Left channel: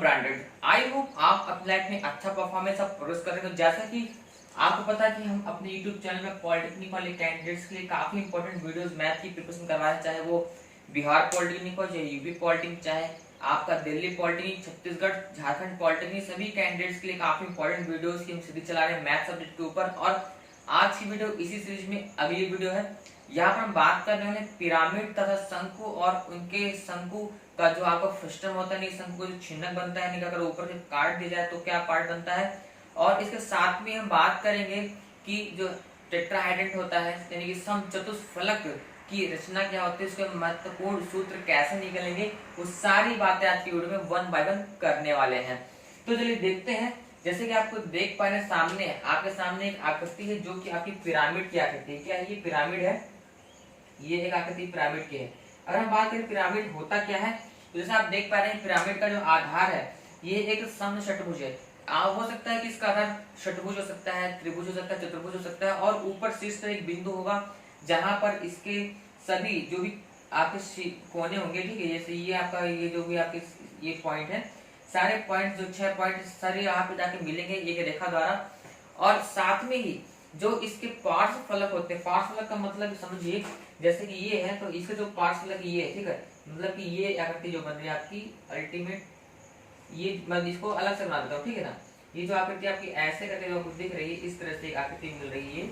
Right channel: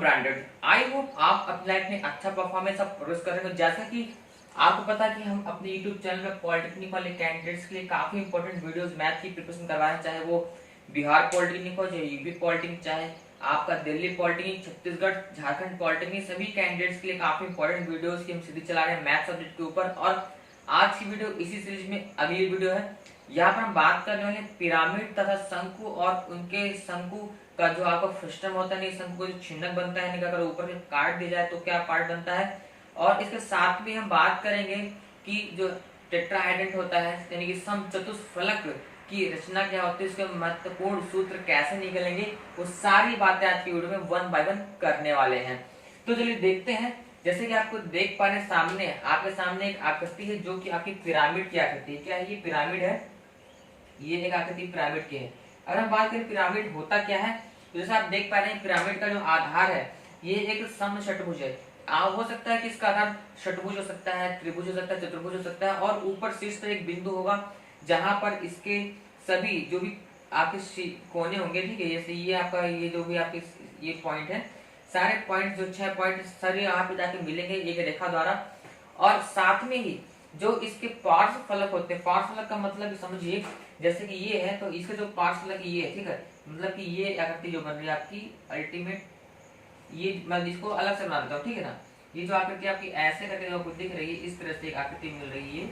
Branded. I hope आप अपनी life में अच्छा परफॉर्मेंस आप प्रोड्यूस कर रहे हो। जैसा कि आपको पता है कि हम अपने यूट्यूब चैनल में पॉलिटेक्निक वाले कैंडिडेट्स के लिए काफी इंपॉर्टेंट वीडियोस मैथ की प्रिपरेशन करवाए हैं, चाहे वो बिहार पॉलिटेक्निक हो, चाहे यूपी पॉलिटेक्निक, चाहे आपका दिल्ली पॉलिटेक्निक, छत्तीसगढ़, झारखंड पॉलिटेक्निक, सभी कैंडिडेट्स के लिए काफी इंपॉर्टेंट वीडियोस की हम सीरीज चला रहे हैं मैथ सब्जेक्ट के ऊपर। और आज की वीडियो इसी सीरीज में अगली वीडियो है। यहाँ पर हम बात करने वाले पिरामिड तथा शंकु और उनके शंकु का जो आपका फ्रस्टम होता है, शंकु का जो छिन्नक बनता है, अगर ऊपर से काट दिया जाए तो क्या पार्ट बनता है। और इसके साथ में हम बात करेंगे कि जो टेट्राहाइड्रेट होता है यानी कि समचतुष्फलक की रचना क्या होती है, उसके महत्वपूर्ण सूत्र कैसे निकलेंगे, वो सारी बातें आज की वीडियो में वन बाय वन करने वाले हैं। तो चलिए देखते हैं। जैसे कि आपको देख पा रहे सामने, आपके सामने एक आकृति है जो कि आपकी पिरामिड की आकृति है। क्या है? ये पिरामिड है, ये एक आकृति पिरामिड की है। अगर हम बात करें पिरामिड होता क्या है, तो जैसे आप देख पा रहे हैं पिरामिड का जो आधार है ये एक समषटभुज है। हो सकता है कि इसका आधार षटभुज हो सकता है, त्रिभुज हो सकता है, चतुर्भुज हो सकता है, और ऊपर शीर्ष पर एक बिंदु होगा जहां पर इसके सभी जो भी आपके कोने होंगे, ठीक है, जैसे ये आपका ये जो भी आपके ये पॉइंट है, सारे पॉइंट जो 6 पॉइंट सारे यहाँ पे जाके मिलेंगे एक रेखा द्वारा। और साथ में ही जो इसके पार्श्व फलक होते हैं, पार्श्व फलक का मतलब समझिए जैसे कि ये है तो इसके जो पार्श्व फलक ये है, ठीक है, मतलब कि ये आकृति जो बन रही है आपकी अल्टीमेट, ये मैं इसको अलग से बना देता हूँ, ठीक है ना। ये जो आकृति आपकी ऐसे करके जो आपको दिख रही है, इस तरह से एक आकृति मिल रही है,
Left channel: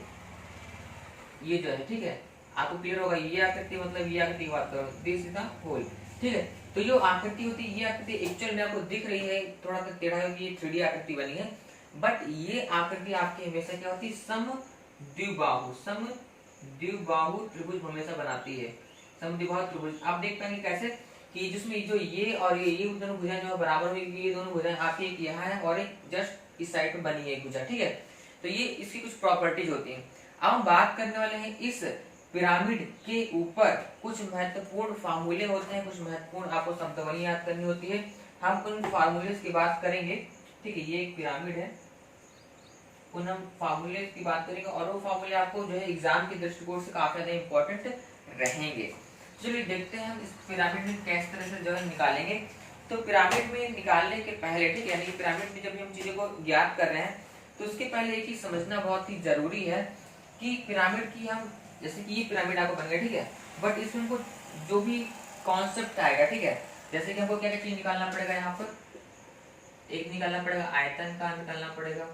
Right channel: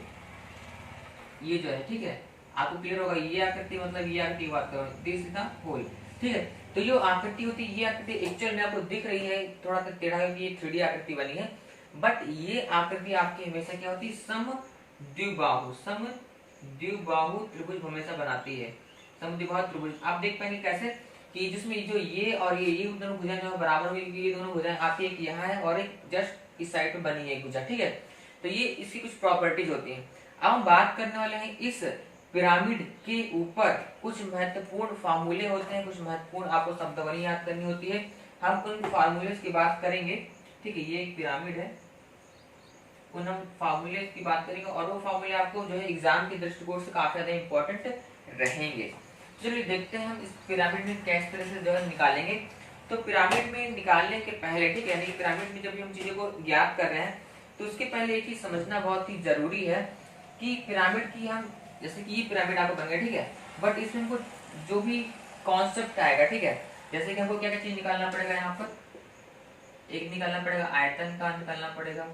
ये जो है, ठीक है, आपको क्लियर होगा। ये आकृति मतलब ये आकृति बात करो, दिस इज द होल, ठीक है। तो जो आकृति होती है, ये आकृति एक्चुअल में आपको दिख रही है थोड़ा सा टेढ़ा, क्योंकि ये 3D आकृति बनी है, बट ये आकृति आपकी हमेशा क्या होती है, समद्विबाहु त्रिभुज हमेशा बनाती है। समद्विबाहु त्रिभुज आप देख पाएंगे कैसे कि जिसमें जो ये और ये दोनों भुजाएं जो बराबर हुई, ये दोनों भुजाएं आपकी एक यहाँ है और एक जस्ट इस साइड पे बनी है एक भुजा, ठीक है। तो ये इसकी कुछ प्रॉपर्टीज होती हैं। अब हम बात करने वाले हैं इस पिरामिड के ऊपर कुछ महत्वपूर्ण फार्मूले होते हैं, कुछ महत्वपूर्ण आपको शब्दावली याद करनी होती है। हम उन फार्मूले की बात करेंगे, ठीक है। ये एक पिरामिड है, उन हम फार्मूले की बात करेंगे और वो फार्मूले आपको जो है एग्जाम के दृष्टिकोण से काफी ज्यादा इंपॉर्टेंट रहेंगे। चलिए देखते हैं हम इस पिरामिड में किस तरह से जो है निकालेंगे। तो पिरामिड में निकालने के पहले, ठीक है, यानी पिरामिड में जब हम चीजों को ज्ञात कर रहे हैं तो उसके पहले एक चीज समझना बहुत ही जरूरी है कि पिरामिड की हम, जैसे कि ये पिरामिड आपको बन गया, ठीक है, बट इसमें हमको जो भी कॉन्सेप्ट आएगा, ठीक है, जैसे कि हमको क्या क्या चीज निकालना पड़ेगा, यहाँ पर एक निकालना पड़ेगा आयतन का, निकालना पड़ेगा,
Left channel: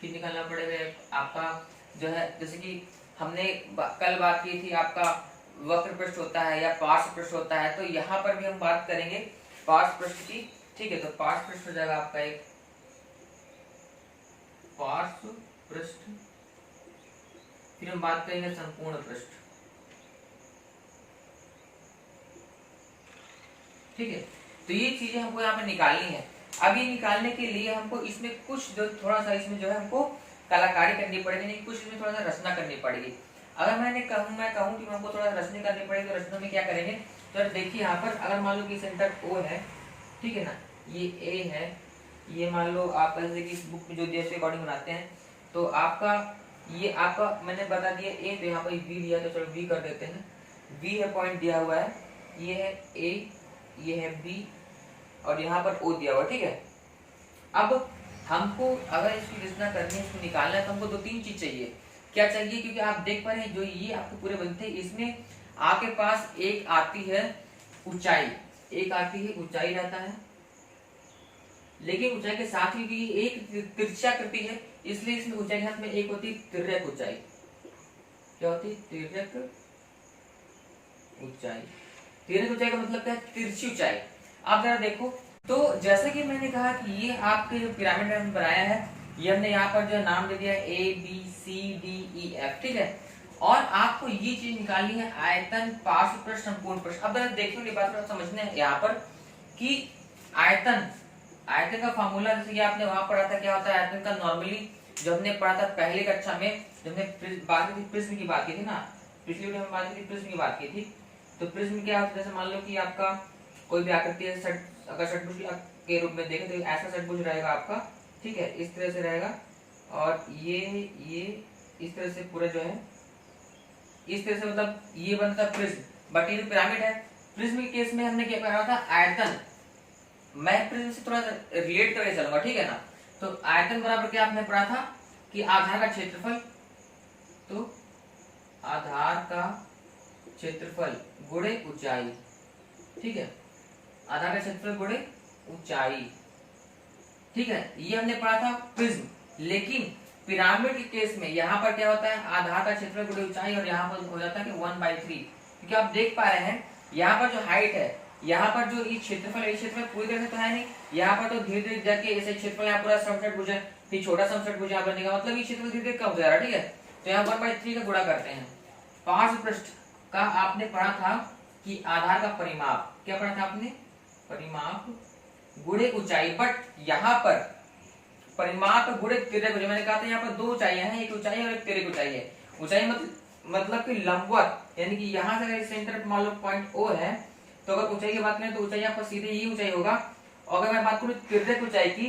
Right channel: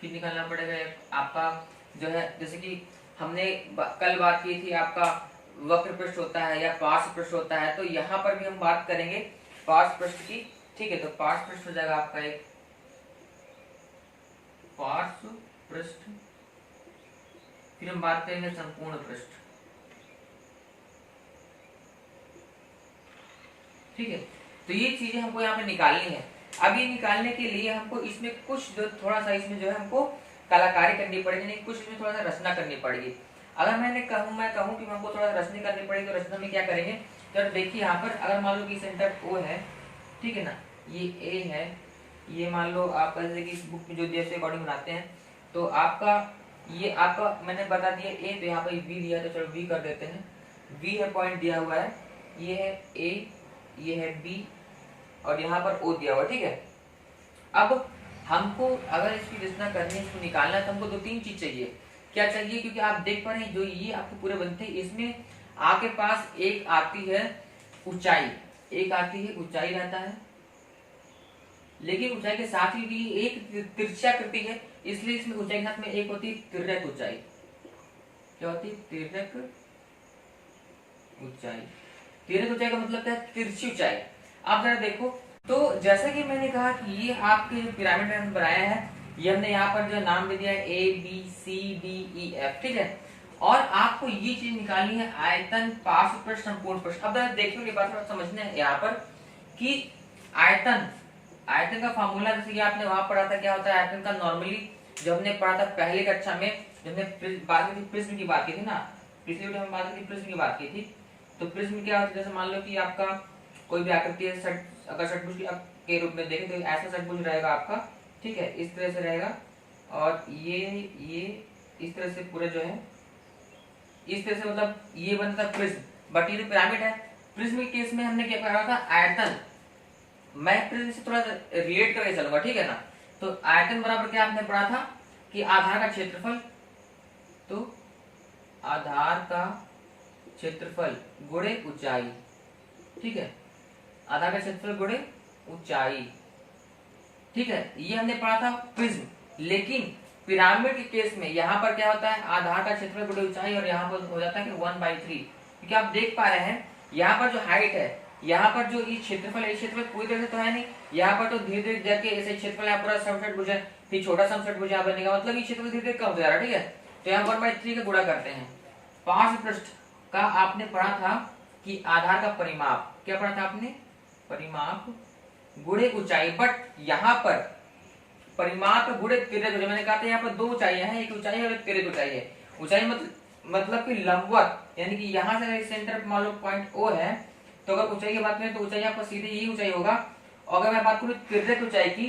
फिर निकालना पड़ेगा आपका जो है, जैसे कि हमने कल बात की थी आपका वक्र पृष्ठ होता है या पार्श्व पृष्ठ होता है, तो यहाँ पर भी हम बात करेंगे पार्श्व पृष्ठ की, ठीक है। तो पार्श्व पृष्ठ हो जाएगा आपका एक पार्श्व पृष्ठ, फिर हम बात करेंगे संपूर्ण पृष्ठ, ठीक है। तो ये चीजें हमको यहाँ पे निकालनी है। अब ये निकालने के लिए हमको इसमें कुछ जो थोड़ा सा इसमें जो है हमको कलाकारी करनी पड़ेगी, नहीं कुछ इसमें थोड़ा सा रचना करनी पड़ेगी। अगर मैं कहूँ कि हमको थोड़ा रचना करनी पड़ेगी, तो रचना में क्या करेंगे, तो देखिए यहाँ पर अगर मान लो कि सेंटर O है, ठीक है ना, ये A है, ये मान लो आपका जैसे कि इस बुक में जो दिया है अकॉर्डिंग बनाते हैं, तो आपका ये आपका मैंने बता दिया A, तो यहाँ पर V दिया, तो चलो V कर देते हैं। V है पॉइंट दिया हुआ है, ये है A, ये है B और यहाँ पर O दिया हुआ, ठीक है। अब हमको अगर इसकी रचना करनी है, इसको निकालना है, तो हमको 2-3 चीज चाहिए। क्या चाहिए? क्योंकि आप देख पा रहे हैं जो ये आपके पूरे बनते हैं, इसमें आपके पास एक आती है ऊंचाई, एक आती है ऊंचाई रहता है, लेकिन ऊंचाई के साथ ही भी एक तिरछाकृति है, इसलिए इसमें ऊंचाई के साथ में एक होती है तिर्यक ऊंचाई। क्या होती है? तिर्यक ऊंचाई। तिर्यक ऊंचाई का मतलब क्या है? तिरछी ऊंचाई। आप जरा देखो, तो जैसा कि मैंने कहा कि ये आपके जो पिरामिड हमने बनाया है, ये हमने यहाँ पर जो नाम दे दिया है ABCDEF, ठीक है। और आपको ये चीज निकालनी है आयतन, पार्श्व पृष्ठ, संपूर्ण पृष्ठ। अब देखो ये बात समझना है यहाँ पर कि आयतन का फार्मूला जैसे कि आपने वहां पढ़ा था, क्या होता है आयतन का। नॉर्मली जब हमने पढ़ा था पहली कक्षा में, जब हमने बात की थी प्रिज्म की बात की थी ना, पिछली वीडियो में बात की थी प्रिज्म की बात की थी। तो प्रिज्म क्या होता है, जैसे मान लो कि आपका कोई भी आकृति है, अगर षटभुज के रूप में देखें तो ऐसा षटभुज रहेगा आपका, ठीक है, इस तरह से रहेगा, और ये इस तरह से पूरा जो है इस तरह से, मतलब ये बनता प्रिज्म। बट ये जो पिरामिड है, प्रिज्म के केस में हमने क्या पढ़ा था, आयतन, मैं प्रिज्म से थोड़ा रिलेट करके चलूंगा, ठीक है ना। तो आयतन बराबर क्या आपने पढ़ा था कि आधार का क्षेत्रफल, तो आधार का क्षेत्रफल गुणे ऊंचाई, ठीक है, आधार का क्षेत्रफल गुणे ऊंचाई, ठीक है, ये हमने पढ़ा था प्रिज्म। लेकिन पिरामिड के केस में यहाँ पर क्या होता है, आधार का क्षेत्रफल गुणे ऊंचाई, और यहाँ पर हो जाता है कि 1/3, क्योंकि आप देख पा रहे हैं यहाँ पर जो हाइट है, यहाँ पर जो ये क्षेत्रफल है, क्षेत्रफल पूरी तरह से तो है नहीं, यहाँ पर तो धीरे धीरे जाके ऐसे क्षेत्रफल यहाँ पूरा समषटभुज है, फिर छोटा समषटभुज यहाँ बनेगा, मतलब ये क्षेत्रफल धीरे धीरे कम हो जा रहा है, ठीक है। तो यहाँ 1/3 का गुणा करते हैं। पार्श्व पृष्ठ का आपने पढ़ा था कि आधार का परिमाप, क्या पढ़ा था आपने, परिमाप गुणे ऊंचाई, बट यहाँ पर परिमाप गुणे तिर्यक ऊंचाई, मैंने कहा था यहाँ पर दो ऊंचाइयां हैं, एक ऊंचाई और एक तिर्यक ऊंचाई है। ऊंचाई मतलब कि लंबवत, यानी कि यहाँ से अगर सेंटर मान लो पॉइंट O है, तो अगर ऊंचाई की बात करें तो ऊंचाई आपको सीधे यही ऊंचाई होगा। और अगर मैं बात करूँ तिर्यक ऊंचाई की,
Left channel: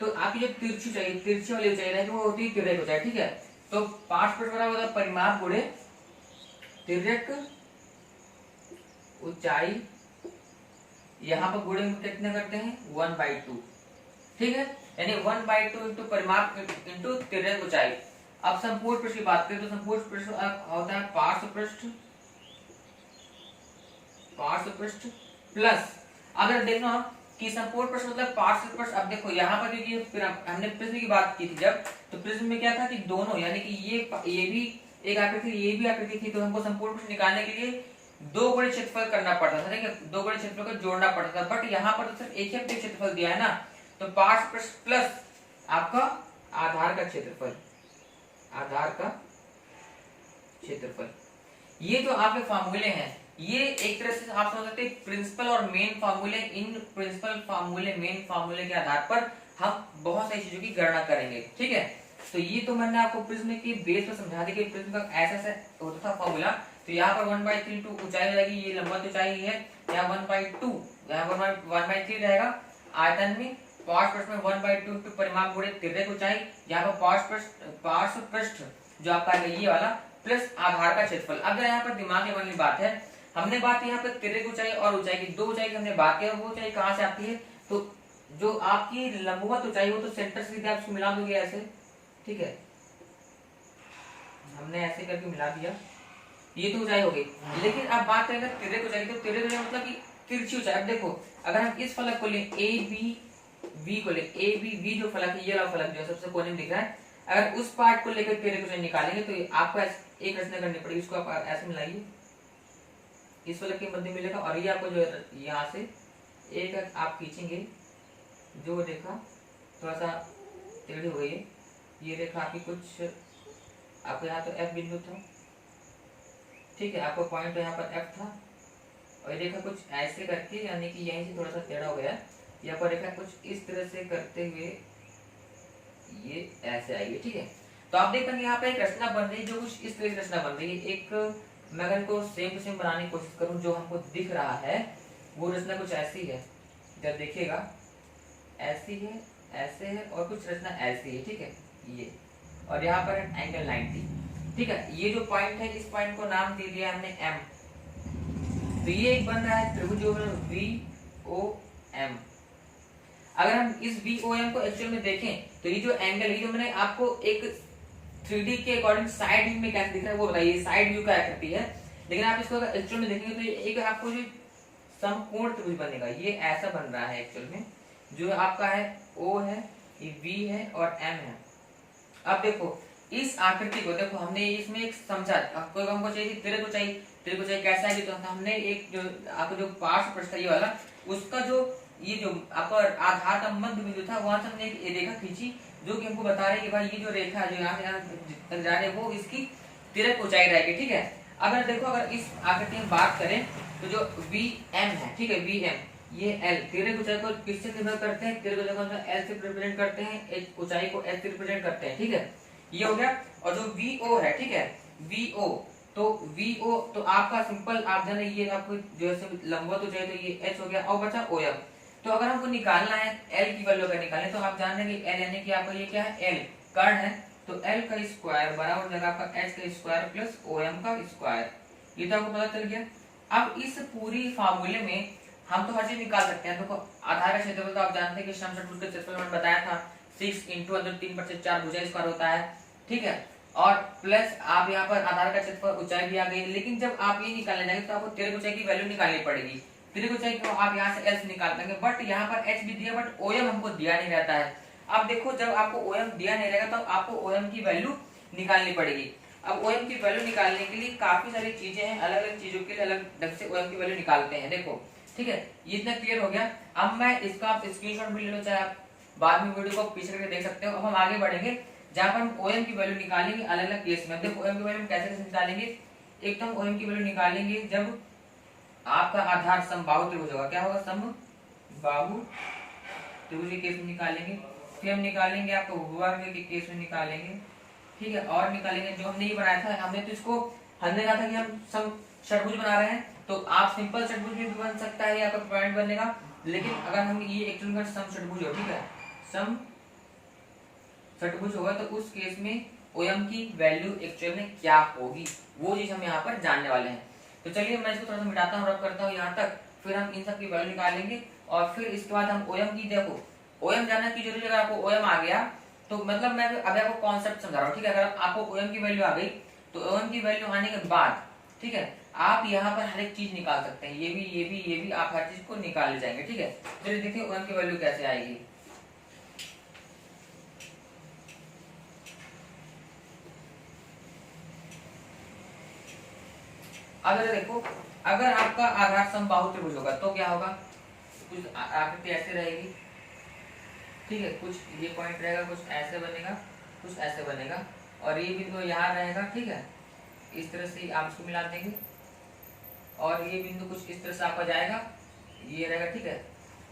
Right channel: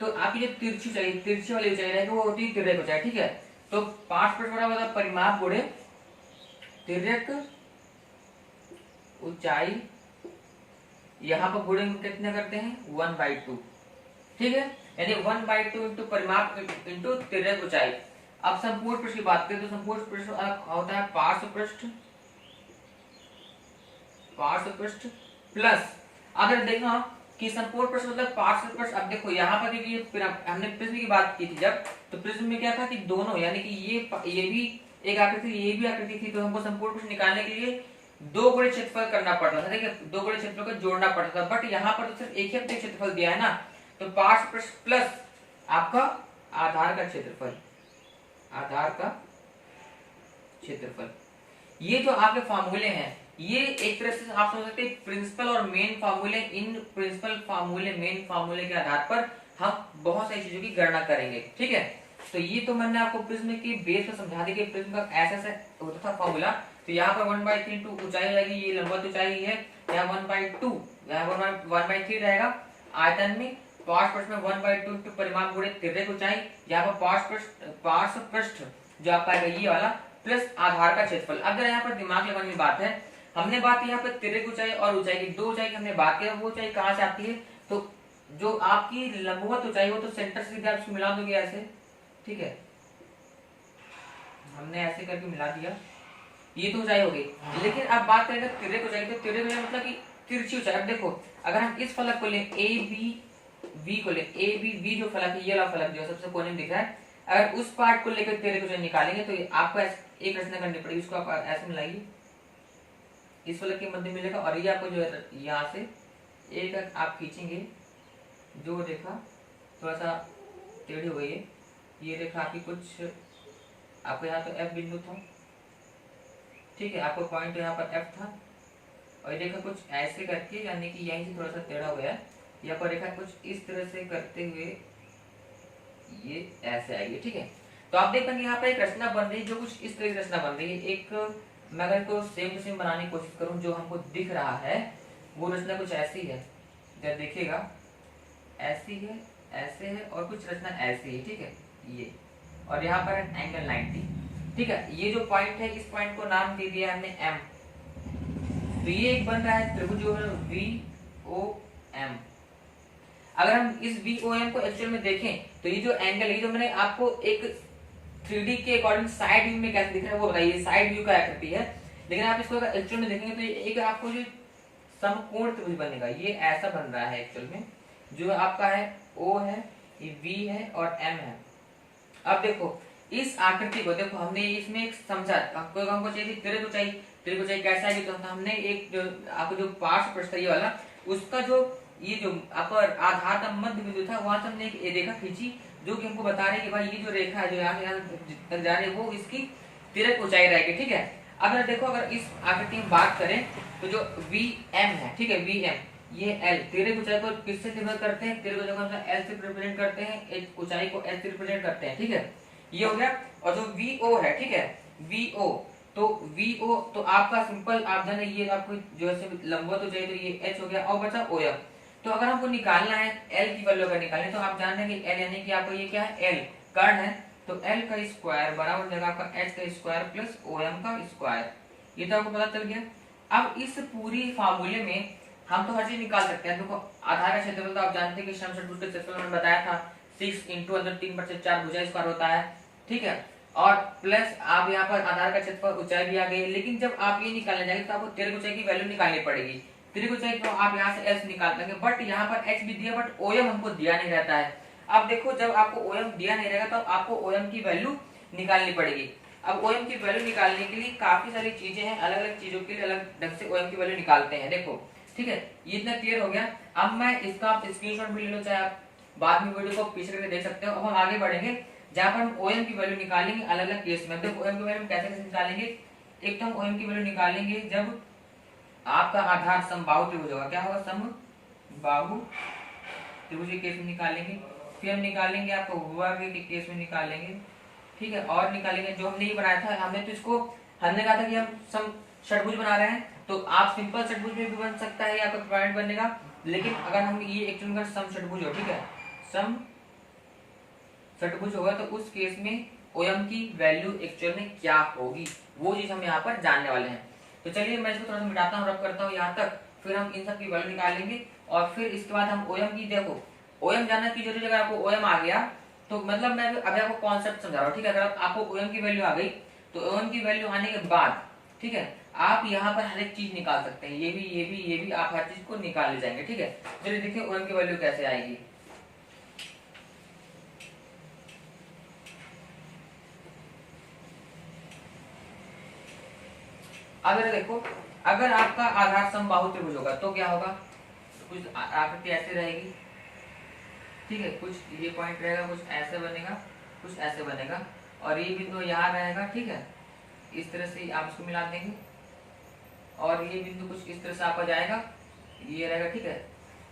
तो आपकी जो तिरछी ऊंचाई, तिरछी वाली ऊंचाई रहेगी वो होती है तिर्यक ऊंचाई, ठीक है। तो 5 परिमाप गुणे तिर्यक ऊंचाई, यहाँ पर गुणे कितने करते हैं 1/2, ठीक है, यानी 1/2 इंटू परिमाप इंटू तिर्यक ऊंचाई। अब संपूर्ण पृष्ठ की बात करें तो संपूर्ण पृष्ठ होता है पार्श्व पृष्ठ, पार्श्व पृष्ठ प्लस, अगर देखना कि संपूर्ण पृष्ठ मतलब पार्श्व पृष्ठ, अब देखो यहाँ पर क्योंकि हमने प्रिज्म की बात की थी जब, तो प्रिज्म में क्या था कि दोनों, यानी कि ये भी एक आकृति, ये भी आकृति थी, तो हमको संपूर्ण पृष्ठ निकालने के लिए दो गुणे क्षेत्रफल करना पड़ता था, ठीक है, दो गुणे क्षेत्रफल को जोड़ना पड़ता था। बट यहाँ पर तो सिर्फ एक ही क्षेत्रफल दिया है ना, तो पार्श्व पृष्ठ प्लस आपका आधार का क्षेत्रफल, आधार का क्षेत्रफल। ये जो आपके फार्मूले हैं, ये एक तरह से आप समझ सकते हैं प्रिंसिपल और मेन फार्मूले। इन प्रिंसिपल फार्मूले, मेन फार्मूले के आधार पर हम बहुत सारी चीजों की गणना करेंगे, ठीक है। तो ये तो मैंने आपको प्रिज्म के बेस पर समझा दिया कि प्रिज्म का ऐसा होता था फॉर्मूला। तो यहाँ पर 1/3 टू ऊंचाई हो जाएगी, ये लंबवत ऊंचाई है, यहाँ 1/2, यहाँ पर 1/3 रहेगा। आयतन में पार्श्व पृष्ठ में 1/2 टू परिमाप गुणे तिर्यक ऊंचाई, यहाँ पर पार्श्व पृष्ठ जो आपका है ये वाला, प्लस आधार का क्षेत्रफल। अब जरा यहाँ पर दिमाग लगाने की बात है, हमने बात की यहाँ पर तिर्यक ऊंचाई और ऊंचाई की, दो ऊंचाई की हमने बात की, वो ऊंचाई कहाँ से आती है, तो जो आपकी लंबवत ऊंचाई हो तो सेंटर से सीधे आप इसको मिला दोगे ऐसे, ठीक है, हमने ऐसे करके मिला दिया, ये तो ऊंचाई हो गई। लेकिन अब बात करेंगे तिर्यक ऊंचाई, तो तिर्यक ऊंचाई मतलब कि तिरछी ऊंचाई। अब देखो अगर हम इस फलक को लें ए बी बी को ले, ए बी बी जो फलक है, ये वाला फलक जो सबसे कोने में दिख रहा है, अगर उस पार्ट को लेकर तिर्यक ऊंचाई निकालेंगे तो आपको एक रचना करनी पड़ेगी, इसको आप ऐसे मिलाइए, इस फलक के मध्य मिलेगा, और ये आपको जो है यहाँ से एक आप खींचेंगे, जो रेखा थोड़ा सा टेढ़ी हुई है, ये रेखा आपकी कुछ, आपको यहाँ तो एफ बिंदु था, ठीक है, आपको पॉइंट यहाँ पर एफ था, और ये रेखा कुछ ऐसे करके, यानी कि यहीं से थोड़ा सा टेढ़ा हो गया, यहाँ पर रेखा कुछ इस तरह से करते हुए ये ऐसे आएगी, ठीक है। तो आप देख पाएंगे यहाँ पर एक रचना बन रही है, जो कुछ इस तरह की रचना बन रही है। एक मैं अगर इसको सेम टू सेम बनाने की कोशिश करूँ, जो हमको दिख रहा है वो रचना कुछ ऐसी है, जब देखिएगा ऐसी है, ऐसे है, और कुछ रचना ऐसी है, ठीक है, ये, और यहाँ पर एंगल 90, ठीक है। ये जो पॉइंट है, इस पॉइंट को नाम दे दिया हमने एम, तो ये एक बन रहा है त्रिभुज VOM। अगर हम इस VOM को एक्चुअल में देखें तो ये जो एंगल है, जो मैंने आपको एक 3D के अकॉर्डिंग साइड व्यू में कैसे दिख रहा है वो बताइए, साइड व्यू का आकृति है, लेकिन आप इसको एक्चुअल में देखेंगे तो एक आपको जो समकोण त्रिभुज बनेगा, ये ऐसा बन रहा है एक्चुअल में, जो आपका है O है, ये V है और M है। अब देखो इस आकृति को देखो, हमने इसमें एक समझा, आपको हमको चाहिए तिर्यक ऊंचाई, तिर्यक ऊंचाई कैसा है, तो हमने एक जो आपको जो पार्श्व पृष्ठ ये वाला, उसका जो ये जो आपका आधार का मध्य बिंदु था, वहां से हमने एक रेखा खींची, जो कि हमको बता रहे कि भाई ये जो रेखा है जो यहाँ तक जा रही है वो इसकी तिर्यक ऊंचाई रहेगी, ठीक है। अगर देखो अगर इस आकृति में बात करें तो जो VM है, ठीक है, VM ये L, तिर्यक ऊंचाई को किससे रिप्रेजेंट करते हैं, तिर्यक ऊंचाई को L से रिप्रेजेंट करते हैं, ऊंचाई को L से रिप्रेजेंट करते हैं, ठीक है, ये हो गया। और जो VO है, ठीक है, VO तो आपका सिंपल आप जाने, ये आपको जो है लंबवत हो जाए तो ये H हो गया, और बचा OM। तो अगर हमको निकालना है L की वैल्यू अगर निकालने, तो आप जान लेंगे L यानी कि आपको ये क्या है, L कर्ण है, तो L का स्क्वायर बराबर जाएगा आपका H का स्क्वायर प्लस OM का स्क्वायर, ये तो आपको पता चल गया। अब इस पूरी फार्मूले में हम तो हर चीज निकाल सकते हैं। देखो आधार का क्षेत्रफल तो आप जानते हैं कि सम षटभुज का क्षेत्रफल मैंने बताया था 6 इंटू अंदर 3/4 भुजा स्क्वायर होता है, ठीक है। और प्लस आप यहाँ पर आधार का क्षेत्रफल ऊंचाई भी आ गई, लेकिन जब आप ये निकालने जाएंगे तो आपको तिर्यक ऊंचाई की वैल्यू निकालनी पड़ेगी। तिर्यक ऊंचाई को आप यहाँ से एल निकाल देंगे, बट यहाँ पर एच भी दिया, बट ओएम हमको दिया नहीं रहता है। अब देखो जब आपको ओएम दिया नहीं रहेगा तो आपको ओएम की वैल्यू निकालनी पड़ेगी। अब ओएम की वैल्यू निकालने के लिए काफी सारी चीजें हैं, अलग अलग चीजों के लिए अलग ढंग से ओएम की वैल्यू निकालते हैं। देखो ठीक है, ये इतना क्लियर हो गया। अब मैं इसका आप स्क्रीनशॉट भी ले लो, चाहे आप बाद में वीडियो को पीछे करके देख सकते हो। अब हम आगे बढ़ेंगे जहां पर हम ओएम की वैल्यू निकालेंगे अलग अलग केस में। देखो ओएम की वैल्यू कैसे कैसे निकालेंगे। एक तो हम ओएम की वैल्यू निकालेंगे जब आपका आधार समबाहु त्रिभुज होगा। क्या होगा? समबाहु त्रिभुज के केस में निकालेंगे। फिर हम निकालेंगे आपको वर्ग के केस में निकालेंगे, ठीक है। और निकालेंगे जो हमने ये बनाया था, हमने तो इसको हमने कहा था कि हम सम षटभुज बना रहे हैं, तो आप सिंपल षटभुज भी बन सकता है, आपका पॉइंट बनेगा। लेकिन अगर हम ये एक्चुअली अगर सम षटभुज हो, ठीक है, सम षटभुज होगा तो उस केस में ओएम की वैल्यू एक्चुअल में क्या होगी, वो चीज हम यहाँ पर जानने वाले हैं। तो चलिए मैं इसको थोड़ा सा मिटाता हूँ, रब करता हूँ यहाँ तक, फिर हम इन सब की वैल्यू निकालेंगे और फिर इसके बाद हम ओएम की, देखो ओएम जानना की जरूरी, अगर आपको ओएम आ गया तो मतलब मैं अभी आपको कॉन्सेप्ट समझा रहा हूँ, ठीक है। अगर आपको ओएम की वैल्यू आ गई तो ओएम की वैल्यू आने के बाद, ठीक है, आप यहाँ पर हर एक चीज निकाल सकते हैं, ये भी आप हर चीज को निकाल ले जाएंगे, ठीक है। चलिए देखिए ओएम की वैल्यू कैसे आएगी। अगर देखो अगर आपका आधार समबाहु त्रिभुज होगा तो क्या होगा, कुछ आकृति ऐसे रहेगी, ठीक है, कुछ ये पॉइंट रहेगा, कुछ ऐसे बनेगा, कुछ ऐसे बनेगा, और ये बिंदु यहाँ रहेगा, ठीक है। इस तरह से आप इसको मिला देंगे और ये बिंदु कुछ इस तरह से आपका जाएगा, ये रहेगा, ठीक है।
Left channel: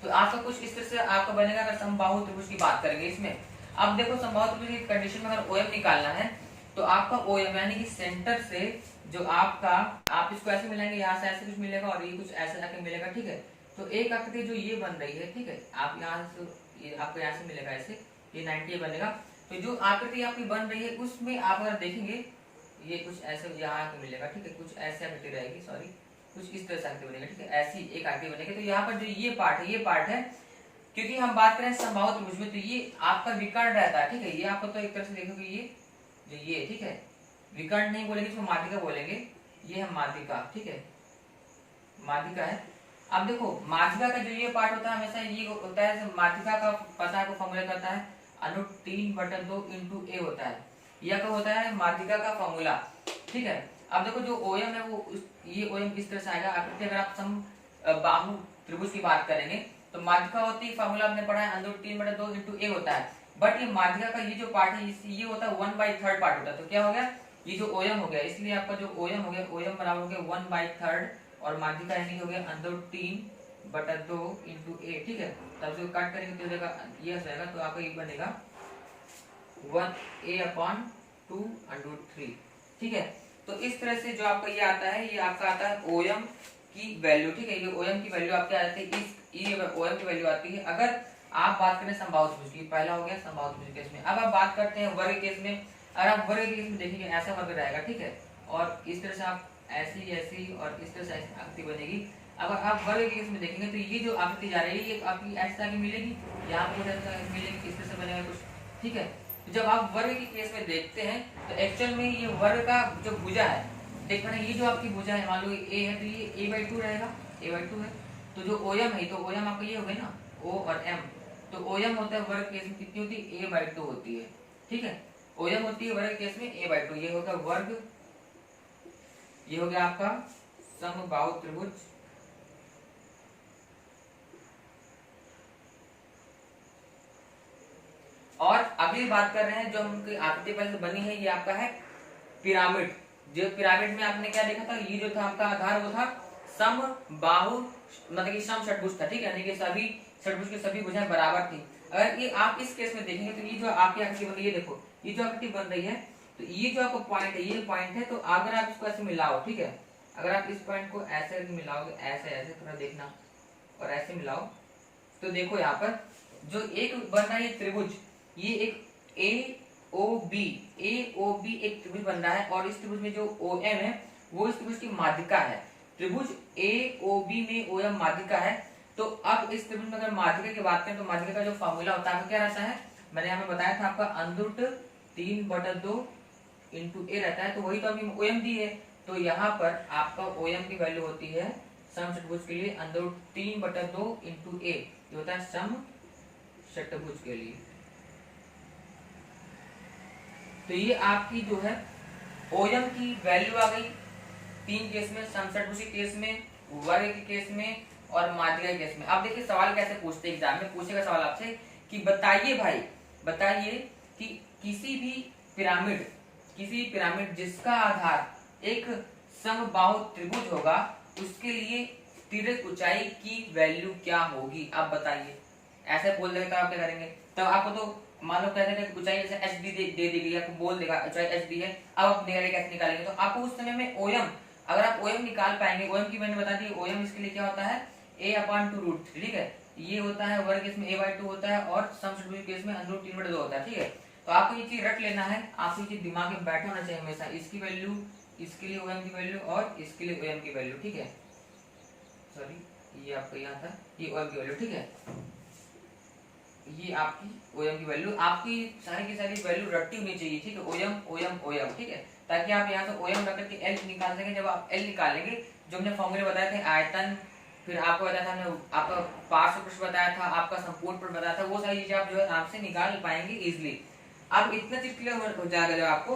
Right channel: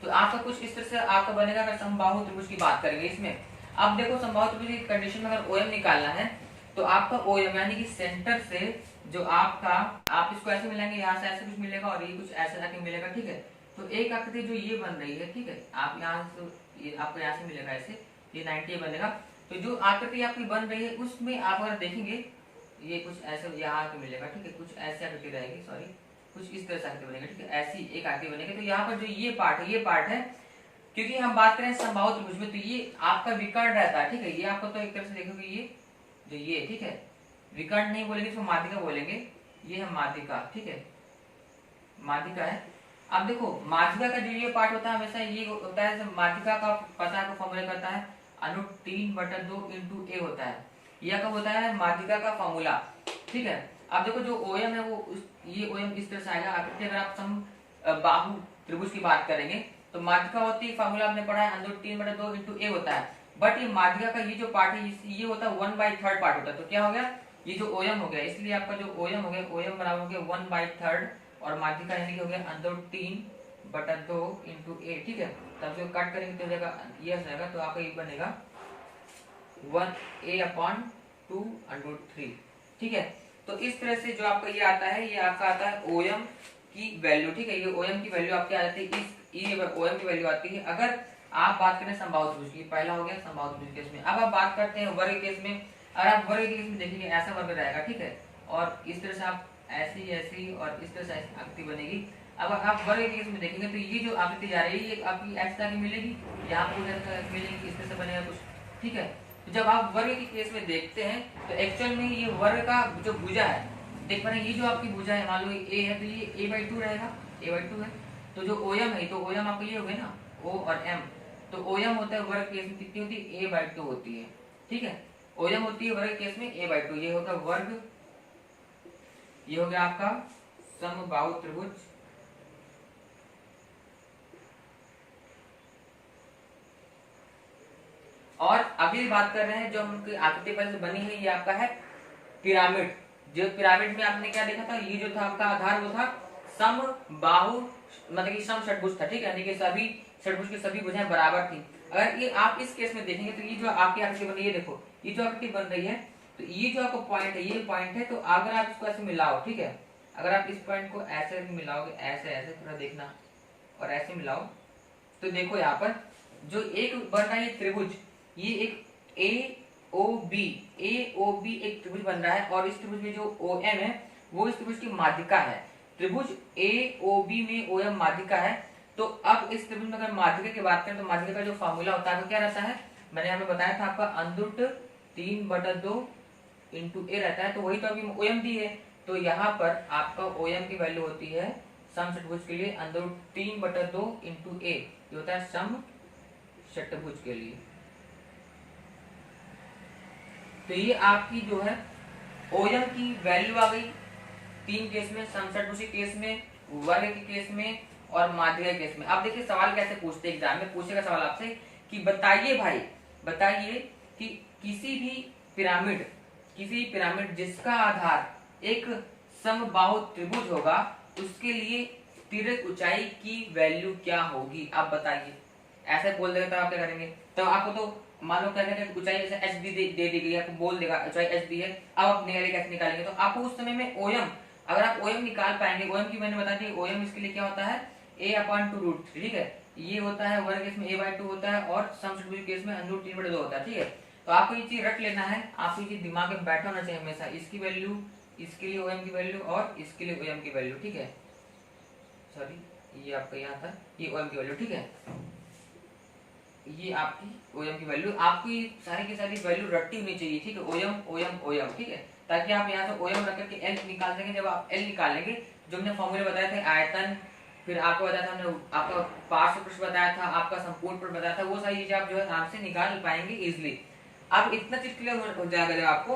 तो आपका कुछ इस तरह से आपका बनेगा अगर समबाहु त्रिभुज की बात करेंगे इसमें। अब देखो समबाहु त्रिभुज की कंडीशन में अगर ओएम निकालना है तो आपका ओएम यानी कि सेंटर से जो आपका, आप इसको ऐसे मिलाएंगे, यहाँ से ऐसे कुछ मिलेगा और ये कुछ ऐसे जाके मिलेगा, ठीक है। तो एक आकृति जो ये बन रही है, ठीक है, आप यहाँ से ये आपको यहाँ से मिलेगा ऐसे, ये 90 बनेगा। तो जो आकृति आपकी बन रही है उसमें आप अगर देखेंगे ये कुछ ऐसे यहाँ पे मिलेगा, ठीक है, कुछ ऐसे आकृति रहेगी, सॉरी कुछ इस तरह से आकृति बनेगी, ठीक है, ऐसी एक आकृति बनेगी। तो यहाँ पर जो ये पार्ट है, क्योंकि हम बात करें समबाहु त्रिभुज में तो ये आपका विकर्ण रहता है, ठीक है। ये आपको तो एक तरह से देखोगे ये जो ये, ठीक है, विकर्ण नहीं बोलेंगे इसको माध्यिका बोलेंगे, ये है माध्यिका, ठीक है, माध्यिका है। अब देखो माध्यिका का जो ये पार्ट होता है हमेशा ये होता है, माध्यिका का पता को फॉर्मूला करता है √3/2 × a होता है, यह कब होता है माध्यिका का फॉर्मूला, ठीक है। अब देखो जो ओएम है वो ये ओएम इस तरह से आएगा आकृति। अगर आप सम बाहु त्रिभुज की बात करेंगे तो माध्यिका होती है, फॉर्मूला आपने पढ़ा है √3/2 × a होता है, बट ये माध्यिका का ये जो पार्ट है ये होता है 1/3 पार्ट होता है। तो क्या हो गया, ये जो ओएम हो गया, इसलिए आपका जो ओएम हो गया, ओएम बराबर हो गया 1/3 और माध्यिका यानी हो गया √3/2 × a, ठीक है। तब से कट करेंगे तो देगा ये रहेगा, तो आपका ये बनेगा 1a/2√3, ठीक है। तो इस तरह से जो आपका ये आता है, ये आपका आता है ओएम की वैल्यू, ठीक है। ये ओएम की वैल्यू आपके आ जाती है, ये ओएम की वैल्यू आती है अगर आप बात करें समबाहु त्रिभुज की। पहला हो गया समबाहु त्रिभुज केस में। अब आप बात करते हैं वर्ग केस में। अगर आप वर्ग केस में देखेंगे ऐसा वर्ग रहेगा, ठीक है, और इस तरह से आप ऐसी ऐसी और इस तरह से ऐसी आकृति बनेगी। अब आप वर्ग केस में देखेंगे तो ये जो आकृति जा रही है ये आपकी ऐसा की मिलेगी, यहाँ पर मिलेगी, इस तरह से बनेगा कुछ, ठीक है। तो जब आप वर्ग के केस में देखते हैं तो एक्चुअल में ये वर्ग का जो भुजा है, देख पा रहे हैं, ये जो आपकी भुजा है मान लो a है तो ये a/2 रहेगा, a/2 है। तो जो ओएम है तो ओएम आपका ये हो गया ना, o और m, तो ओएम होता है वर्ग केस में कितनी होती है, a/2 होती है, ठीक है। ओएम होती है वर्ग केस में a/2, ये होता है वर्ग, ये हो गया आपका समबाहु त्रिभुज। और अभी बात कर रहे हैं जो उनकी आकृति पहले से बनी है, ये आपका है पिरामिड। जो पिरामिड में आपने क्या देखा था, ये जो था आपका आधार वो था समबाहु, मतलब कि सम षटभुज था, ठीक है, यानी कि सभी षटभुज की सभी भुजाएं बराबर थी। अगर ये आप इस केस में देखेंगे तो ये जो आपकी आकृति बन रही है, देखो ये जो आकृति बन रही है, तो ये जो आपका पॉइंट है, ये पॉइंट है, तो अगर आप इसको ऐसे मिलाओ, ठीक है, अगर आप इस पॉइंट को ऐसे मिलाओगे, ऐसे ऐसे थोड़ा देखना और ऐसे मिलाओ, तो देखो यहाँ पर जो एक बन रहा है त्रिभुज, ये एक AOB एक त्रिभुज बन रहा है और इस त्रिभुज में जो OM है वो इस त्रिभुज की माध्यिका है। त्रिभुज ए ओ बी में ओ एम माध्यिका है। तो अब इस त्रिभुज में अगर माध्यिका की बात करें तो माध्यिका का जो फॉर्मूला होता है वो क्या रहता है, मैंने यहाँ पे बताया था आपका अंदरूट 3/2 इंटू ए रहता है। तो वही तो अभी ओ एम दी है, तो यहाँ पर आपका ओ एम की वैल्यू होती है समचतुर्भुज के लिए अंदरूट 3/2 इंटू ए, ये होता है समचतुर्भुज के लिए। तो ये आपकी जो है ओएम की वैल्यू आ गई तीन केस में, समचतुर्भुज के केस में, वर्ग के केस में और माध्यिका के केस में। अब देखिए सवाल कैसे पूछते हैं, एग्जाम में पूछेगा सवाल आपसे कि बताइए भाई, बताइए कि किसी भी पिरामिड जिसका आधार एक समबाहु त्रिभुज होगा उसके लिए तिर्यक ऊंचाई की वैल्यू क्या होगी। आप बताइए, ऐसे बोल देगा तो आप क्या करेंगे, तो आपको तो मान लो कहते हैं ऊंचाई जैसे एच बी दे देगी, आपको बोल देगा ऊंचाई एच बी है। अब आप कैसे निकालेंगे, तो आपको उस समय में ओएम, अगर आप ओएम निकाल पाएंगे, ओएम की मैंने बता दी, ओएम इसके लिए क्या होता है a/2√3, ठीक है। ये होता है वर्ग केस में a/2 होता है और समचतुर्भुज केस में अंदरूट 3/2 होता है, ठीक है। तो आपको ये चीज रख लेना है, आपको ये दिमाग में बैठा होना चाहिए हमेशा, इसकी वैल्यू, इसके लिए ओएम की वैल्यू और इसके लिए ओएम की वैल्यू, ठीक है। सॉरी ये आपका यहाँ था, ये ओएम की वैल्यू, ठीक है। ये आपकी ओएम की वैल्यू, आपकी सारी की सारी वैल्यू रटती होनी चाहिए, ठीक है। ओएम ओएम ओएम, ठीक है, ताकि आप यहाँ से ओएम रख करके एल निकाल सकें। जब आप एल निकालेंगे, जो हमने फॉर्मूले बताए थे आयतन, फिर आपको बताया था हमने, आपका पार्श्व पृष्ठ बताया था, आपका संपूर्ण पृष्ठ बताया था, वो सारी चीजें आप जो है आराम से निकाल पाएंगे इजिली। अब इतना चीज क्लियर हो जाएगा जब आपको,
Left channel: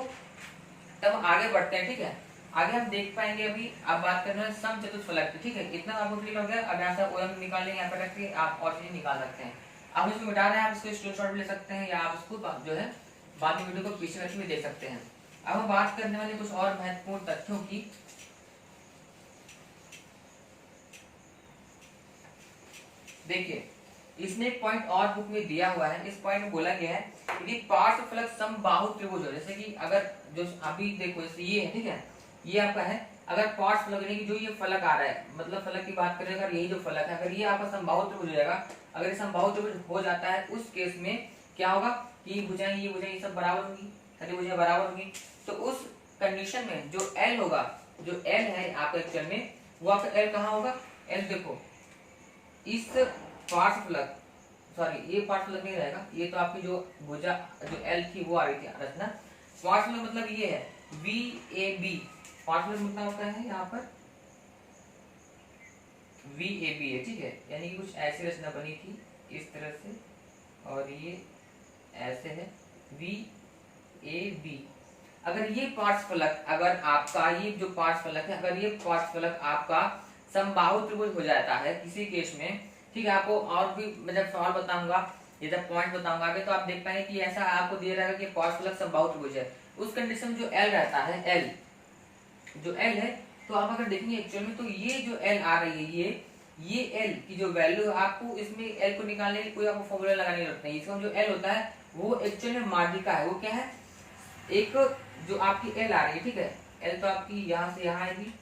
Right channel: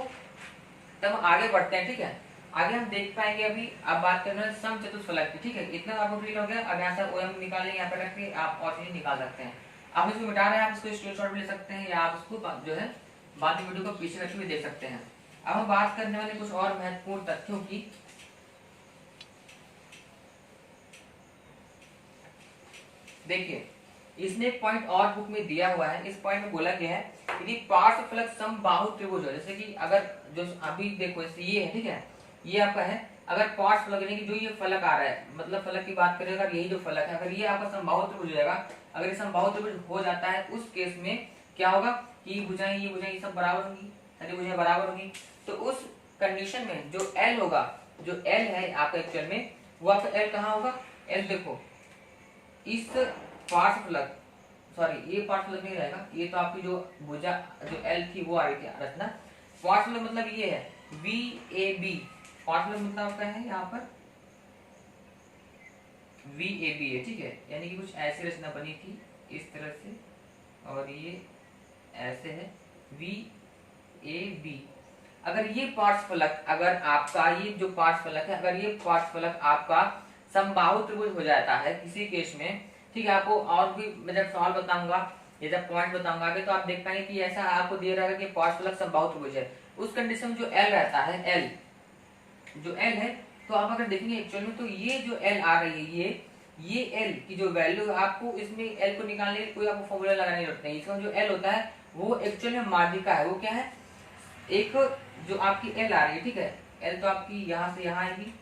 तब आगे बढ़ते हैं, ठीक है। आगे हम देख पाएंगे, अभी आप बात कर रहे हैं समचतुष्फलक की, ठीक है। इतना आपको क्लियर हो गया। अब यहाँ से ओएम निकालेंगे, यहाँ पे रख के आप और चीजें निकाल सकते हैं। आप इसको मिटा रहे हैं, आप इसको स्क्रीनशॉट भी ले सकते हैं या आप इसको जो है बाद में वीडियो को पीछे रख के भी देख सकते हैं। अब हम बात करने वाले कुछ और महत्वपूर्ण तथ्यों की। देखिए इसमें एक पॉइंट और बुक में दिया हुआ है, इस पॉइंट में बोला गया है यदि पार्श्वफलक समबाहु त्रिभुज हो, जैसे कि अगर जो अभी देखो जैसे ये है, ठीक है, ये आपका है, अगर पार्श्वफलक यानी कि जो ये फलक आ रहा है, मतलब फलक की बात करें अगर यही जो फलक है, अगर ये आपका समबाहु त्रिभुज हो जाएगा, अगर ये समबाहु त्रिभुज हो जाता है, उस केस में क्या होगा कि ये भुजाएं सब बराबर होंगी, सारी भुजाएं बराबर होंगी। तो उस कंडीशन में जो एल होगा, जो एल है आपका एक्चुअल में, वो आपका एल कहाँ होगा, एल देखो इस पार्श्वफलक, सॉरी ये पार्श्वफलक नहीं रहेगा, ये तो आपकी जो भुजा जो एल थी वो आ रही थी रचना। पार्श्वफलक मतलब ये है VAB, पार्श्वफलक मतलब आपका है यहाँ पर VAB है, ठीक है, यानी कि कुछ ऐसी रचना बनी थी इस तरह से, और ये ऐसे है VAB। अगर ये पार्श्वफलक, अगर आपका ये जो पार्श्वफलक है, अगर ये पार्श्वफलक आपका समबाहु त्रिभुज हो जाता है किसी केस में, ठीक है, आपको और भी मैं जब सवाल बताऊंगा या जब पॉइंट बताऊंगा आगे, तो आप देख पाएंगे कि ऐसा आपको दिया रहेगा कि पार्श्वफलक समबाहु त्रिभुज है। उस कंडीशन में जो एल रहता है, एल जो एल है, तो आप अगर देखेंगे एक्चुअल में, तो ये जो एल आ रही है, ये एल की जो वैल्यू, आपको इसमें एल को निकालने के कोई आपको फॉर्मूला लगाने की जरूरत नहीं। इसका जो एल होता है वो एक्चुअल में माध्यिका है, वो क्या है, एक जो आपकी एल आ रही है, ठीक है, एल तो आपकी यहाँ से यहाँ आएगी,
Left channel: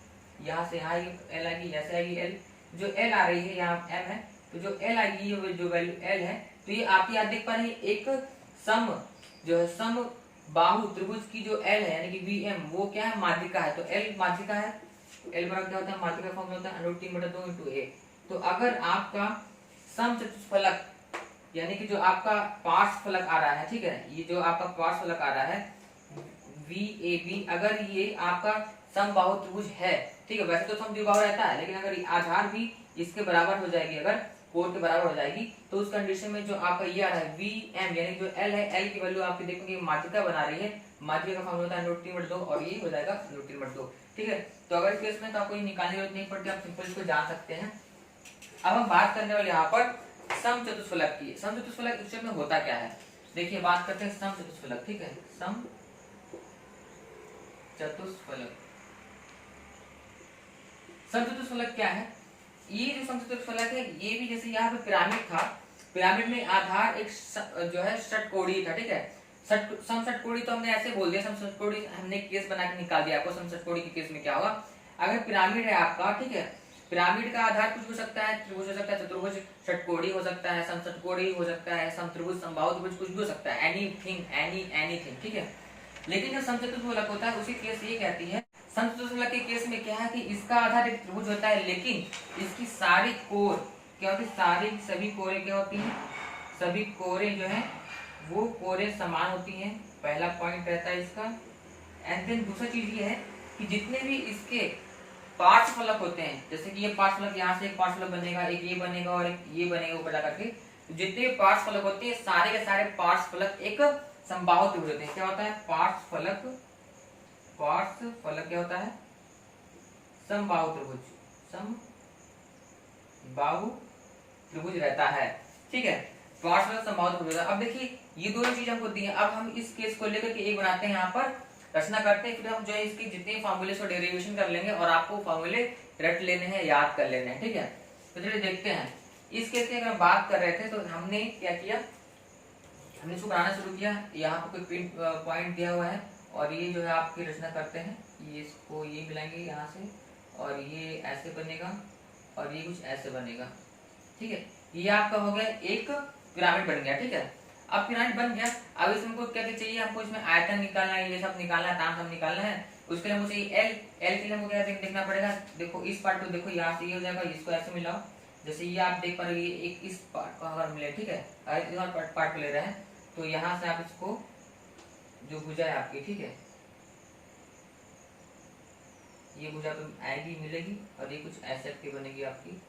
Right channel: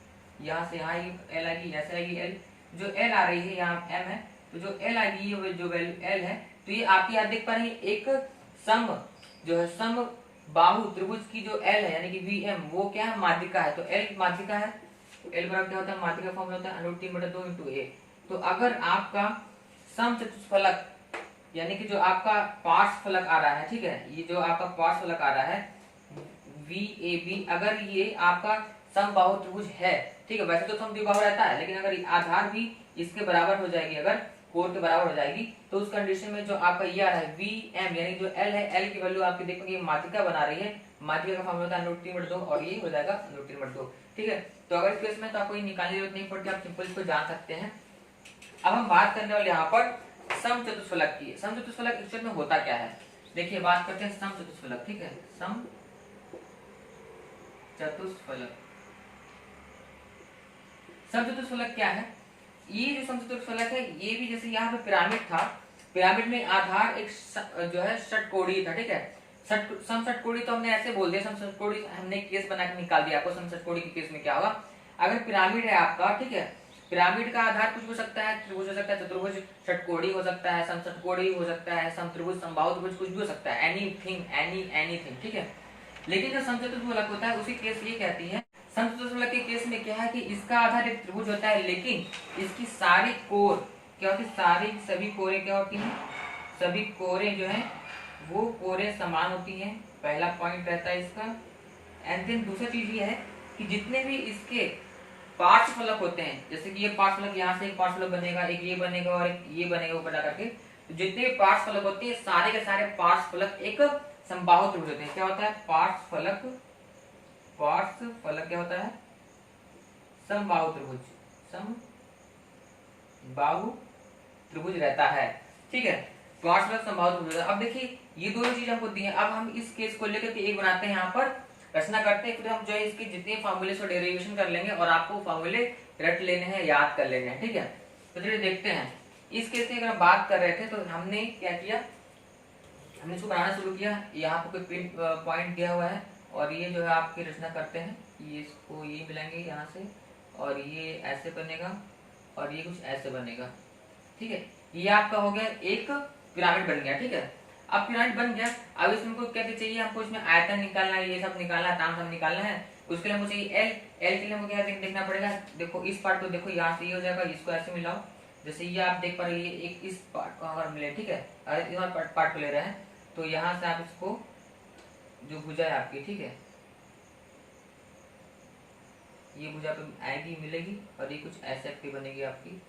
यहाँ से यहाँ एल आएगी, ऐसे आएगी एल, जो एल आ रही है यहाँ एम है, तो जो एल आएगी ये जो वैल्यू एल है, तो ये आपकी आप देख पा रहे हैं एक सम जो है सम बाहु त्रिभुज की जो एल है यानी कि VM, वो क्या है, माध्यिका है। तो एल माध्यिका है, एल बराबर क्या होता है, माध्यिका फॉर्म होता है √3/2 इंटू ए। तो अगर आपका समचतुष्फलक यानी कि जो आपका पार्श्वफलक आ रहा है, ठीक है, ये जो आपका पार्श्वफलक आ रहा है VAB, अगर ये आपका समबाहु त्रिभुज है, ठीक है, वैसे तो समद्विबाहु रहता है, लेकिन अगर आधार भी इसके बराबर हो जाएगी, अगर कोण के बराबर हो जाएगी, तो उस कंडीशन में जो आपका ये आ रहा है VM यानी जो L है, L की वैल्यू आपकी देखोगे माध्यिका बना रही है, माध्यिका का फॉर्मूला होता है √3/2 और ये हो जाएगा √3/2, ठीक है। तो अगर केस में तो आपको ये निकालने की जरूरत नहीं पड़ती, आप सिंपल इसको जान सकते हैं। अब हम बात करने वाले यहाँ पर समचतुष्फलक की। समचतुष्फलक एक्चुअल में होता क्या है, देखिए बात करते हैं समचतुष्फलक, ठीक है, समचतुष्फलक। समचतुष्फलक क्या है, ये जो समचतुष्फलक है, ये भी जैसे यहाँ पे पिरामिड था, पिरामिड में आधार एक जो है षटकोणीय था, ठीक है, समषटकोणीय तो हमने ऐसे बोल दिया, समषटकोणीय हमने केस बना के निकाल दिया आपको। समषटकोणीय के केस में क्या होगा, अगर पिरामिड है आपका, ठीक है, पिरामिड का आधार कुछ हो सकता है, त्रिभुज हो सकता है, चतुर्भुज, षटकोणीय हो सकता है, समषटकोणीय हो सकता है, समत्रिभुज, समबाहु त्रिभुज, कुछ भी हो सकता है, एनीथिंग, ठीक है। लेकिन जो समचतुष्फलक होता है उसी केस ये कहती है समचतुर्भुज फलक के केस में क्या है कि इसका आधार एक त्रिभुज होता है, लेकिन इसकी सारी कोर क्या होती है, सभी कोरे क्या होती हैं, सभी कोरे जो है वो कोरे समान होती हैं। पहला पॉइंट रहता है इसका। एंड देन दूसरा चीज ये है कि जितने भी इसके पार्श्व फलक होते हैं, जैसे कि ये पार्श्व फलक, यहाँ से एक पार्श्व फलक बनेगा, एक ये बनेगा और एक ये बनेगा ऊपर जाकर के, तो जितने भी पार्श्व फलक होते हैं सारे के सारे पार्श्व फलक एक समबाहु त्रिभुज होते हैं। क्या होता है, पार्श्व फलक क्या होता है, समबाहु त्रिभुज, समबाहु त्रिभुज रहता है। ठीक है, पार्श्व फलक समबाहु त्रिभुज। अब देखिए ये दोनों चीज हमको दी है। अब हम इस केस को लेकर के एक बनाते हैं, यहाँ पर रचना करते हैं, फिर हम जो है इसके जितने फार्मूले से डेरिवेशन कर लेंगे और आपको फार्मूले रट लेने हैं, याद कर लेने हैं। ठीक है, तो चलिए देखते हैं। इस केस की अगर बात कर रहे थे तो हमने क्या किया, हमने इसको बनाना शुरू किया। यहाँ पे कोई पिन पॉइंट दिया हुआ है और ये जो है आपकी रचना करते हैं, ये इसको ये मिलाएंगे यहाँ से और ये ऐसे बनेगा और ये कुछ ऐसे बनेगा। ठीक है, ये आपका हो गया एक पिरामिड बन गया। ठीक है, अब पिरामिड बन गया। अब इसमें को क्या चाहिए, हमको इसमें आयतन निकालना है, ये सब निकालना है, ताम सब निकालना है। उसके लिए हमको चाहिए एल। एल के लिए हमको क्या देखना पड़ेगा, देखो इस पार्ट को देखो, यहाँ से ये हो जाएगा, इसको ऐसे मिलाओ। जैसे ये आप देख पा रहे हो, ये एक इस पार्ट को अगर मिले, ठीक है, अगर इस पार्ट को ले रहे हैं तो यहाँ से आप इसको जो भुजा है आपकी, ठीक है, ये भुजा तो आएगी मिलेगी और ये कुछ ऐसे आपकी बनेगी आपकी,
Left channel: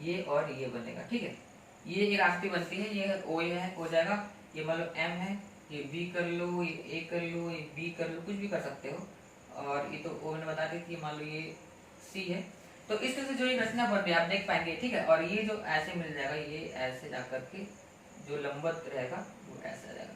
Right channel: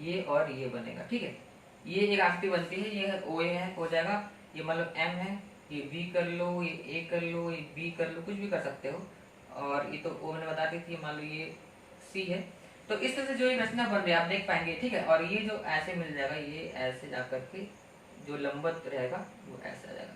ये और ये बनेगा। ठीक है, ये एक आकृति बनती है, ये ओ है हो जाएगा, ये मतलब एम है, ये बी कर लो, ये ए कर लो, ये बी कर लो, कुछ भी कर सकते हो। और ये तो ओ मैंने बता दी थी, मान लो ये सी है। तो इस तरह से जो ये रचना बन रही है आप देख पाएंगे। ठीक है, और ये जो ऐसे मिल जाएगा, ये ऐसे जाकर के जो लंबवत रहेगा वो ऐसा जाएगा।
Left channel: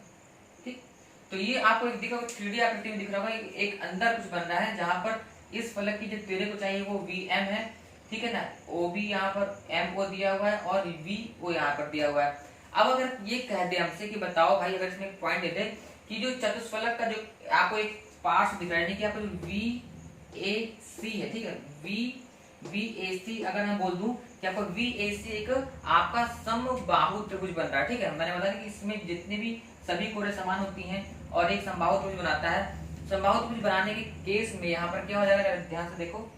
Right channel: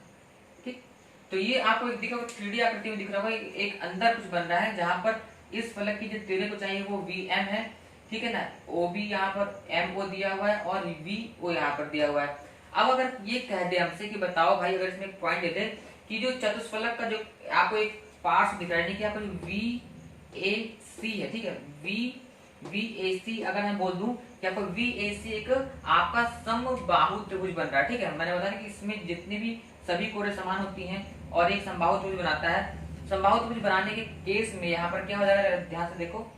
ठीक, तो ये आपको एक दिखा 3D आकृति में दिख रहा होगा, एक अंदर कुछ बन रहा है जहां पर इस फलक की जो तेरे को चाहिए वो वी एम है। ठीक है ना, ओ बी यहाँ पर एम ओ दिया हुआ है और वी ओ यहाँ पर दिया हुआ है। अब अगर ये कह दे हमसे कि बताओ भाई, अगर इसमें एक पॉइंट दे दे कि जो चतुष्फलक का जो आपको एक पार्श्व दिख रहा है कि आपको वी ए सी है। ठीक है, वी ए सी अगर मैं बोल दूं कि आपको वी ए सी एक आपका समबाहु त्रिभुज बन रहा है। ठीक है, मैंने बताया कि इसमें जितने भी सभी कोरे समान होती हैं और एक समबाहु त्रिभुज बनाता है। समबाहु त्रिभुज बनाने के केस में यहाँ पर क्या हो जाएगा, ध्यान से देखो,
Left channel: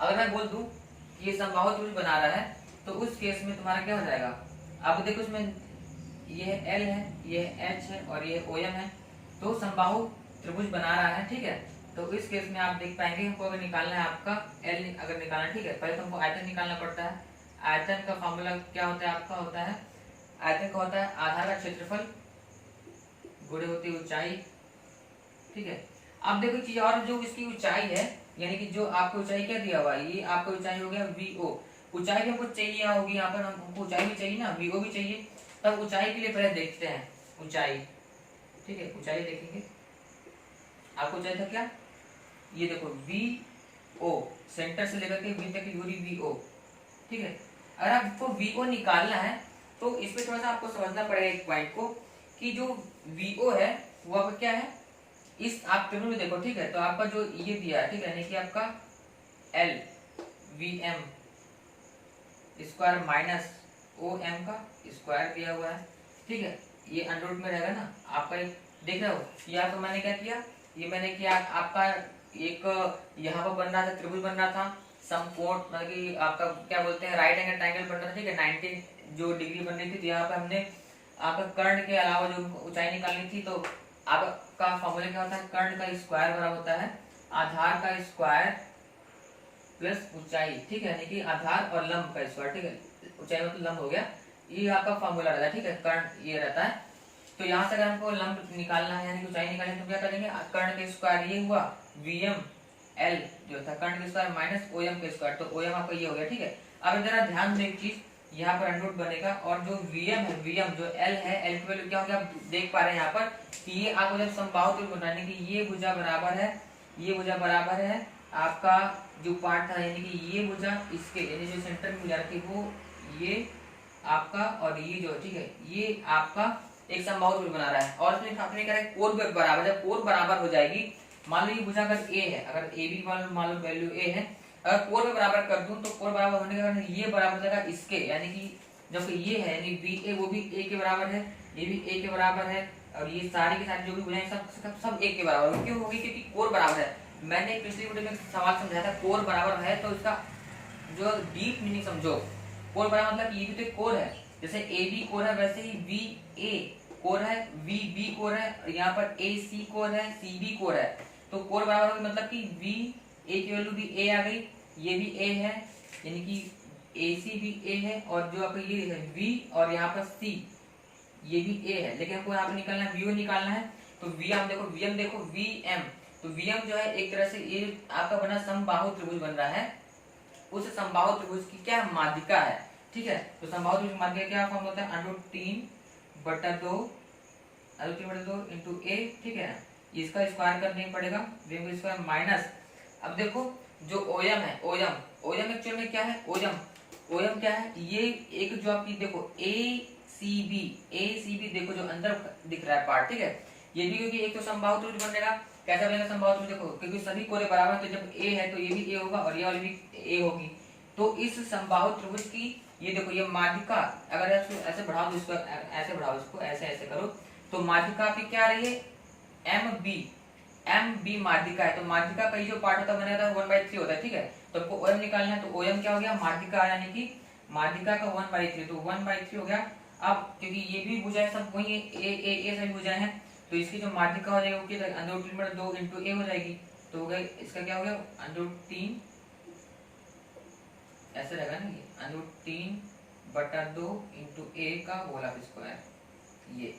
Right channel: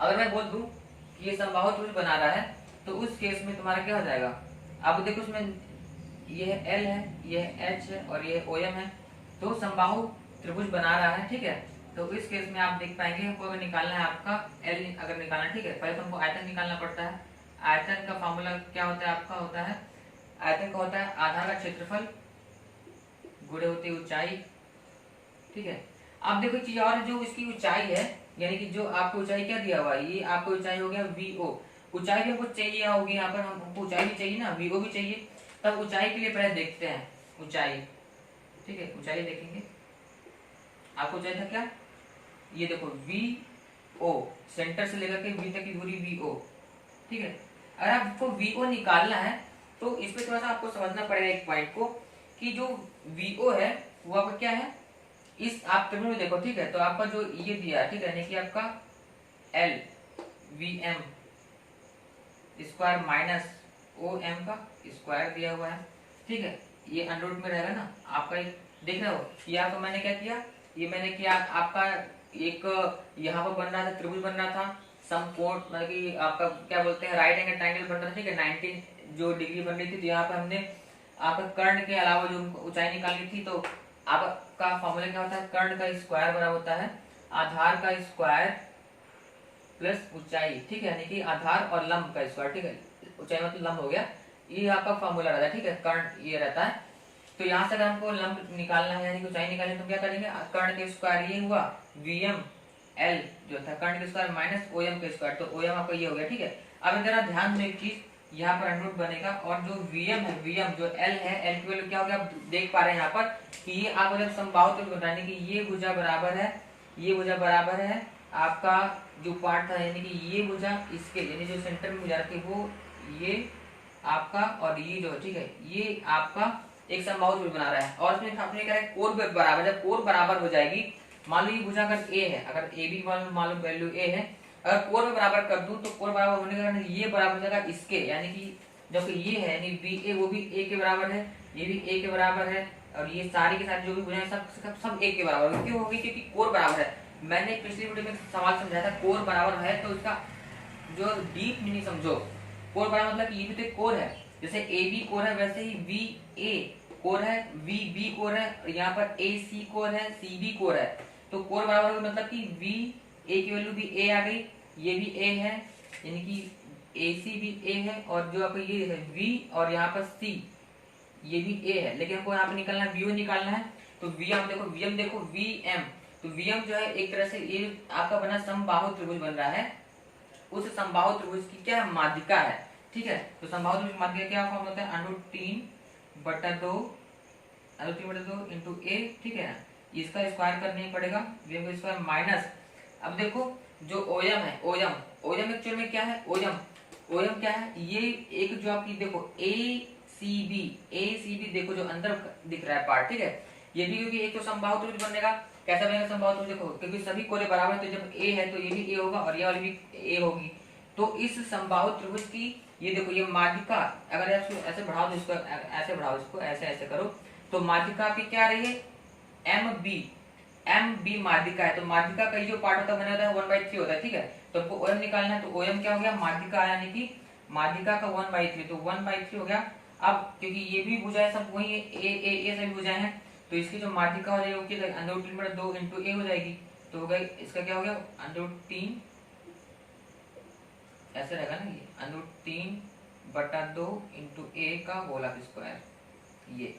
अगर मैं बोल दूं कि ये समबाहु त्रिभुज बना रहा है तो उस केस में तुम्हारा क्या हो जाएगा, अब देखो इसमें ये एल है, ये एच है और ये ओ एम है, तो समबाहु त्रिभुज बना रहा है। ठीक है, तो इस केस में आप देख पाएंगे, हमको अगर निकालना है आपका एल अगर निकालना है, ठीक है, पहले तो हमको आयतन निकालना पड़ता है। आयतन का फॉर्मूला क्या होता है आपका, होता है आयतन का होता है आधार का क्षेत्रफल गुणे होती है ऊंचाई। ठीक है, आप देखो चीज और, जो इसकी ऊंचाई है यानी कि जो आपको ऊंचाई क्या दिया हुआ है, ये आपको ऊंचाई हो गया वी ओ। ऊंचाई भी हमको चाहिए होगी, यहाँ पर हमको ऊंचाई भी चाहिए ना, वी ओ भी चाहिए। तब ऊंचाई के लिए पहले देखते हैं ऊंचाई। ठीक है, ऊंचाई देखेंगे, आपको ऊंचाई था क्या, ये देखो वी ओ, सेंटर से लेकर के वी तक की दूरी वी ओ। ठीक है, अगर आपको वी ओ निकालना है तो इसमें थोड़ा सा आपको समझना पड़ेगा एक पॉइंट को कि जो वी ओ है वो आपका क्या है, इस आप त्रिभुज में देखो। ठीक है, तो आपका जो ये दिया है, ठीक है, यानी कि आपका L V M square minus O M का स्क्वायर दिया हुआ है। ठीक है, ये अंडर रूट में रहेगा ना आपका, एक देख रहे हो, ये आपको मैंने क्या किया, ये मैंने किया आपका एक यहाँ पर बन रहा था, त्रिभुज बन रहा था, समकोण मतलब कि आपका क्या बोलते हैं राइट एंगल ट्रायंगल बन रहा था। ठीक है, 90 जो डिग्री बन रही थी, तो यहाँ पे हमने आपका कर्ण के अलावा जो ऊंचाई निकालनी थी, तो आपका फॉर्मूला क्या होता है, कर्ण का स्क्वायर बराबर होता है आधार का स्क्वायर प्लस ऊंचाई। ठीक है, यानी कि आधार और लंब का स्क्वायर। ठीक है, ऊंचाई मतलब लंब हो गया, ये आपका फॉर्मूला रहता है। ठीक है, कर्ण ये रहता है। तो यहाँ से अगर हमको लंब निकालना है यानी कि ऊंचाई निकालनी है तो क्या करेंगे, कर्ण के स्क्वायर ये हुआ वीएम एल जो था कर्ण के स्क्वायर माइनस ओ एम के स्क्वायर, तो ओ एम आपका ये हो गया। ठीक है, अब जरा ध्यान में एक चीज, यहाँ पर अंडर रूट बनेगा और जो वीएम है, वीएम जो एल है, एल की वैल्यू क्या हो गया आप देख पा रहे हैं यहाँ पर कि ये आपको जब समबाहु त्रिभुज बनाने की ये भुजा बराबर है, ये भुजा बराबर है आपका जो पार्ट था, यानी कि ये भुजा इसके यानी जो सेंटर में भुजा थी वो ये आपका और ये जो, ठीक है, ये आपका एक समबाहु त्रिभुज बना रहा है। और इसमें आपने क्या है कोर बराबर, जब कोर बराबर हो जाएगी, मान लो ये भुजा अगर ए है, अगर ए बी मान लो वैल्यू ए है, अगर कोर में बराबर कर दूं तो कोर बराबर होने के कारण ये बराबर हो जाएगा इसके, यानी कि जब ये है यानी बी ए वो भी ए के बराबर है, ये भी ए के बराबर है, और ये सारी की सारी जो भी भुजाएं सब एक के बराबर होगी। क्यों होगी? क्योंकि कोर बराबर है। मैंने पिछली वीडियो में सवाल समझाया था, कोर बराबर है तो इसका जो डीप मीनिंग समझो। कोर बराबर मतलब ये भी तो एक कोर है, जैसे ए बी कोर है वैसे ही वी ए कोर है, वी बी कोर है, और यहाँ पर ए सी कोर है, सी बी कोर है। तो कोर बराबर होगी मतलब कि वी ए की वैल्यू भी ए आ गई, ये भी ए है, यानी कि ए सी भी ए है, और जो आपको ये है वी और यहाँ पर सी ये भी ए है, लेकिन हमको यहाँ पे निकालना है वी निकालना है। तो वीएम देखो, वीएम देखो, वीएम तो वीएम जो है एक तरह से ये आपका बना समबाहु त्रिभुज बन रहा है, उस समबाहु त्रिभुज की क्या माध्यिका है। ठीक है, तो समबाहु त्रिभुज की माध्यिका क्या फॉर्म होता है? √3/2 इंटू ए। ठीक है, इसका स्क्वायर करना ही पड़ेगा, वीएम का स्क्वायर माइनस। अब देखो जो ओएम है, ओएम ओएम एक्चुअल में क्या है? ओएम ओएम क्या है? ये एक जो आपकी देखो ए सी बी देखो जो अंदर दिख रहा है पार्ट। ठीक है, ये भी क्योंकि एक तो समबाहु त्रिभुज बनेगा। कैसा बनेगा समबाहु त्रिभुज? देखो क्योंकि सभी कोरे बराबर है, तो जब ए है तो ये भी ए होगा और ये वाली भी ए होगी। तो इस समबाहु त्रिभुज की ये देखो ये माध्यिका, अगर आप ऐसे बढ़ाओ तो इसको ऐसे बढ़ाओ, इसको ऐसे ऐसे करो, तो माध्यिका आपकी क्या आ रही है? एम बी माध्यिका है। तो माध्यिका का ये जो पार्ट होता है बना होता है 1/3 होता है। ठीक है, तो आपको ओएम निकालना है, तो ओएम क्या हो गया? माध्यिका यानी कि माध्यिका का 1/3, तो 1/3 हो गया। अब क्योंकि ये भी भुजाएं सब वही है, ए सभी भुजाएं हैं, तो इसकी जो माध्यिका हो जाएगी वो √3/2 इंटू ए हो जाएगी। तो हो गया इसका क्या हो गया? √3 ऐसे रहेगा ना, ये √3/2 इंटू ए का होल स्क्वायर। ये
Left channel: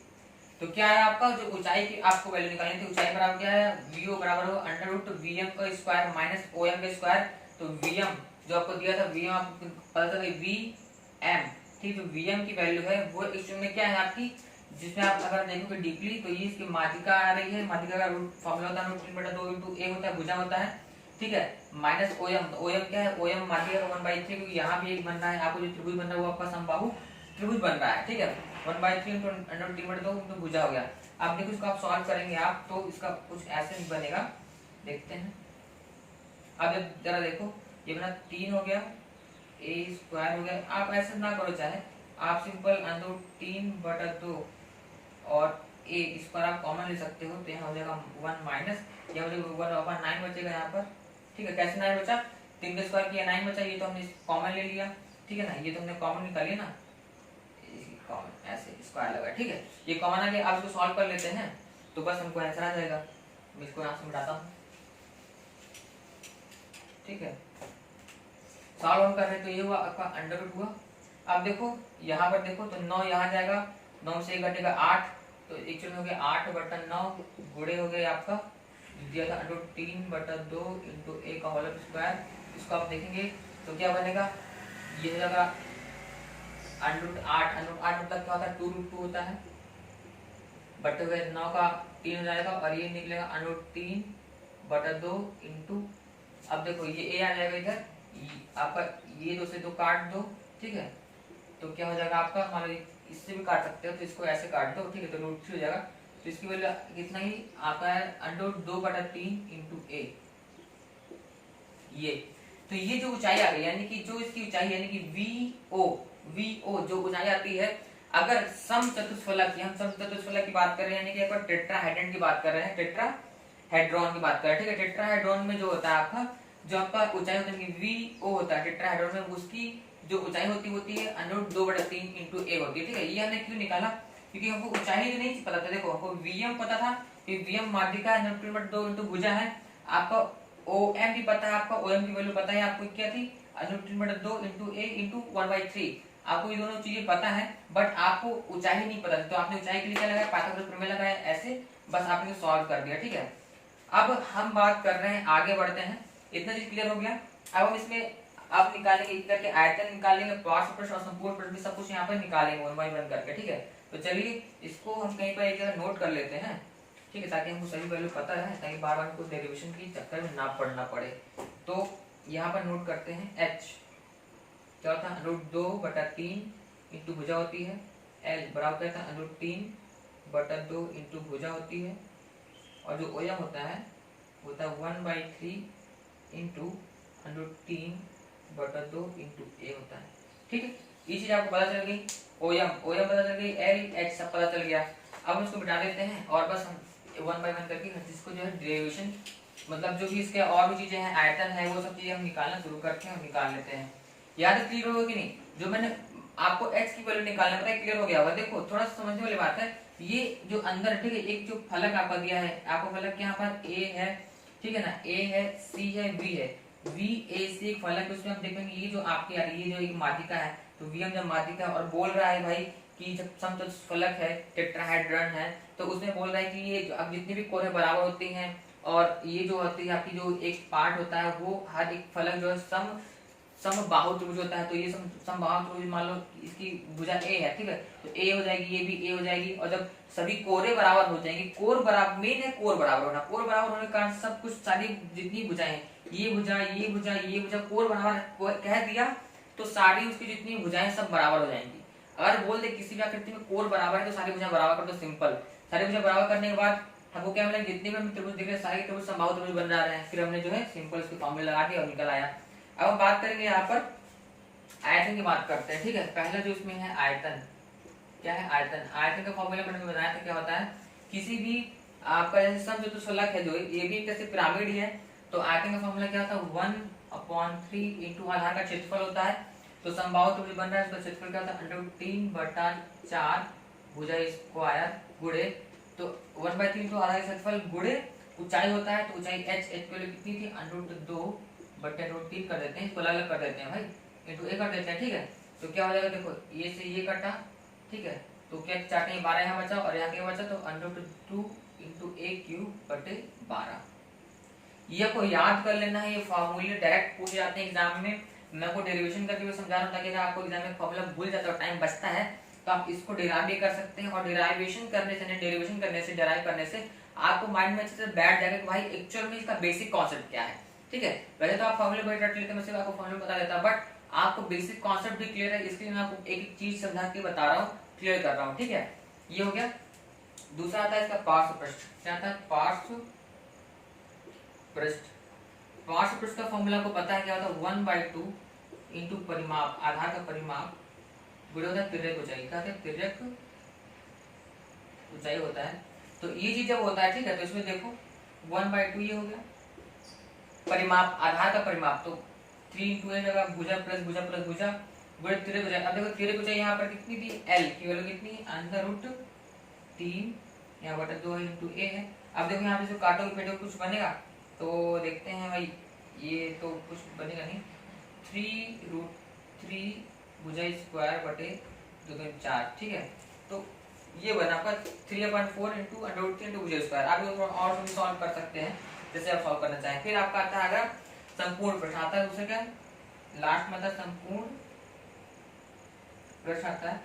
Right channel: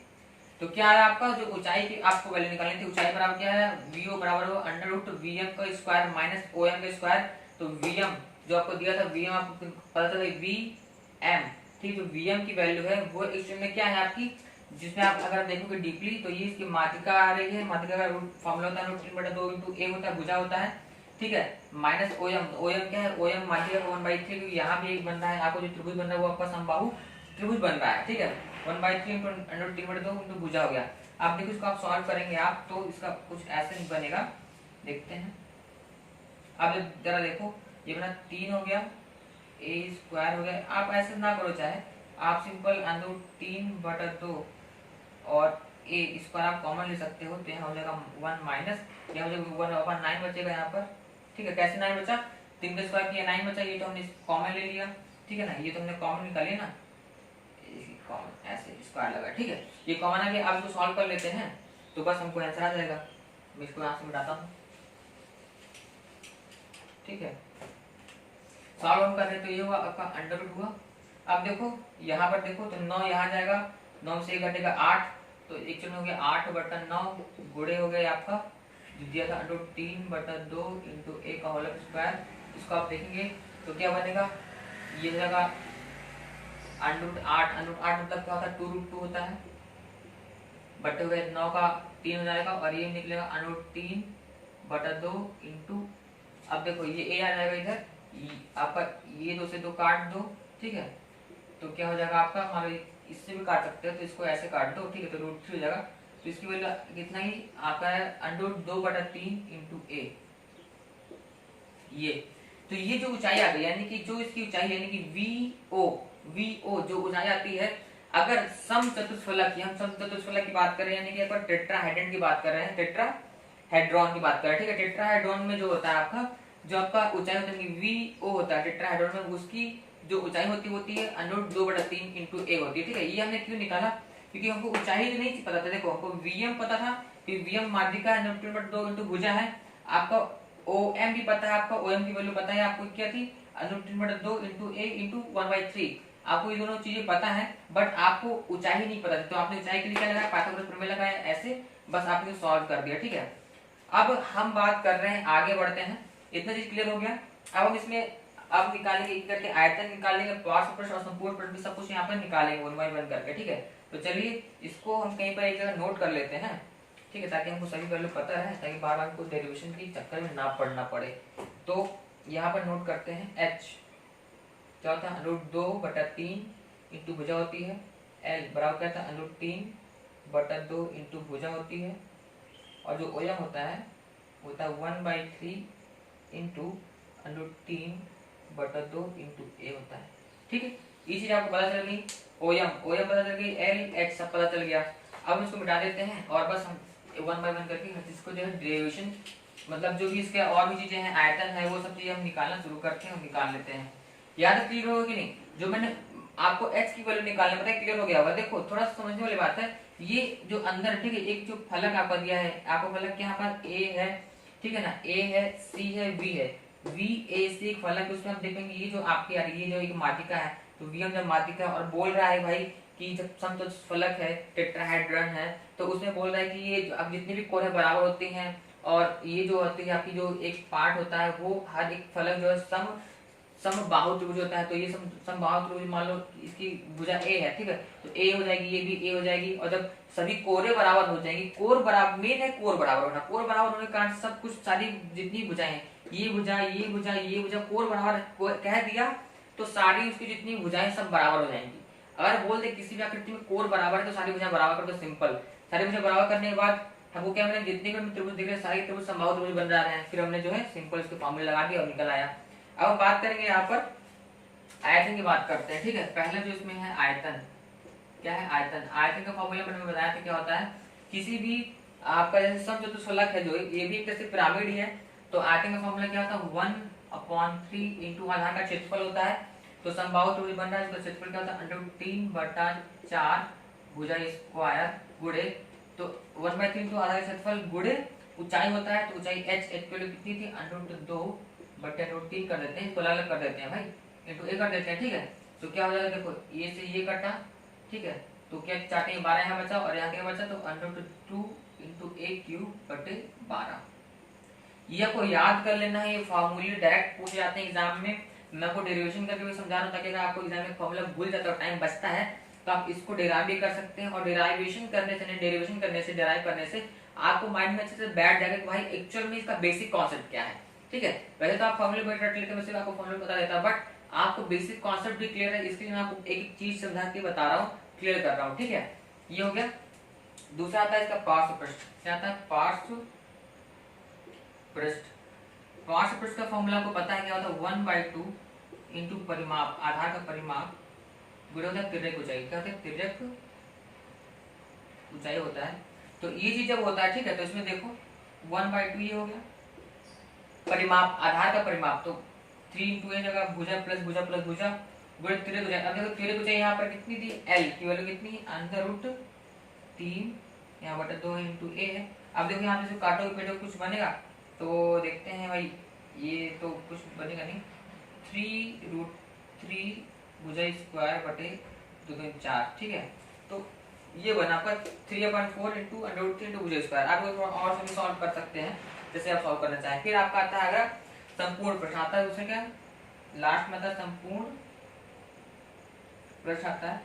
तो क्या है आपका जो ऊंचाई की आपको वैल्यू निकालनी थी, ऊंचाई बराबर क्या है? वीओ बराबर हो √VM का स्क्वायर माइनस ओएम का स्क्वायर। तो वीएम जो आपको दिया था, वीएम आपको पता था वीएम। ठीक है, वीएम की वैल्यू है वो एक्चुअल में क्या है आपकी, जिसमें आप अगर देखोगे डीपली तो ये इसकी माध्यिका आ रही है। माध्यिका का फॉर्मूला होता है √3/2 इंटू ए होता है, भुजा होता है। ठीक है, माइनस ओएम। ओएम क्या है? ओएम माध्यिका का 1/3, क्योंकि यहाँ भी एक बन रहा है, आपको जो त्रिभुज बन रहा है वो आपका समबाहु त्रिभुज बन रहा है। ठीक है, 1/3 इंटू √3/2 इंटू भुजा हो गया। अब देखो इसको आप सॉल्व करेंगे आप तो इसका कुछ ऐसे बनेगा, देखते हैं। अब जरा देखो, ये बना 3 हो गया, ए स्क्वायर हो गया। आप ऐसे ना करो, चाहे आप सिंपल √3/2 और ए इस पर आप कॉमन ले सकते हो, तो यहाँ हो जाएगा 1 माइनस, यह हो जाएगा 1/9 बचेगा यहाँ पर। ठीक है, कैसे 9 बचा? 3 का स्क्वायर किया 9 बचा, ये तो हमने कॉमन ले लिया। ठीक है ना, ये तो हमने कॉमन निकाली ना, कॉमन ऐसे स्क्वायर लगा। ठीक है, ये कॉमन आ गया। आप इसको सॉल्व कर लेते हैं तो बस हमको आंसर आ जाएगा। मैं इसको यहाँ से मिटाता हूँ। ठीक है, सॉल्व हम कर रहे तो ये हुआ आपका अंडर हुआ। अब देखो यहाँ पर देखो तो 9 यहाँ जाएगा, 9 से 1 घटेगा 8, तो एक्चुअल हो गया 8/9 गुणे हो गया आपका दिया था √3/2 इंटू ए का होल स्क्वायर। इसको आप देखेंगे तो क्या बनेगा? ये हो जाएगा √8 मतलब क्या होता है? 2√2 होता है, बटे हुए 9 का 3 हो जाएगा, और ये निकलेगा √3/2 इंटू, अब देखो ये ए आ जाएगा इधर, आपका ये 2 से 2 काट दो। ठीक है, तो क्या हो जाएगा आपका? मान लो इससे भी काट सकते हो, तो इसको ऐसे काट दो। ठीक है, तो √3 हो जाएगा, तो इसकी वैल्यू कितना ही आता है? √2/3 इंटू ए। ये तो ये जो ऊंचाई आ गई, यानी कि जो इसकी ऊंचाई यानी कि वीओ जो ऊंचाई आती है, अगर सम चतुष्फलक की, हम सम चतुष्फलक की बात कर रहे हैं, यानी कि एक बार टेट्राहेड्रन की बात कर रहे हैं, टेट्राहेड्रॉन की बात कर रहे हैं। ठीक है, टेट्राहेड्रॉन में जो होता है आपका, जो आपका ऊंचाई होती है वीओ होता है टेट्राहेड्रॉन में, उसकी जो ऊंचाई होती है √2/3 इंटू ए होती है। ठीक है, ये हमने क्यों निकाला? क्योंकि हमको ऊंचाई नहीं पता था। देखो हमको वीएम पता था कि वीएम माध्यिका है, √3/2 इंटू भुजा है। आपका ओएम भी पता है, आपका ओएम की वैल्यू पता है, आपको क्या थी? √3/2 इंटू ए इंटू 1/3। आपको ये दोनों चीजें पता है, बट आपको ऊंचाई नहीं पता थी, तो आपने ऊंचाई के लिए क्या लगाया? पाइथागोरस प्रमेय लगाया, ऐसे बस आपने सॉल्व कर दिया। ठीक है, अब हम बात कर रहे हैं, आगे बढ़ते हैं। इतना चीज क्लियर हो गया। अब हम इसमें अब निकालेंगे एक करके आयतन निकालेंगे, पार्श्व पृष्ठ और संपूर्ण पृष्ठ सब कुछ यहाँ पर निकालेंगे 1 by 1 करके। ठीक है, तो चलिए इसको हम कहीं पर एक जगह नोट कर लेते हैं। ठीक है, ताकि हमको सभी वैल्यू पता रहे, ताकि बार बार कोई डेरिवेशन के चक्कर में ना पड़ना पड़े। तो यहाँ पर नोट करते हैं एच क्या होता है? √2/3 इंटू भुजा होती है। एल बराबर क्या था? √3/2 इंटू भुजा होती है, और जो ओएम होता है 1/3 इंटू √3/2 इंटू ए होता है। ठीक है, ये चीज आपको पता चल गई। ओएम पता चल गई, एल एच सब पता चल गया। अब हम इसको मिटा देते हैं और बस हम वन बाय वन करके इसको जो है डेरिवेशन मतलब जो भी इसके और भी चीजें हैं, आयतन है, वो सब चीजें हम निकालना शुरू करते हैं और निकाल लेते हैं। याद है, क्लियर होगा कि नहीं? जो मैंने आपको x की वैल्यू निकालना बताया, क्लियर हो गया होगा? देखो थोड़ा सा समझने वाली बात है, ये जो अंदर ठीक है, एक जो फलक आपका दिया है, आपको फलक यहाँ पर a है, ठीक है ना, a है, c है, v है, v a c एक फलक, उसमें हम देखेंगे ये जो आपकी आ रही है, ये जो एक माध्यिका है, तो v हम जब माध्यिका और बोल रहा है भाई कि जब समचतुष्फलक है, टेट्राहेड्रन है, तो उसमें बोल रहा है कि ये अब जितनी भी कोरें बराबर होती हैं और ये जो होती है आपकी जो एक पार्ट होता है वो हर एक फलक जो है समबाहु त्रिभुज होता है, तो ये समबाहु त्रिभुज मान लो इसकी भुजा ए है, ठीक है, तो ए हो जाएगी, ये भी ए हो जाएगी, और जब सभी कोरे बराबर हो जाएंगी, कोर बराबर मेन है, कोर बराबर होना, कोर बराबर होने के कारण सब कुछ सारी जितनी भुजाएं हैं, ये भुजा, ये भुजा, ये भुजा, कोर बराबर कह दिया तो सारी उसकी जितनी भुजाएं सब बराबर हो जाएंगी। अगर बोल दे किसी भी आकृति में कोर बराबर है तो सारी भुजा बराबर कर दो, सिंपल। सारी भुजा बराबर करने के बाद हमको क्या मिला, जितने भी त्रिभुज दिख रहे सारे त्रिभुज समबाहु त्रिभुज बन रहे हैं, फिर हमने जो है सिंपल इसके फॉर्मूले लगा दिया और निकल आया। अब हम बात करेंगे यहाँ पर आयतन की बात करते हैं, ठीक है। पहले जो इसमें है आयतन, क्या है आयतन? आयतन का फॉर्मूला मैंने बताया था क्या होता है, किसी भी आपका जैसे समचतुष्फलक है, जो ये भी एक तरह से पिरामिड ही है, तो आयतन का फॉर्मूला क्या होता है, 1/3 इंटू आधार का क्षेत्रफल होता है, तो समबाहु त्रिभुज बन रहा है, इसका क्षेत्रफल क्या होता है, √3/4 भुजा स्क्वायर गुणे, तो 1/3 इंटू आधार का क्षेत्रफल गुणे ऊंचाई होता है, तो ऊंचाई h की वैल्यू कितनी थी, √2/√3 कर देते हैं, इसको अलग कर देते हैं भाई, इंटू ए कर देते हैं, ठीक है। तो क्या हो जाएगा, देखो ये से ये कटा, ठीक है, तो क्या चाटे 12 यहाँ बचा और यहाँ क्या बचा, तो √2 इंटू a³/12। ये को याद कर लेना है, ये फॉर्मूले डायरेक्ट पूछे जाते हैं एग्जाम में। मैं आपको डेरिवेशन करके भी समझा रहा हूँ ताकि अगर आपको एग्जाम में फॉर्मूला भूल जाता है, टाइम बचता है, तो आप इसको डेराइव भी कर सकते हैं, और डेराइवेशन करने से, डेरिवेशन करने से, डेराइव करने से आपको माइंड में अच्छे से बैठ जाएगा कि भाई एक्चुअल में इसका बेसिक कॉन्सेप्ट क्या है, ठीक है। वैसे तो आप फॉर्मूले बैठ रट लेते हैं, वैसे आपको फॉर्मूला पता रहता है, बट आपको बेसिक कॉन्सेप्ट भी क्लियर है, इसके लिए मैं आपको एक एक चीज समझा के बता रहा हूँ, क्लियर कर रहा हूँ, ठीक है। ये हो गया। दूसरा आता है इसका पार्श्व पृष्ठ, क्या आता है, पार्श्व पृष्ठ। पार्श्व पृष्ठ का फॉर्मूला को पता है क्या होता है, 1/2 इंटू परिमाप, आधार का परिमाप, गुणे होता है तिर्यक ऊंचाई, क्या होता है, तिर्यक ऊंचाई होता है। तो ये चीज जब होता है, ठीक है, तो इसमें देखो 1/2 ये हो गया परिमाप, आधार का परिमाप, तो 3 इंटू ए जगह भुजा प्लस भुजा प्लस भुजा गुणे तिर्यक ऊंचाई। अब देखो तिर्यक ऊंचाई यहाँ पर कितनी थी, एल की वैल्यू कितनी, √3 यहाँ बटा 2 इंटू ए है। अब देखो यहाँ पे जो काटोगे पेटोगे कुछ बनेगा, तो देखते हैं भाई, ये तो कुछ बनेगा नहीं, 3√3 भुजा स्क्वायर बटे 2×4, ठीक है। तो ये बना आपका 3/4 इंटू √3 इंटू भुजा स्क्वायर। आप थोड़ा और भी सॉल्व कर सकते हैं जैसे आप सॉल्व करना चाहें। फिर आपका आता है अगर संपूर्ण प्रश्न आता है, उससे क्या लास्ट में आता है संपूर्ण प्रश्न आता है।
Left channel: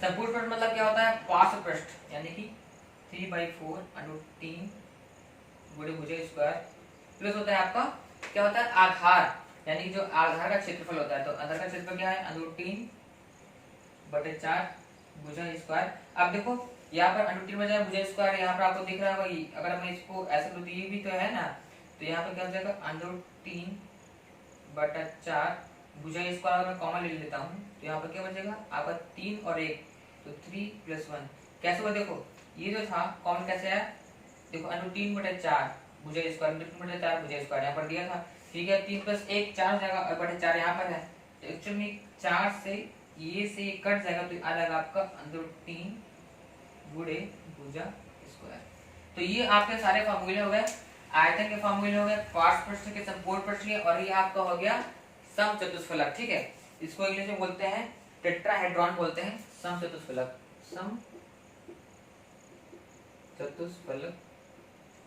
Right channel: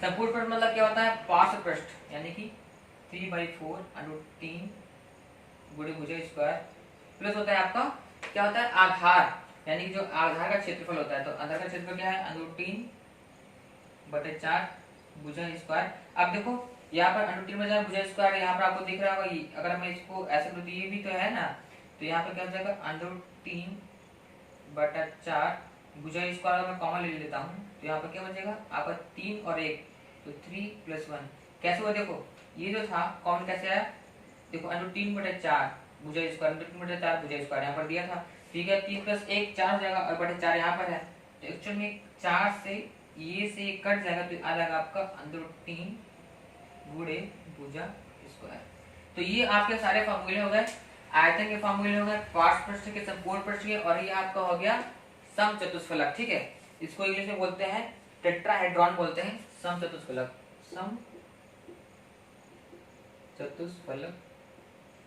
संपूर्ण प्रश्न मतलब क्या होता है, पार्श्व पृष्ठ, यानी कि 3/4 √3 गुणे भुजा स्क्वायर प्लस होता है आपका क्या होता है, आधार, यानी जो आधार का क्षेत्रफल होता है, तो आधार का क्षेत्रफल क्या है, √3/4 भुजा स्क्वायर। अब देखो यहाँ पर √3/4 भुजा स्क्वायर, यहाँ पर आपको दिख रहा होगा, अगर मैं इसको ऐसे कर दूं, ये भी तो है ना, तो यहाँ पे क्या हो जाएगा, √3/4 भुजा स्क्वायर, मैं कॉमन ले लेता हूँ, तो यहाँ पर क्या बचेगा आपका 3 और 1, तो 3 + 1 कैसे हुआ, देखो ये जो था कॉमन कैसे आया, देखो √3/4 भुजा स्क्वायर, √3/4 भुजा स्क्वायर यहाँ पर दिया था, ठीक है, 3 + 1 4 हो जाएगा और बटे 4 यहाँ पर है, तो एक्चुअल में 4 से ये कट जाएगा, तो आ जाएगा आपका √3 गुणे भुजा स्क्वायर। तो ये आपके सारे फॉर्मूले हो गए, आयतन के फॉर्मूले हो गए, पार्श्व पृष्ठ के, संपूर्ण पृष्ठ के, और ये आपका हो गया समचतुष्फलक, ठीक है। इसको इंग्लिश में बोलते हैं टेट्राहेड्रॉन बोलते हैं, समचतुष्फलक, समचतुष्फलक,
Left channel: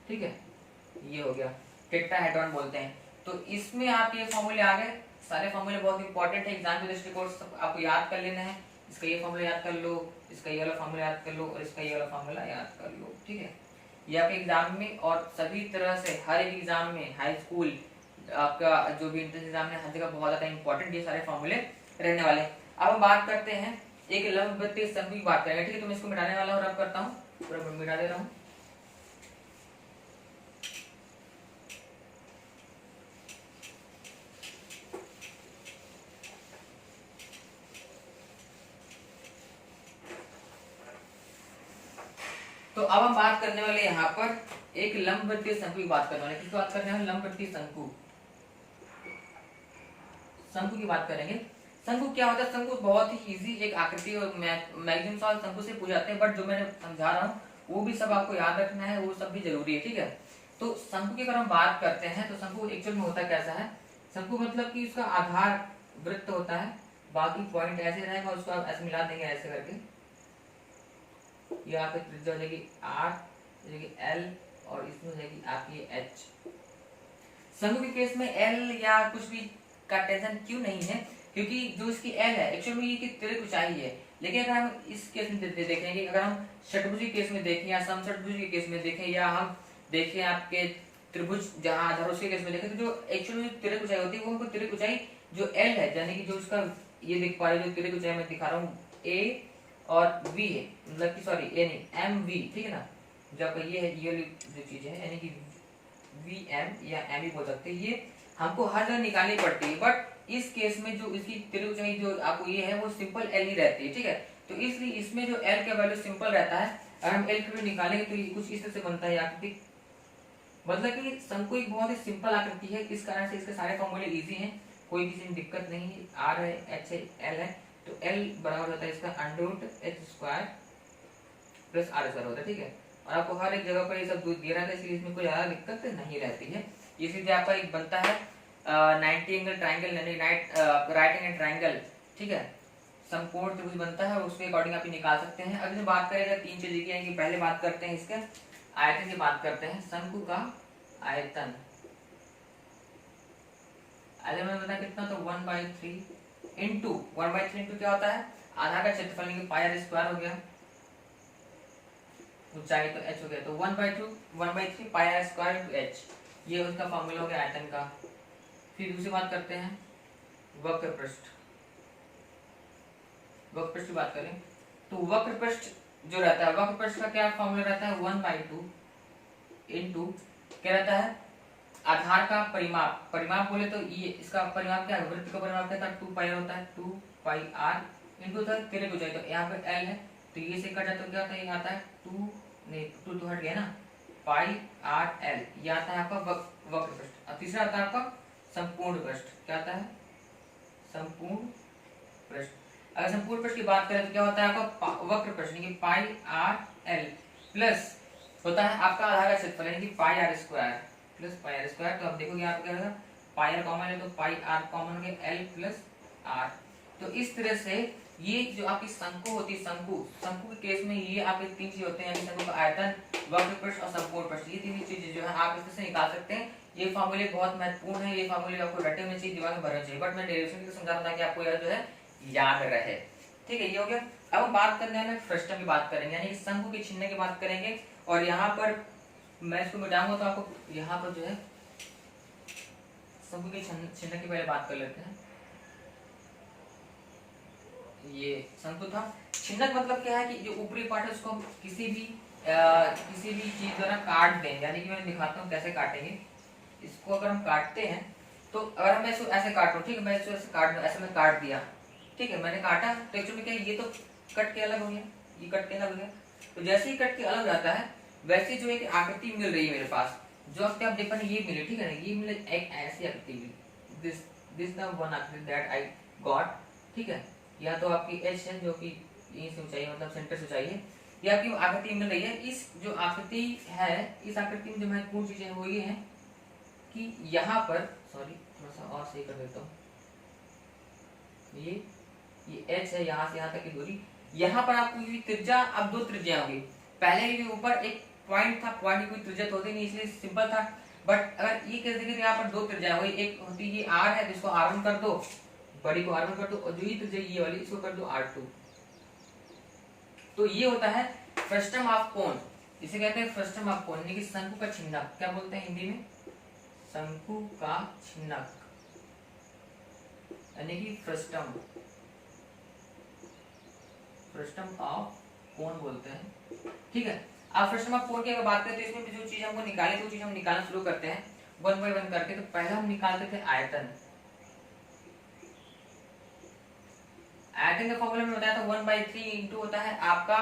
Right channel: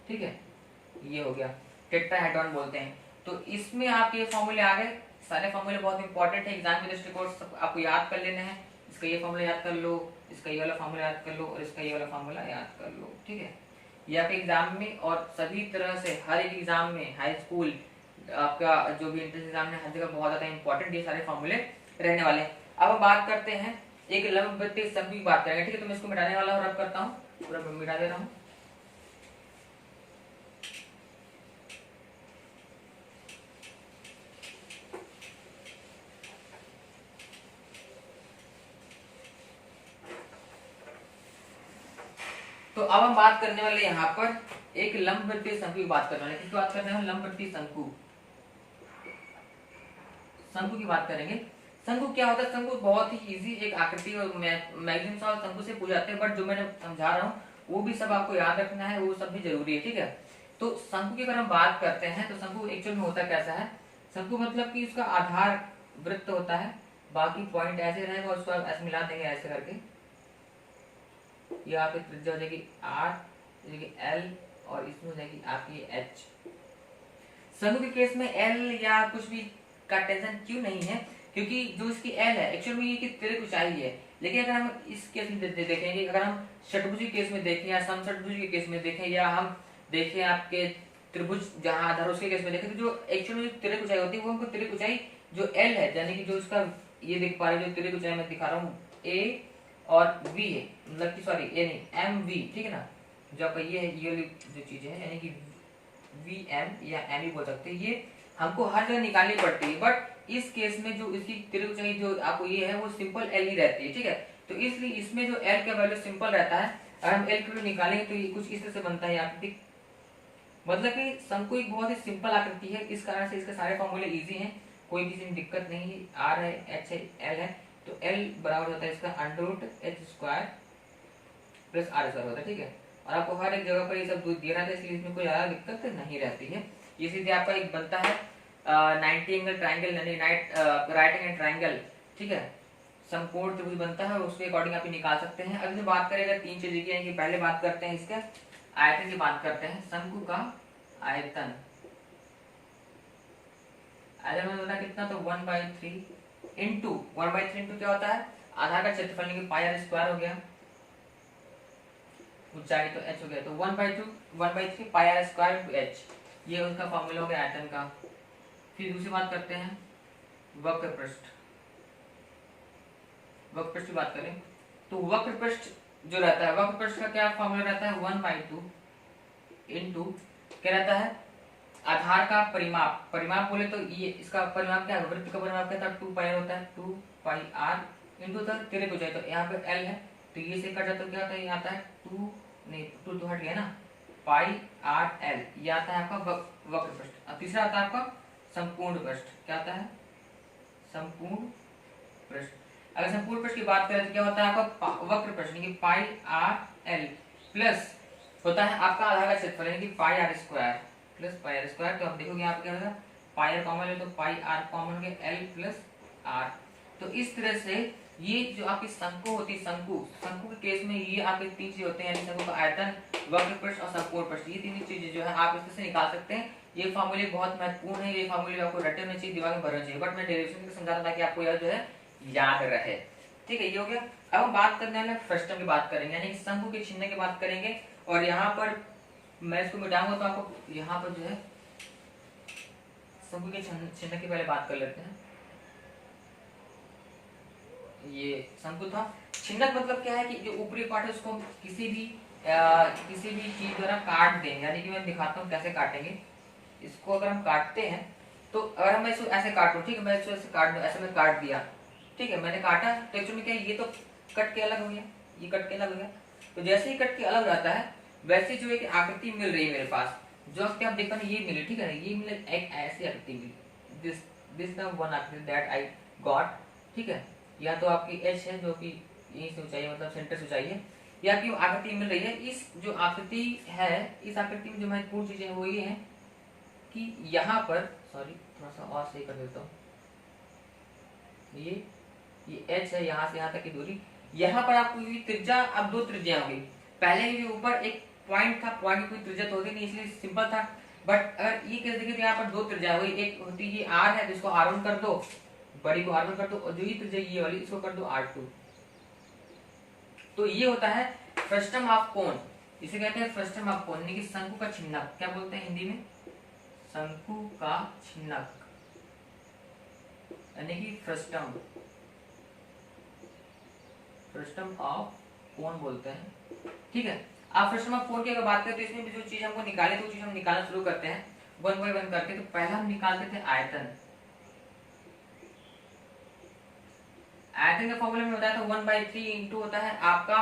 ठीक है, ये हो गया टेट्राहेड्रॉन बोलते हैं। तो इसमें आप ये फॉर्मूले आ गए, सारे फॉर्मूले बहुत इंपॉर्टेंट है, एग्जाम के दृष्टिकोण से आपको याद कर लेने हैं। इसका ये फॉर्मूला याद कर लो, इसका ये वाला फॉर्मूला याद कर लो, और इसका ये वाला फॉर्मूला याद कर लो, ठीक है। ये आपके एग्जाम में और सभी तरह से हर एक एग्जाम में, हाई स्कूल आपका जो भी एंट्रेंस एग्जाम है, हर जगह बहुत ज्यादा इंपॉर्टेंट ये सारे फॉर्मूले रहने वाले हैं। अब हम बात करते हैं एक लंबवृत्तीय शंकु की बात करेंगे, ठीक है। तो मैं इसको मिटाने वाला हूँ, रब करता हूँ, पूरा मिटा दे रहा हूँ। तो अब हम बात करने वाले यहाँ पर एक लंबवृत्तीय शंकु की बात करने वाले, किसकी बात करने वाले? लंबवृत्तीय शंकु, शंकु की बात करेंगे। शंकु क्या होता है? शंकु बहुत ही इजी एक आकृति और मैक्सिमम सवाल शंकु से पूछ जाते हैं, बट जो मैंने समझा रहा हूँ वो भी सब आपको याद रखना है, वो सब भी जरूरी है, ठीक है। तो शंकु की अगर हम बात करते हैं तो शंकु एक्चुअल में होता कैसा है? शंकु मतलब कि उसका आधार वृत्त होता है, बाकी पॉइंट ऐसे रहेगा, उसको आप ऐसे मिला देंगे ऐसे करके, यहाँ पे त्रिज्या हो जाएगी R, हो जाएगी L, और इसमें हो जाएगी आपकी H। शंकु के केस में L या कुछ भी का टेंशन क्यों नहीं है? क्योंकि जो इसकी L है एक्चुअल में ये की तिरक ऊंचाई है, लेकिन अगर हम इस केस में देखेंगे, अगर हम षटभुज के केस में देखें या समषटभुज के केस में देखें, या हम देखें आपके त्रिभुज जहां आधार उसके केस में देखें, तो जो एक्चुअल में तिरक ऊंचाई होती है वो हमको तिरक ऊंचाई जो L है, यानी कि जो इसका ये देख पा रहे जो तिरक ऊंचाई मैं दिखा रहा हूँ A और V है, मतलब कि सॉरी A नहीं MV, ठीक है ना। जब ये है ये जो चीज है यानी कि VM या M भी बोल सकते हैं, ये हमको हर जगह निकालनी पड़ती है, बट इस केस में जो इसकी तिरक ऊंचाई जो आपको ये है वो सिंपल L ही रहती है, ठीक है। तो इसलिए इसमें जो L का वैल्यू सिंपल रहता है, अगर हम L की वैल्यू निकालेंगे तो ये कुछ इस तरह से बनता है आकृति, मतलब कि शंकु एक बहुत ही सिंपल आकृति है, इस कारण से इसके सारे फॉर्मूले इजी हैं, कोई किसी में दिक्कत नहीं है। R है, H है, L है, तो L बराबर होता है इसका √h² प्लस R² होता है, ठीक है। और आपको हर एक जगह पर ये सब दिया रहता है, इसलिए इसमें कोई ज्यादा दिक्कत नहीं रहती है। ये सीधे आपका एक बनता है 90 एंगल ट्रायंगल, यानी राइट एंगल ट्रायंगल, ठीक है, समकोण त्रिभुज बनता है, उसके अकॉर्डिंग आप निकाल सकते हैं। अब बात करें अगर तीन चीजें की आएंगी, पहले बात करते हैं इसके आयतन की बात करते हैं। शंकु का आयतन, आयतन में बता कितना, तो 1/3 इंटू 1/3 इंटू क्या होता है? आधार का क्षेत्रफल यानी कि πr² हो गया, ऊंचाई तो h हो गया, तो 1/3 πr² इंटू h, ये उसका फॉर्मूला हो गया आयतन का। फिर दूसरी बात करते हैं वक्र पृष्ठ। वक्र पृष्ठ की बात करें तो वक्र पृष्ठ जो रहता है, वक्र पृष्ठ का क्या फॉर्मूला रहता है? 1/2 इंटू क्या रहता है? आधार का परिमाप, परिमाप बोले तो ये इसका परिमाप क्या है? वृत्त का परिमाप क्या था? 2πr होता है, 2πr इंटू तिरक ऊंचाई, तो यहाँ पे L है, तो ये से कट जाए तो क्या होता है? ये आता है 2 तो हट गया ना, πrl, ये आता है आपका वक्र पृष्ठ। अब तीसरा आता है आपका संपूर्ण पृष्ठ, क्या आता है? संपूर्ण पृष्ठ। अगर संपूर्ण पृष्ठ की बात करें तो क्या होता है आपका? वक्र पृष्ठ यानी कि πrl प्लस होता है आपका आधार का क्षेत्रफल यानी कि πr² प्लस πr²। तो अब देखोगे आप क्या होगा, πr कॉमन है तो πr कॉमन के L प्लस r। तो इस तरह से ये जो आपकी शंकु होती है, शंकु के केस में ये आपके तीन चीज होते हैं, यानी शंकु का आयतन, वक्र पृष्ठ और संपूर्ण पृष्ठ, ये तीन चीजें जो है आप इससे निकाल सकते हैं। ये फॉर्मूले बहुत महत्वपूर्ण है, ये फॉर्मूले आपको रटे होने चाहिए, दिमाग में भरने चाहिए, बट मैं डेरिवेशन के समझा रहा था कि आपको यह जो है याद रहे, ठीक है। ये हो गया। अब हम बात करने वाले फ्रस्टम की बात करेंगे, यानी शंकु के चिन्ह की बात करेंगे, और यहाँ पर मैं इसको मिटाऊंगा तो आपको यहाँ पर जो है शंकु के चिन्ह की पहले बात कर लेते हैं। ये शंकु था, चिन्ह मतलब क्या है कि जो ऊपरी पार्ट है उसको हम किसी भी चीज द्वारा काट दें, यानी कि मैं दिखाता हूँ कैसे काटेंगे इसको। अगर हम काटते हैं तो अगर मैं इसको ऐसे काटूं, ठीक है, मैं इसको ऐसे काट दूं, ऐसे मैं काट दिया, ठीक है, मैंने काटा तो एक्चुअली क्या है, ये तो कट के अलग हो गया, ये कट के अलग हो गया। तो जैसे ही कट के अलग जाता है वैसे जो एक आकृति मिल रही है मेरे पास, जो आप देख पा रहे ये मिली, ठीक है ना, ये मिले एक ऐसी आकृति मिली, दिस द वन आकृति दैट आई गॉट, ठीक है। या तो आपकी एच है जो कि यहीं से ऊंचाई मतलब सेंटर से ऊंचाई है, या आपकी आकृति मिल रही है। इस जो आकृति है, इस आकृति में जो महत्वपूर्ण चीजें वो ये है कि यहाँ पर, सॉरी थोड़ा सा और सही कर देता हूँ, ये एच है, यहाँ से यहाँ तक की दूरी, यहाँ पर आपको त्रिज्या, अब दो त्रिज्या होगी। पहले के ऊपर एक पॉइंट था, पॉइंट की कोई त्रिज्या तो होती नहीं, इसलिए सिंपल था, बट अगर ये कैसे देखिए यहाँ पर दो त्रिज्या हुई, एक होती है R है, जिसको R1 कर दो, बड़ी को R1 कर दो, और जो ही त्रिज्या ये वाली इसको कर दो R2। तो ये होता है फ्रस्टम ऑफ कोन, इसे कहते हैं फ्रस्टम ऑफ कोन, यानी कि शंकु का छिन्नक। क्या बोलते हैं हिंदी में? शंकु का छिन्नक, यानी कि फ्रस्टम, फ्रस्टम ऑफ कोन बोलते हैं, ठीक है। आप फ्रस्टम ऑफ कोन की अगर बात करते हैं तो इसमें जो चीज हमको निकाले तो चीज हम निकालना शुरू करते हैं 1 बाय 1 करके। तो पहला हम निकालते थे आयतन, आयतन का फॉर्मूला में बताया था 1/3 इंटू होता है आपका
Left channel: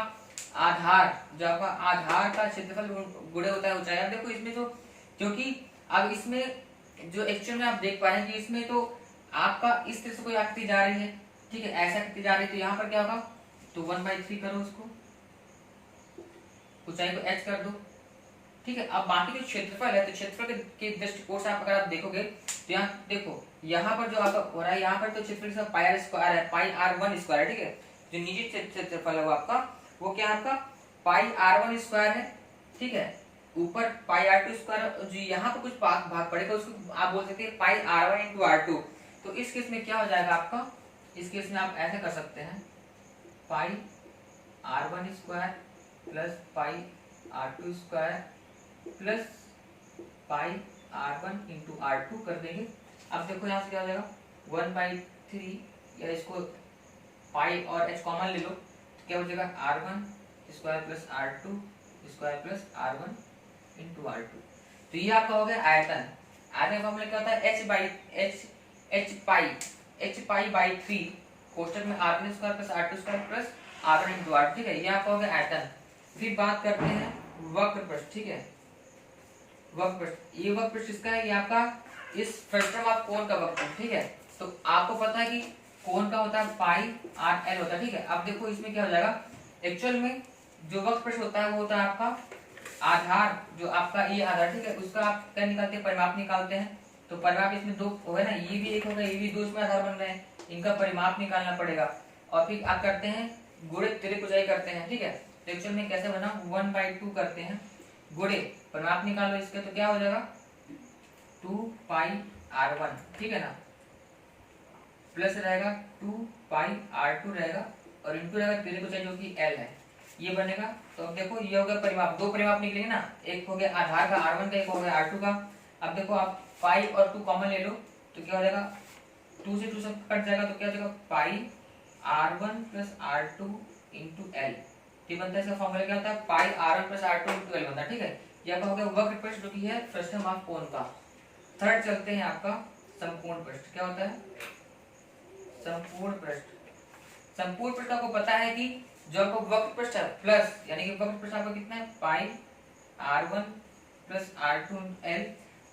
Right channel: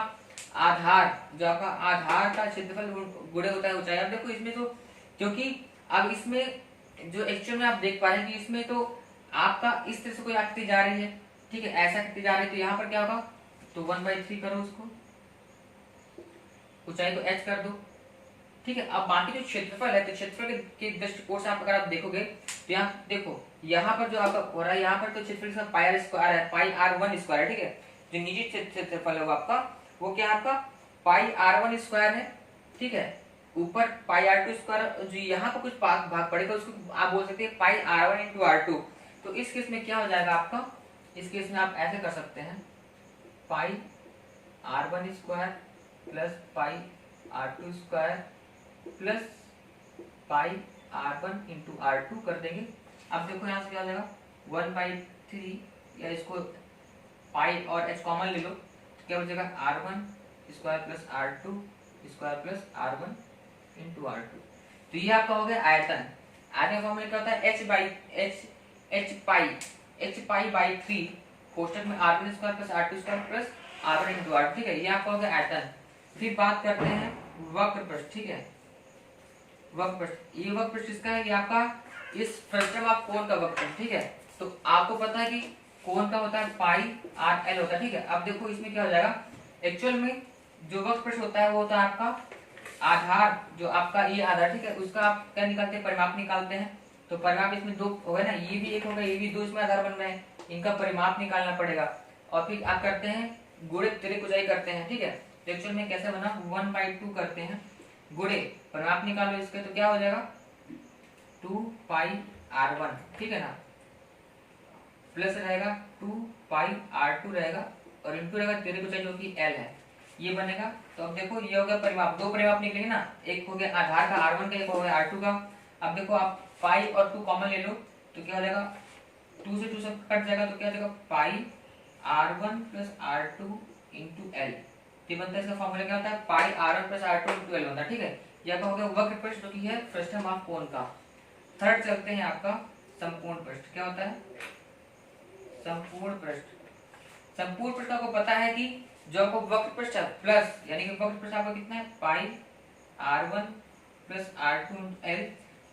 आधार, जो आपका आधार का क्षेत्रफल गुणे होता है ऊंचाई। अब देखो इसमें तो, क्योंकि अब इसमें जो एक्चुअल में आप देख पा रहे हैं कि इसमें तो आपका इस तरह से कोई आकृति जा रही है, ठीक है, ऐसा आकृति जा रही है, तो यहाँ पर क्या होगा, तो 1/3 करो उसको, ऊंचाई को h कर दो, ठीक है। अब बाकी जो क्षेत्रफल है, तो क्षेत्रफल के दृष्टिकोण से आप अगर आप देखोगे तो यहाँ देखो, यहाँ पर जो आपका हो रहा है, यहाँ पर तो क्षेत्रफल के साथ पाई आर स्क्वायर है, पाई आर वन स्क्वायर है, ठीक है। जो नीचे क्षेत्रफल है वो आपका, वो क्या है आपका पाई आर वन स्क्वायर है, ठीक है। ऊपर पाई आर टू स्क्वायर, जो यहाँ पर कुछ भाग पड़ेगा उसको आप बोल सकते हैं pi r one into are two. तो इस केस में क्या हो जाएगा आपका, इस केस में आप ऐसे कर सकते हैं, pi r one square plus pi r two square plus pi r one into are two कर देंगे। अब देखो यहाँ से क्या हो जाएगा, 1/3, या इसको पाई और h कॉमन ले लो, तो क्या हो जाएगा R one square plus are two square plus R one into are two. तो ये आपका हो गया आयतन। आयतन का फॉर्मूला क्या होता है, h पाई बाई 3 कोष्टक में R one square plus are two square plus R one into are two, ठीक है। ये आपका हो गया आयतन। फिर बात करते हैं वक्र पृष्ठ, ठीक है। वक्र पृष्ठ, ये वक्र पृष्ठ किसका है, ये आपका इस फ्रस्टम ऑफ कोण का वक्र पृष्ठ, ठीक है। तो आपको पता है कि कोण का होता है पाई आर एल होता है, ठीक है। अब देखो इसमें क्या हो जाएगा, एक्चुअल में जो वक्र पृष्ठ होता है वो होता है आपका आधार, जो आपका ये आधार, ठीक है, उसका आप क्या निकालते हैं, परिमाप निकालते हैं। तो परिमाप इसमें दो हो गए ना, ये भी एक हो गया, ये भी दो इसमें आधार बन रहे हैं, इनका परिमाप निकालना पड़ेगा। और फिर आप करते हैं गुणे तिर्यक ऊंचाई करते हैं, ठीक है। तो एक्चुअल में कैसे बना, 1/2 करते हैं गुणे परिमाप निकालो इसके, तो क्या हो जाएगा 2 पाई आर वन, ठीक है ना, प्लस रहेगा 2 पाई आर टू रहेगा, और इंटू रहेगा तिर्यक ऊंचाई जो कि एल है, ये बनेगा। तो अब देखो ये हो गया परिमाप, दो परिमाप निकलेंगे ना, एक हो गया आधार का आर वन का, एक हो गया आर टू का। अब देखो आप पाई और 2 कॉमन ले लो, तो क्या हो जाएगा 2 से 2 से कट जाएगा, तो क्या हो जाएगा pi r one plus are two into l. ये बनता है, इसका फॉर्मूला क्या होता है, pi r one plus are two into l बनता है, ठीक है। ये आपका हो गया वक्र पृष्ठ जो कि है फ्रस्टम ऑफ कोण का। थर्ड चलते हैं आपका संपूर्ण पृष्ठ, क्या होता है संपूर्ण पृष्ठ। संपूर्ण पृष्ठ आपको पता है कि जो आपको वक्र पृष्ठ है प्लस, यानी कि वक्र पृष्ठ आपका कितना है pi r one plus are two l.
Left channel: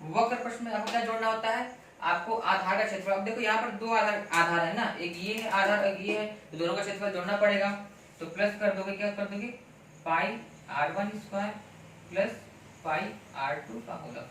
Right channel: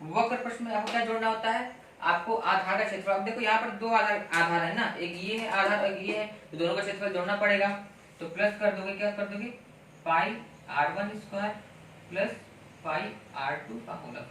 वक्र पृष्ठ में आपको क्या जोड़ना होता है, आपको आधार का क्षेत्रफल। अब देखो यहाँ पर दो आधार है ना, एक ये है आधार, एक ये है, तो दोनों का क्षेत्रफल जोड़ना पड़ेगा। तो प्लस कर दोगे, क्या कर दोगे pi r one square plus pi r two का होगा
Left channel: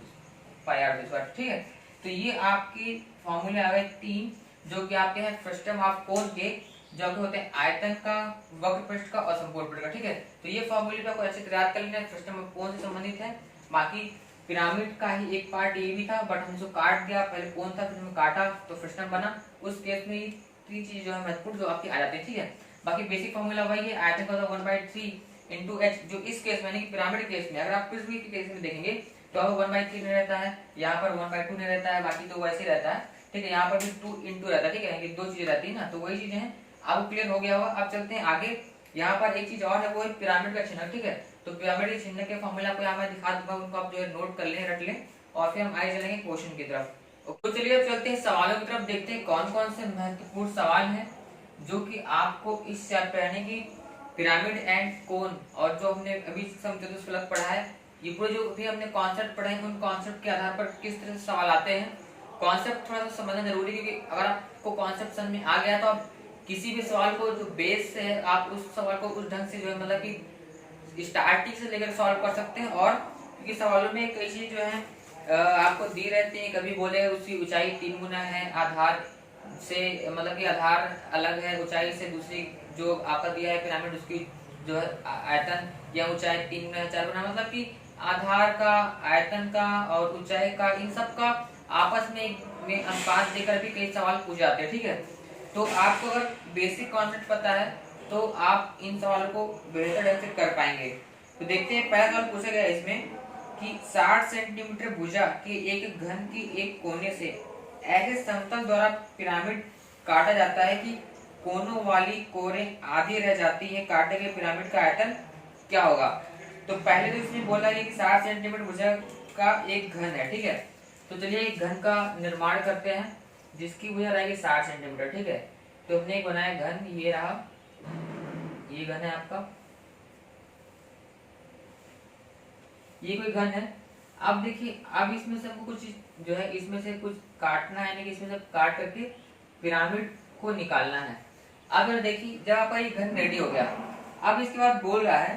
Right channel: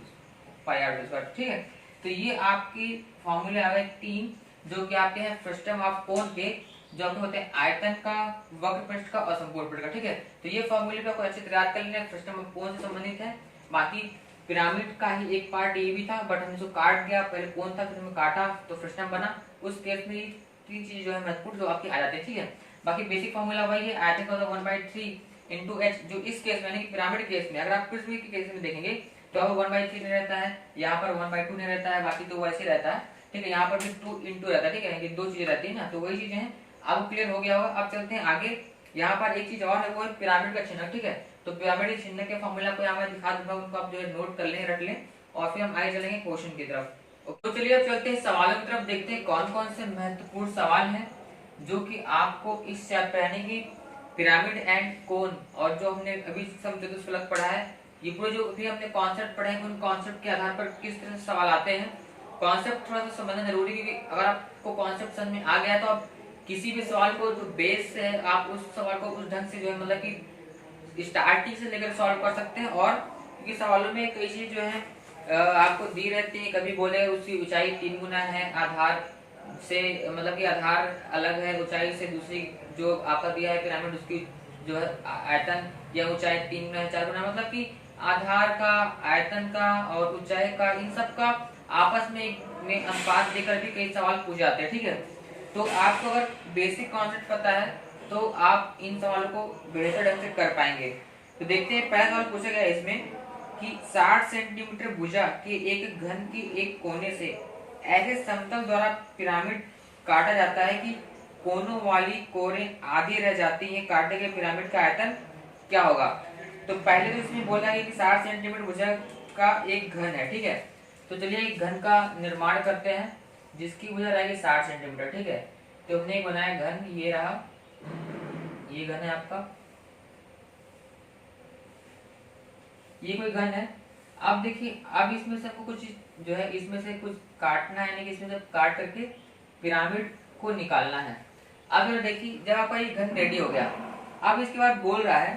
पाई आर टू स्क्वायर, ठीक है। तो ये आपकी फॉर्मूले आ गए 3, जो कि आपके हैं फ्रस्टम ऑफ कोण के, जो आपके होते हैं आयतन का, वक्र पृष्ठ का और संपूर्ण पृष्ठ का, ठीक है। तो ये फॉर्मूले आपको अच्छे से याद कर लेना, फ्रस्टम ऑफ कोण से संबंधित है। बाकी पिरामिड का ही एक पार्ट ये भी था, बट हमने इसको काट दिया, पहले कोण था फिर हमने काटा तो फ्रस्टम बना। उस केस में 3 चीज जो है महत्वपूर्ण जो आपकी आ जाती है, ठीक है। बाकी बेसिक फॉर्मूला वही है, आयतन का 1/3 इंटू एच, जो इस केस में यानी कि पिरामिड केस में। अगर आप पृथ्वी के केस में देखेंगे तो 1/3 नहीं रहता है, यहाँ पर 1/2 नहीं रहता है, बाकी तो वैसे रहता है, ठीक है। यहाँ पर भी 2 इंटू रहता है, ठीक है, दो चीजें रहती है ना, तो वही चीजें हैं। अब क्लियर हो गया होगा। अब चलते हैं आगे, यहाँ पर एक चीज और है, वो है पिरामिड का चिन्ह, ठीक है। तो पिरामिड के चिन्ह के फॉर्मूला को यहाँ मैं दिखा दूंगा, उनको आप जो है नोट कर लें, रट लें, और फिर हम आगे चलेंगे क्वेश्चन की तरफ। तो चलिए अब चलते हैं सवालों की तरफ, देखते हैं कौन कौन से महत्वपूर्ण सवाल हैं जो कि आपको इस चैप्टर यानी कि पिरामिड एंड कोन, और जो हमने अभी समचतुष्फलक पढ़ा है, ये पूरे जो भी हमने कॉन्सेप्ट पढ़े हैं, उन कॉन्सेप्ट के आधार पर किस तरह से सवाल आते हैं। कॉन्सेप्ट थोड़ा सा समझना जरूरी है, क्योंकि अगर आपको कॉन्सेप्ट समझ में आ गया तो आप किसी भी सवाल को जो बेस है, आप उस सवाल को उस ढंग से जो है मतलब कि स्टार्टिंग से लेकर सॉल्व कर सकते हैं। और क्योंकि सवालों में कई चीज जो है आपको दी रहती है, कभी बोले उसकी ऊंचाई 3 गुना है आधार से, मतलब कि आधार अलग है ऊंचाई से, दूसरी जो आपका दिया है पिरामिड उसकी जो है आयतन या ऊंचाई 3 गुना 4 गुना, मतलब कि आधार का, आयतन का और ऊंचाई का, इन सब का आपस में अनुपात देकर भी कई सवाल पूछ जाते हैं, ठीक है। तो आपको अगर बेसिक कॉन्सेप्ट पता है तो आप इन सवालों को बेहतर ढंग से कर पाएंगे। तो देखते हैं, पहला सवाल पूछा गया इसमें कि 60 सेंटीमीटर भुजा के एक घन की एक कोने से ऐसे समतल द्वारा पिरामिड काटा जाता है कि कोनों वाली कोरें आधी रह जाती है, काटे गए पिरामिड का आयतन क्या होगा। तो पहले तो इसमें बोला है कि 60 सेंटीमीटर भुजा का एक घन है, ठीक है। तो चलिए एक घन का निर्माण करते हैं जिसकी भुजा रहेगी 60 सेंटीमीटर, ठीक है। तो हमने एक बनाया घन, ये रहा, ये घन है आपका, ये कोई घन है। अब देखिए, अब इसमें से आपको कुछ जो है इसमें से कुछ काटना है, यानी कि इसमें से काट करके पिरामिड को निकालना है। अगर देखिए, जब आपका ये घन रेडी हो गया, अब इसके बाद बोल रहा है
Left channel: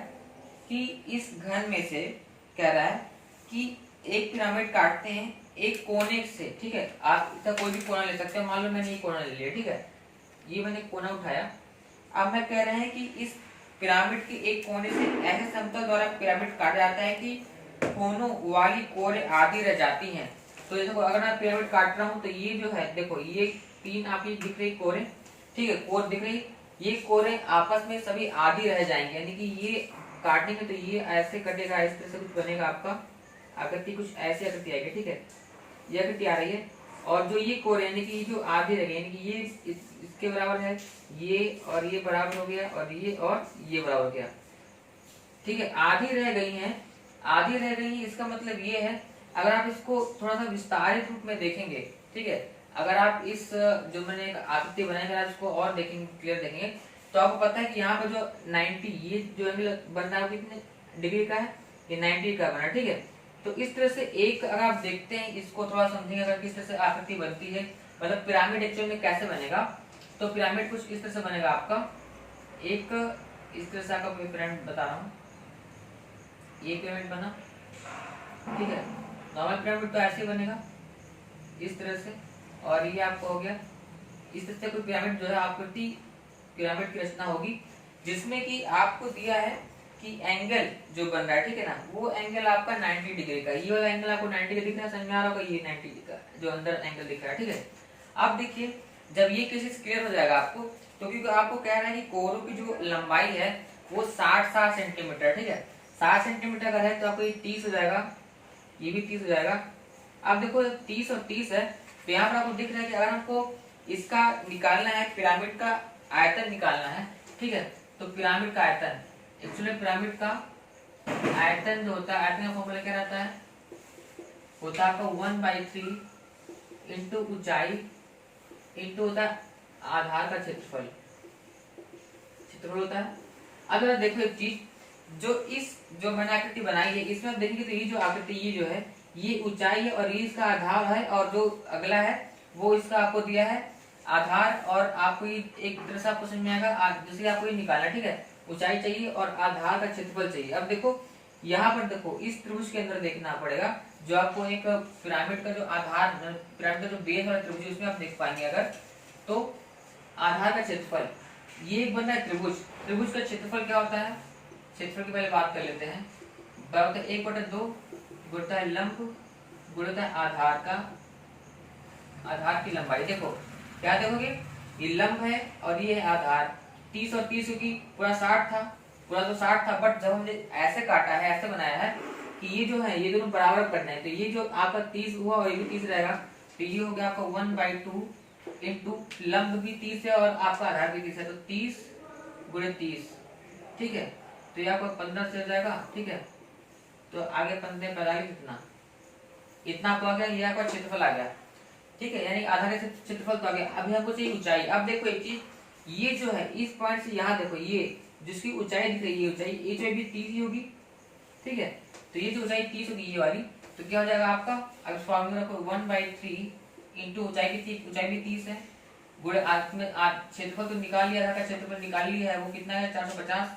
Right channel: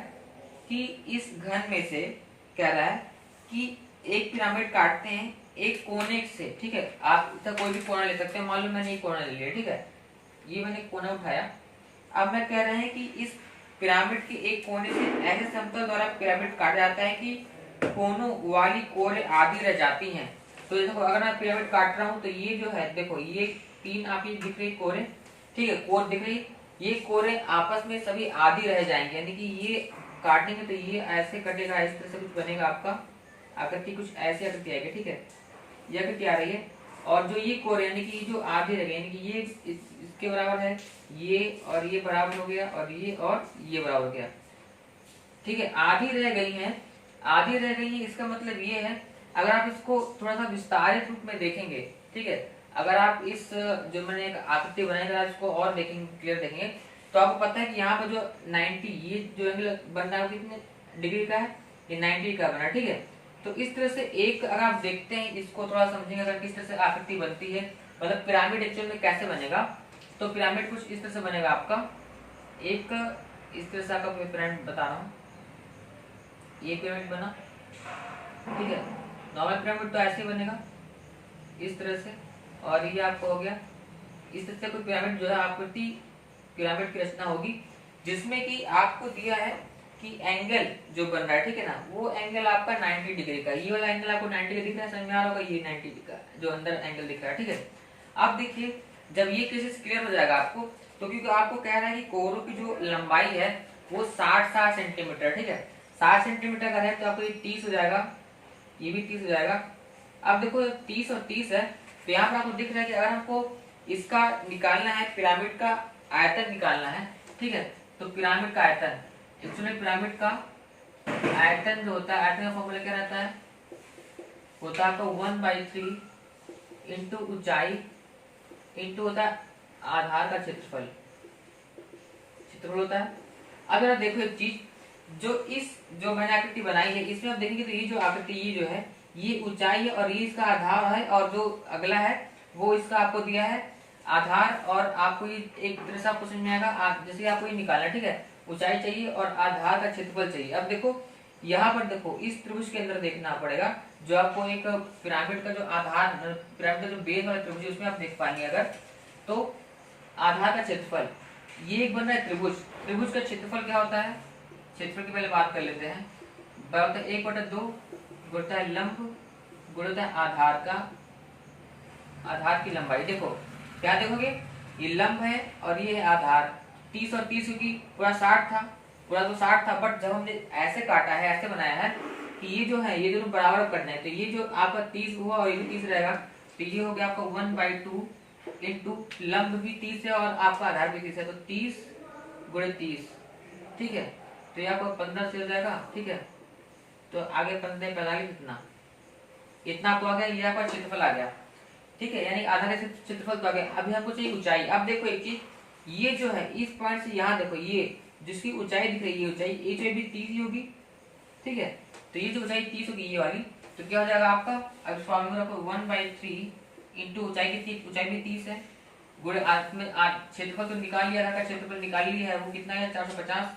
कि इस घन में से कह रहा है कि एक पिरामिड काटते हैं एक कोने से, ठीक है। आप इसका कोई भी कोना ले सकते हैं, मान लो मैंने ये कोना ले लिया, ठीक है, ये मैंने कोना उठाया। अब मैं कह रहे हैं कि इस पिरामिड के एक कोने से ऐसे समतल द्वारा पिरामिड काटा जाता है कि कोनों वाली कोरे आधी रह जाती हैं। तो देखो, अगर मैं पिरामिड काट रहा हूँ तो ये जो है, देखो ये 3 आपकी दिख रही कोरे, ठीक है, कोर दिख रही, ये कोरे आपस में सभी आधी रह जाएंगे, यानी कि ये काटेंगे तो ये ऐसे कटेगा, इस तरह से कुछ बनेगा आपका आकृति, कुछ ऐसी आकृति आएगी, ठीक है, ये आकृति आ रही है। और जो ये कोर यानी कि जो आधी रह गई, यानी कि ये इसके बराबर है, ये और ये बराबर हो गया, और ये बराबर हो गया, ठीक है। आधी रह गई है, आधी रह गई है, इसका मतलब ये है, अगर आप इसको थोड़ा सा विस्तारित रूप में देखेंगे, ठीक है, अगर आप इस जो मैंने एक आकृति बनाई, अगर आप इसको और देखेंगे, क्लियर देखेंगे, तो आपको पता है कि यहाँ पर जो 90 ये जो एंगल बन रहा है कितने डिग्री का है, ये 90 का बना, ठीक है। तो इस तरह से एक अगर आप देखते हैं, इसको थोड़ा समझेंगे अगर किस तरह से आकृति बनती है, मतलब पिरामिड एक्चुअल में कैसे बनेगा। तो पिरामिड कुछ इस तरह से बनेगा आपका, एक इस तरह से आपका पिरामिड बता रहा हूँ, ये पिरामिड बना, ठीक है। नॉर्मल पिरामिड तो ऐसे ही बनेगा इस तरह से, और ये आपको हो गया इस तरह से कोई पिरामिड जो है आकृति पिरामिड की रचना होगी, जिसमें कि आपको दिया है कि एंगल जो बन रहा है, ठीक है ना, वो एंगल आपका 90 डिग्री का, ये वाला एंगल आपको 90 का दिख रहा है, समझ में आ रहा होगा, ये 90 डिग्री का जो अंदर एंगल दिख रहा है, ठीक है। अब देखिए, जब ये केसेस क्लियर हो जाएगा आपको, तो क्योंकि आपको कह रहा है कि कोरों की जो लंबाई है वो 60 सेंटीमीटर, ठीक है, 60 सेंटीमीटर का है, तो आपको ये 30 हो जाएगा, ये भी 30 हो जाएगा। अब देखो 30 और 30 है, तो यहाँ पर आपको दिख रहा है कि अगर हमको इसका निकालना है, पिरामिड का आयतन निकालना है, ठीक है, तो पिरामिड का आयतन, एक्चुअली पिरामिड का आयतन जो होता है, आयतन का फॉर्मूला क्या रहता है, होता है आपका 1/3 इंटू ऊंचाई इंटू होता है आधार का क्षेत्रफल होता है। अब जरा देखो एक चीज, जो मैंने आकृति बनाई है, इसमें आप देखेंगे तो ये जो आकृति, ये जो है ये ऊंचाई है और ये इसका आधार है, और जो अगला है वो इसका आपको दिया है आधार, और आपको ये एक तरह से आपको समझ में आएगा, जैसे आपको ये निकालना, ठीक है, ऊंचाई चाहिए और आधार का क्षेत्रफल चाहिए। अब देखो यहाँ पर, देखो इस त्रिभुज के अंदर देखना पड़ेगा, जो आपको एक पिरामिड का जो आधार, पिरामिड का जो बेस वाला त्रिभुज, उसमें आप देख पाएंगे अगर, तो आधार का क्षेत्रफल, ये एक बन रहा है त्रिभुज, त्रिभुज का क्षेत्रफल क्या होता है, क्षेत्रफल की पहले बात कर लेते हैं, बराबर 1/2 गुणा है लंब गुणा है आधार का, आधार की लंबाई। देखो क्या देखोगे, ये लंब है और ये है आधार, 30 और 30 की पूरा 60 था, पूरा तो 60 था, बट जब हमने ऐसे काटा है, ऐसे बनाया है कि ये जो है ये दोनों बराबर करना है, तो ये जो आपका 30 हुआ और ये भी 30 रहेगा, तो ये हो गया आपका 1/2 इंटू लंब भी 30 है और आपका आधार भी 30 है, तो 30 गुणे 30, ठीक है, तो ये आपको 15 से हो जाएगा, ठीक है। तो आगे 15 45 इतना आपको आ गया, ये आपका क्षेत्रफल आ गया, ठीक है, यानी आधा का क्षेत्रफल तो आ गया। अभी हमको चाहिए ऊंचाई। अब देखो एक चीज, ये जो है इस पॉइंट से यहाँ देखो, ये जिसकी ऊंचाई दिख रही है, ये ऊंचाई भी 30 ही होगी, ठीक है, तो ये जो ऊंचाई 30 होगी ये वाली, तो क्या हो जाएगा आपका, अब फॉर्मूला को 1/3 इंटू ऊंचाई भी 30 है, गुणे में क्षेत्रफल तो निकाल लिया, आधा का क्षेत्रफल निकाल लिया है, वो कितना है 450,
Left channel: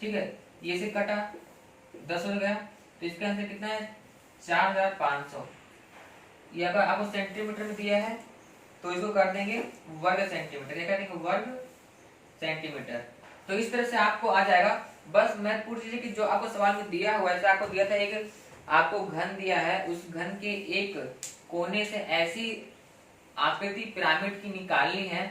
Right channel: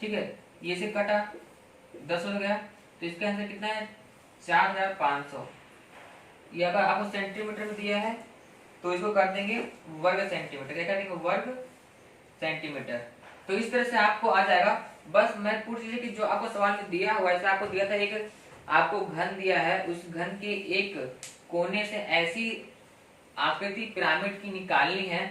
ठीक है, ये से कटा 10 हो गया, तो इसका आंसर कितना है 4500। ये अगर आपको सेंटीमीटर में दिया है तो इसको कर देंगे वर्ग सेंटीमीटर, क्या कर देंगे वर्ग सेंटीमीटर। तो इस तरह से आपको आ जाएगा। बस मैं पूछ लीजिए कि जो आपको सवाल में दिया हुआ है, जैसे आपको दिया था एक आपको घन दिया है, उस घन के एक कोने से ऐसी आकृति पिरामिड की निकालनी है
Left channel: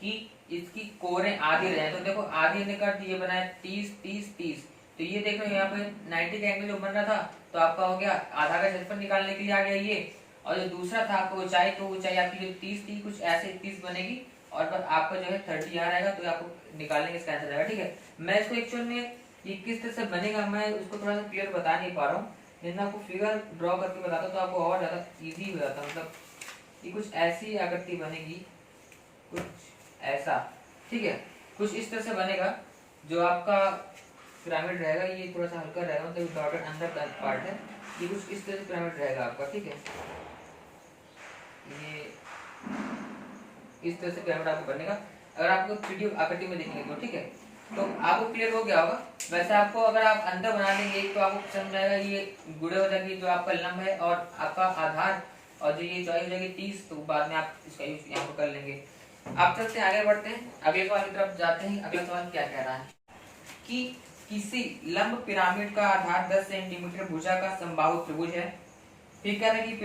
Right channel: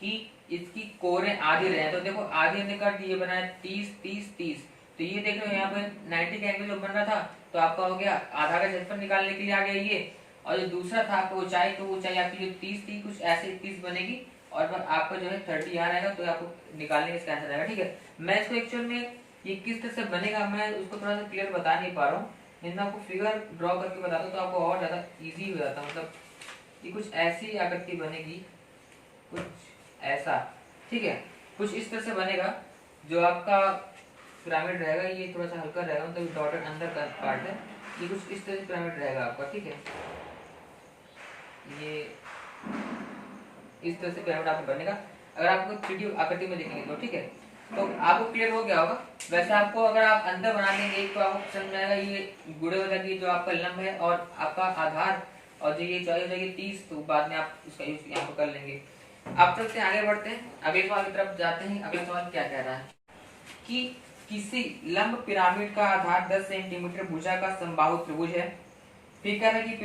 कि इसकी कोरे आधी रहे। तो देखो आधी निकट ये बना है 30 30 30, तो ये देख रहे हो यहाँ पे 90 का एंगल जो बन रहा था, तो आपका हो गया आधा का क्षेत्रफल निकालने के लिए आ गया ये, और जो दूसरा था आपको ऊंचाई, तो ऊंचाई आपकी जो 30 थी कुछ ऐसे 30 बनेगी, और पर आपका जो है 30 यहाँ रहेगा, तो आपको निकालने का इसका आंसर आएगा, ठीक है। मैं इसको एक्चुअल में ये किस तरह से बनेगा मैं उसको थोड़ा सा क्लियर बता नहीं पा रहा हूँ, लेकिन आपको फिगर ड्रॉ करके बताता तो आपको और ज्यादा ईजी हो जाता। मतलब ये कुछ ऐसी आकृति बनेगी, कुछ ऐसा, ठीक है, कुछ इस तरह से बनेगा, जो आपका पिरामिड रहेगा, ये थोड़ा सा हल्का रहेगा, मतलब डॉटेड अंदर का पार्ट है, ये कुछ इस तरह से पिरामिड रहेगा आपका, ठीक है। ये इस तरह से पिरामिड आपको बनेगा अगर आपको 3D आकृति में देखेंगे तो, ठीक है। तो आपको क्लियर हो गया होगा। वैसे आपको अगर आप अंदर बना लेंगे तो आपको समझ आएगा, ये गुड़े हो जाएगी जो आपका लंब है और आपका आधार, और जो ये चौड़ाई हो जाएगी 30, तो बाद में आप इसका यूज यहाँ पर कर लेंगे। आप चलते आगे बढ़ते हैं, अगले सवाल की तरफ जाते हैं। अगला सवाल क्या कह रहा है कि किसी लंब पिरामिड का आधार 10 सेंटीमीटर भुजा का समबाहु त्रिभुज है। फिर कह रहे हैं कि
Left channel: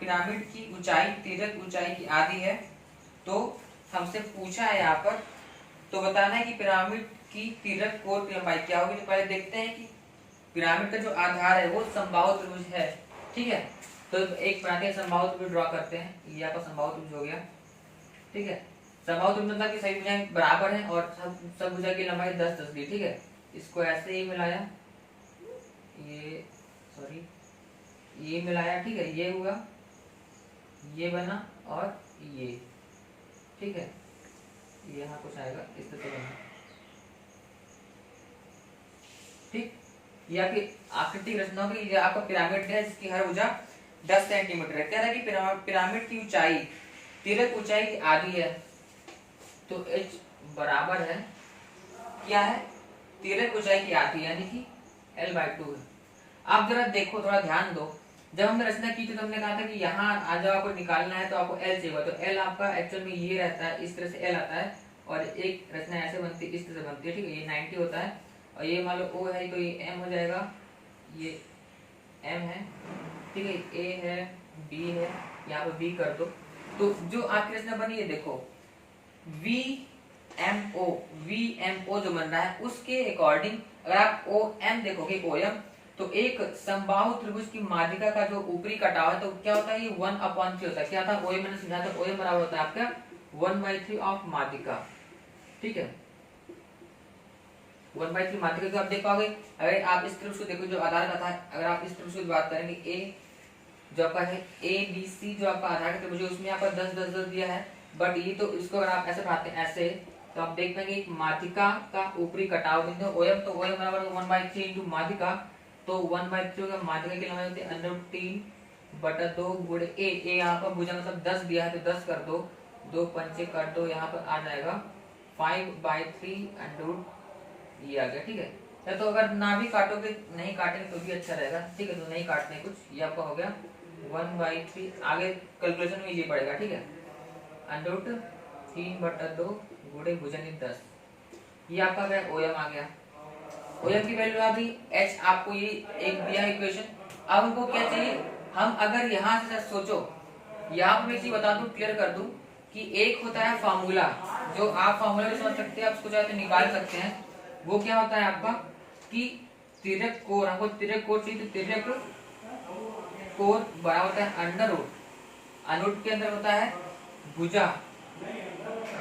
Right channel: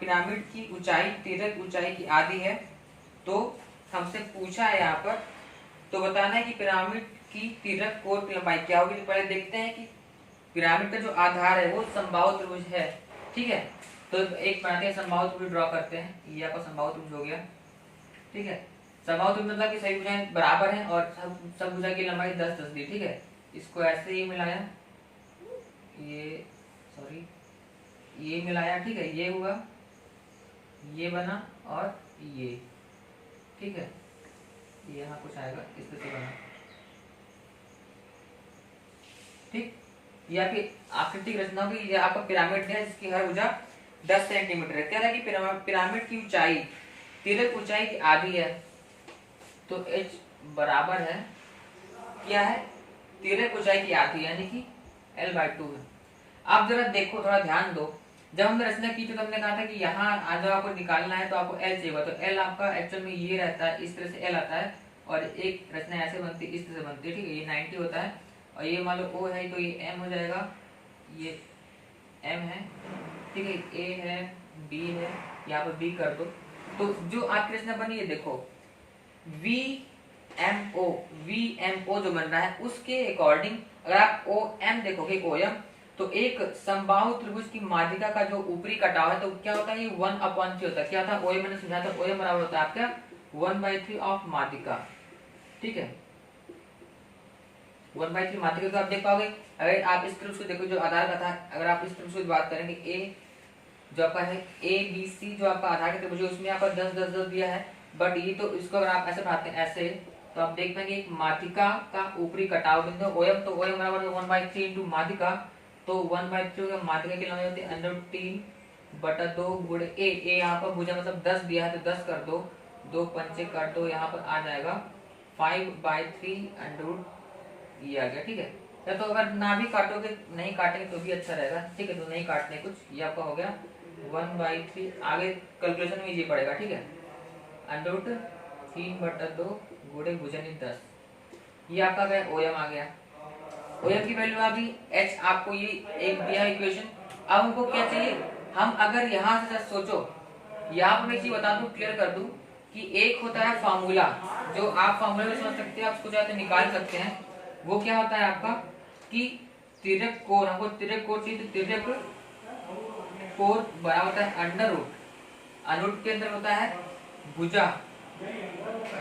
पिरामिड की ऊंचाई तिर्यक ऊंचाई की आधी है। तो हमसे पूछा है यहाँ पर, तो बताना है कि पिरामिड की तिर्यक कोण की लंबाई क्या होगी। तो पहले देखते हैं कि पिरामिड का जो आधार है वो समबाहु त्रिभुज है, ठीक है। तो एक बनाते हैं, समबाहु त्रिभुज ड्रॉ करते हैं। ये आपका समबाहु त्रिभुज हो गया, ठीक है। समबाहु त्रिभुज मतलब कि सभी भुजाएं बराबर हैं और सब भुजा की लंबाई 10-10 दी, ठीक है। इसको ऐसे ही मिलाया, ये सॉरी ये मिलाया, ठीक है, ये हुआ, ये बना और ये, ठीक है। ये यहाँ कुछ आएगा इस तरह से बना, ठीक। ये आपकी आकृति रचना होगी। ये आपका पिरामिड है जिसकी हर भुजा 10 सेंटीमीटर है। कह रहा है कि पिरामिड की ऊंचाई तिर्यक ऊंचाई की आधी है। तो h बराबर है क्या है, तिर्यक ऊंचाई की आधी, यानी कि l/2 है। आप जरा देखो, थोड़ा ध्यान दो, जब हमने रचना की तो हमने कहा था कि यहाँ आज आपको निकालना है तो आपको l चाहिए, तो l आपका एक्चुअल में ये रहता है, इस तरह से l आता है, और एक रचना ऐसे बनती है, इस तरह से बनती है, ठीक है। ये 90 होता है, और ये मान लो O है तो ये m हो जाएगा, ये m है, ठीक है, A है, B है, यहाँ पर B कर दो। तो जो आपकी रचना बनी है देखो, VMO जो बन रहा है उसके अकॉर्डिंग अगर आप OM देखोगे, OM, तो एक समबाहु त्रिभुज की माध्यिका का जो ऊपरी कटाव है तो क्या होता है, ये 1/3 होता है। क्या था OM, मैंने समझाया था, OM बराबर होता है आपका 1/3 ऑफ माध्यिका, ठीक है। 1/3 माध्यिका तो आप देख पाओगे। अगर आप इस त्रिभुज को देखो जो आधार का था, अगर आप इस त्रिभुज की बात करेंगे, A जो आपका है ABC जो आपका आधार का त्रिभुज है, उसमें आपका 10-10-10 दिया है। बट ये तो इसको अगर आप ऐसे बढ़ाते हैं ऐसे, तो आप देख पाएंगे एक माध्यिका का ऊपरी कटाव बिंदु OM, तो OM बराबर 1/3 इंटू माध्यिका, तो 1/3 होगा, माध्यिका की लंबाई होती है √3/2 गुणे A यहाँ पर भुजा मतलब 10 दिया है तो 10 कर दो, 2 पंचे काट दो, यहाँ पर आ जाएगा 5/3 ये आ गया, ठीक है। या तो अगर ना भी काटोगे, नहीं काटेंगे तो भी अच्छा रहेगा, ठीक है। तो नहीं काटने कुछ, ये आपका हो गया 1/3, आगे कैलकुलेशन में ये पड़ेगा, ठीक है। √3/2 गुणे भुजन 10, ये आपका गया OM आ गया। OM की वैल्यू आ गई, H आपको ये एक दिया इक्वेशन। अब हमको क्या चाहिए, हम अगर यहाँ से सोचो, यहाँ पर मैं चीज बता दूं, क्लियर कर दूं कि एक होता है फार्मूला, जो आप फार्मूला में समझ सकते हैं, आप उसको चाहे तो निकाल सकते हैं। वो क्या होता है आपका कि तिर्यक कोण, हमको तिर्यक कोण चाहिए, तो तिर्यक कोण बड़ा होता है √, के अंदर होता है भुजा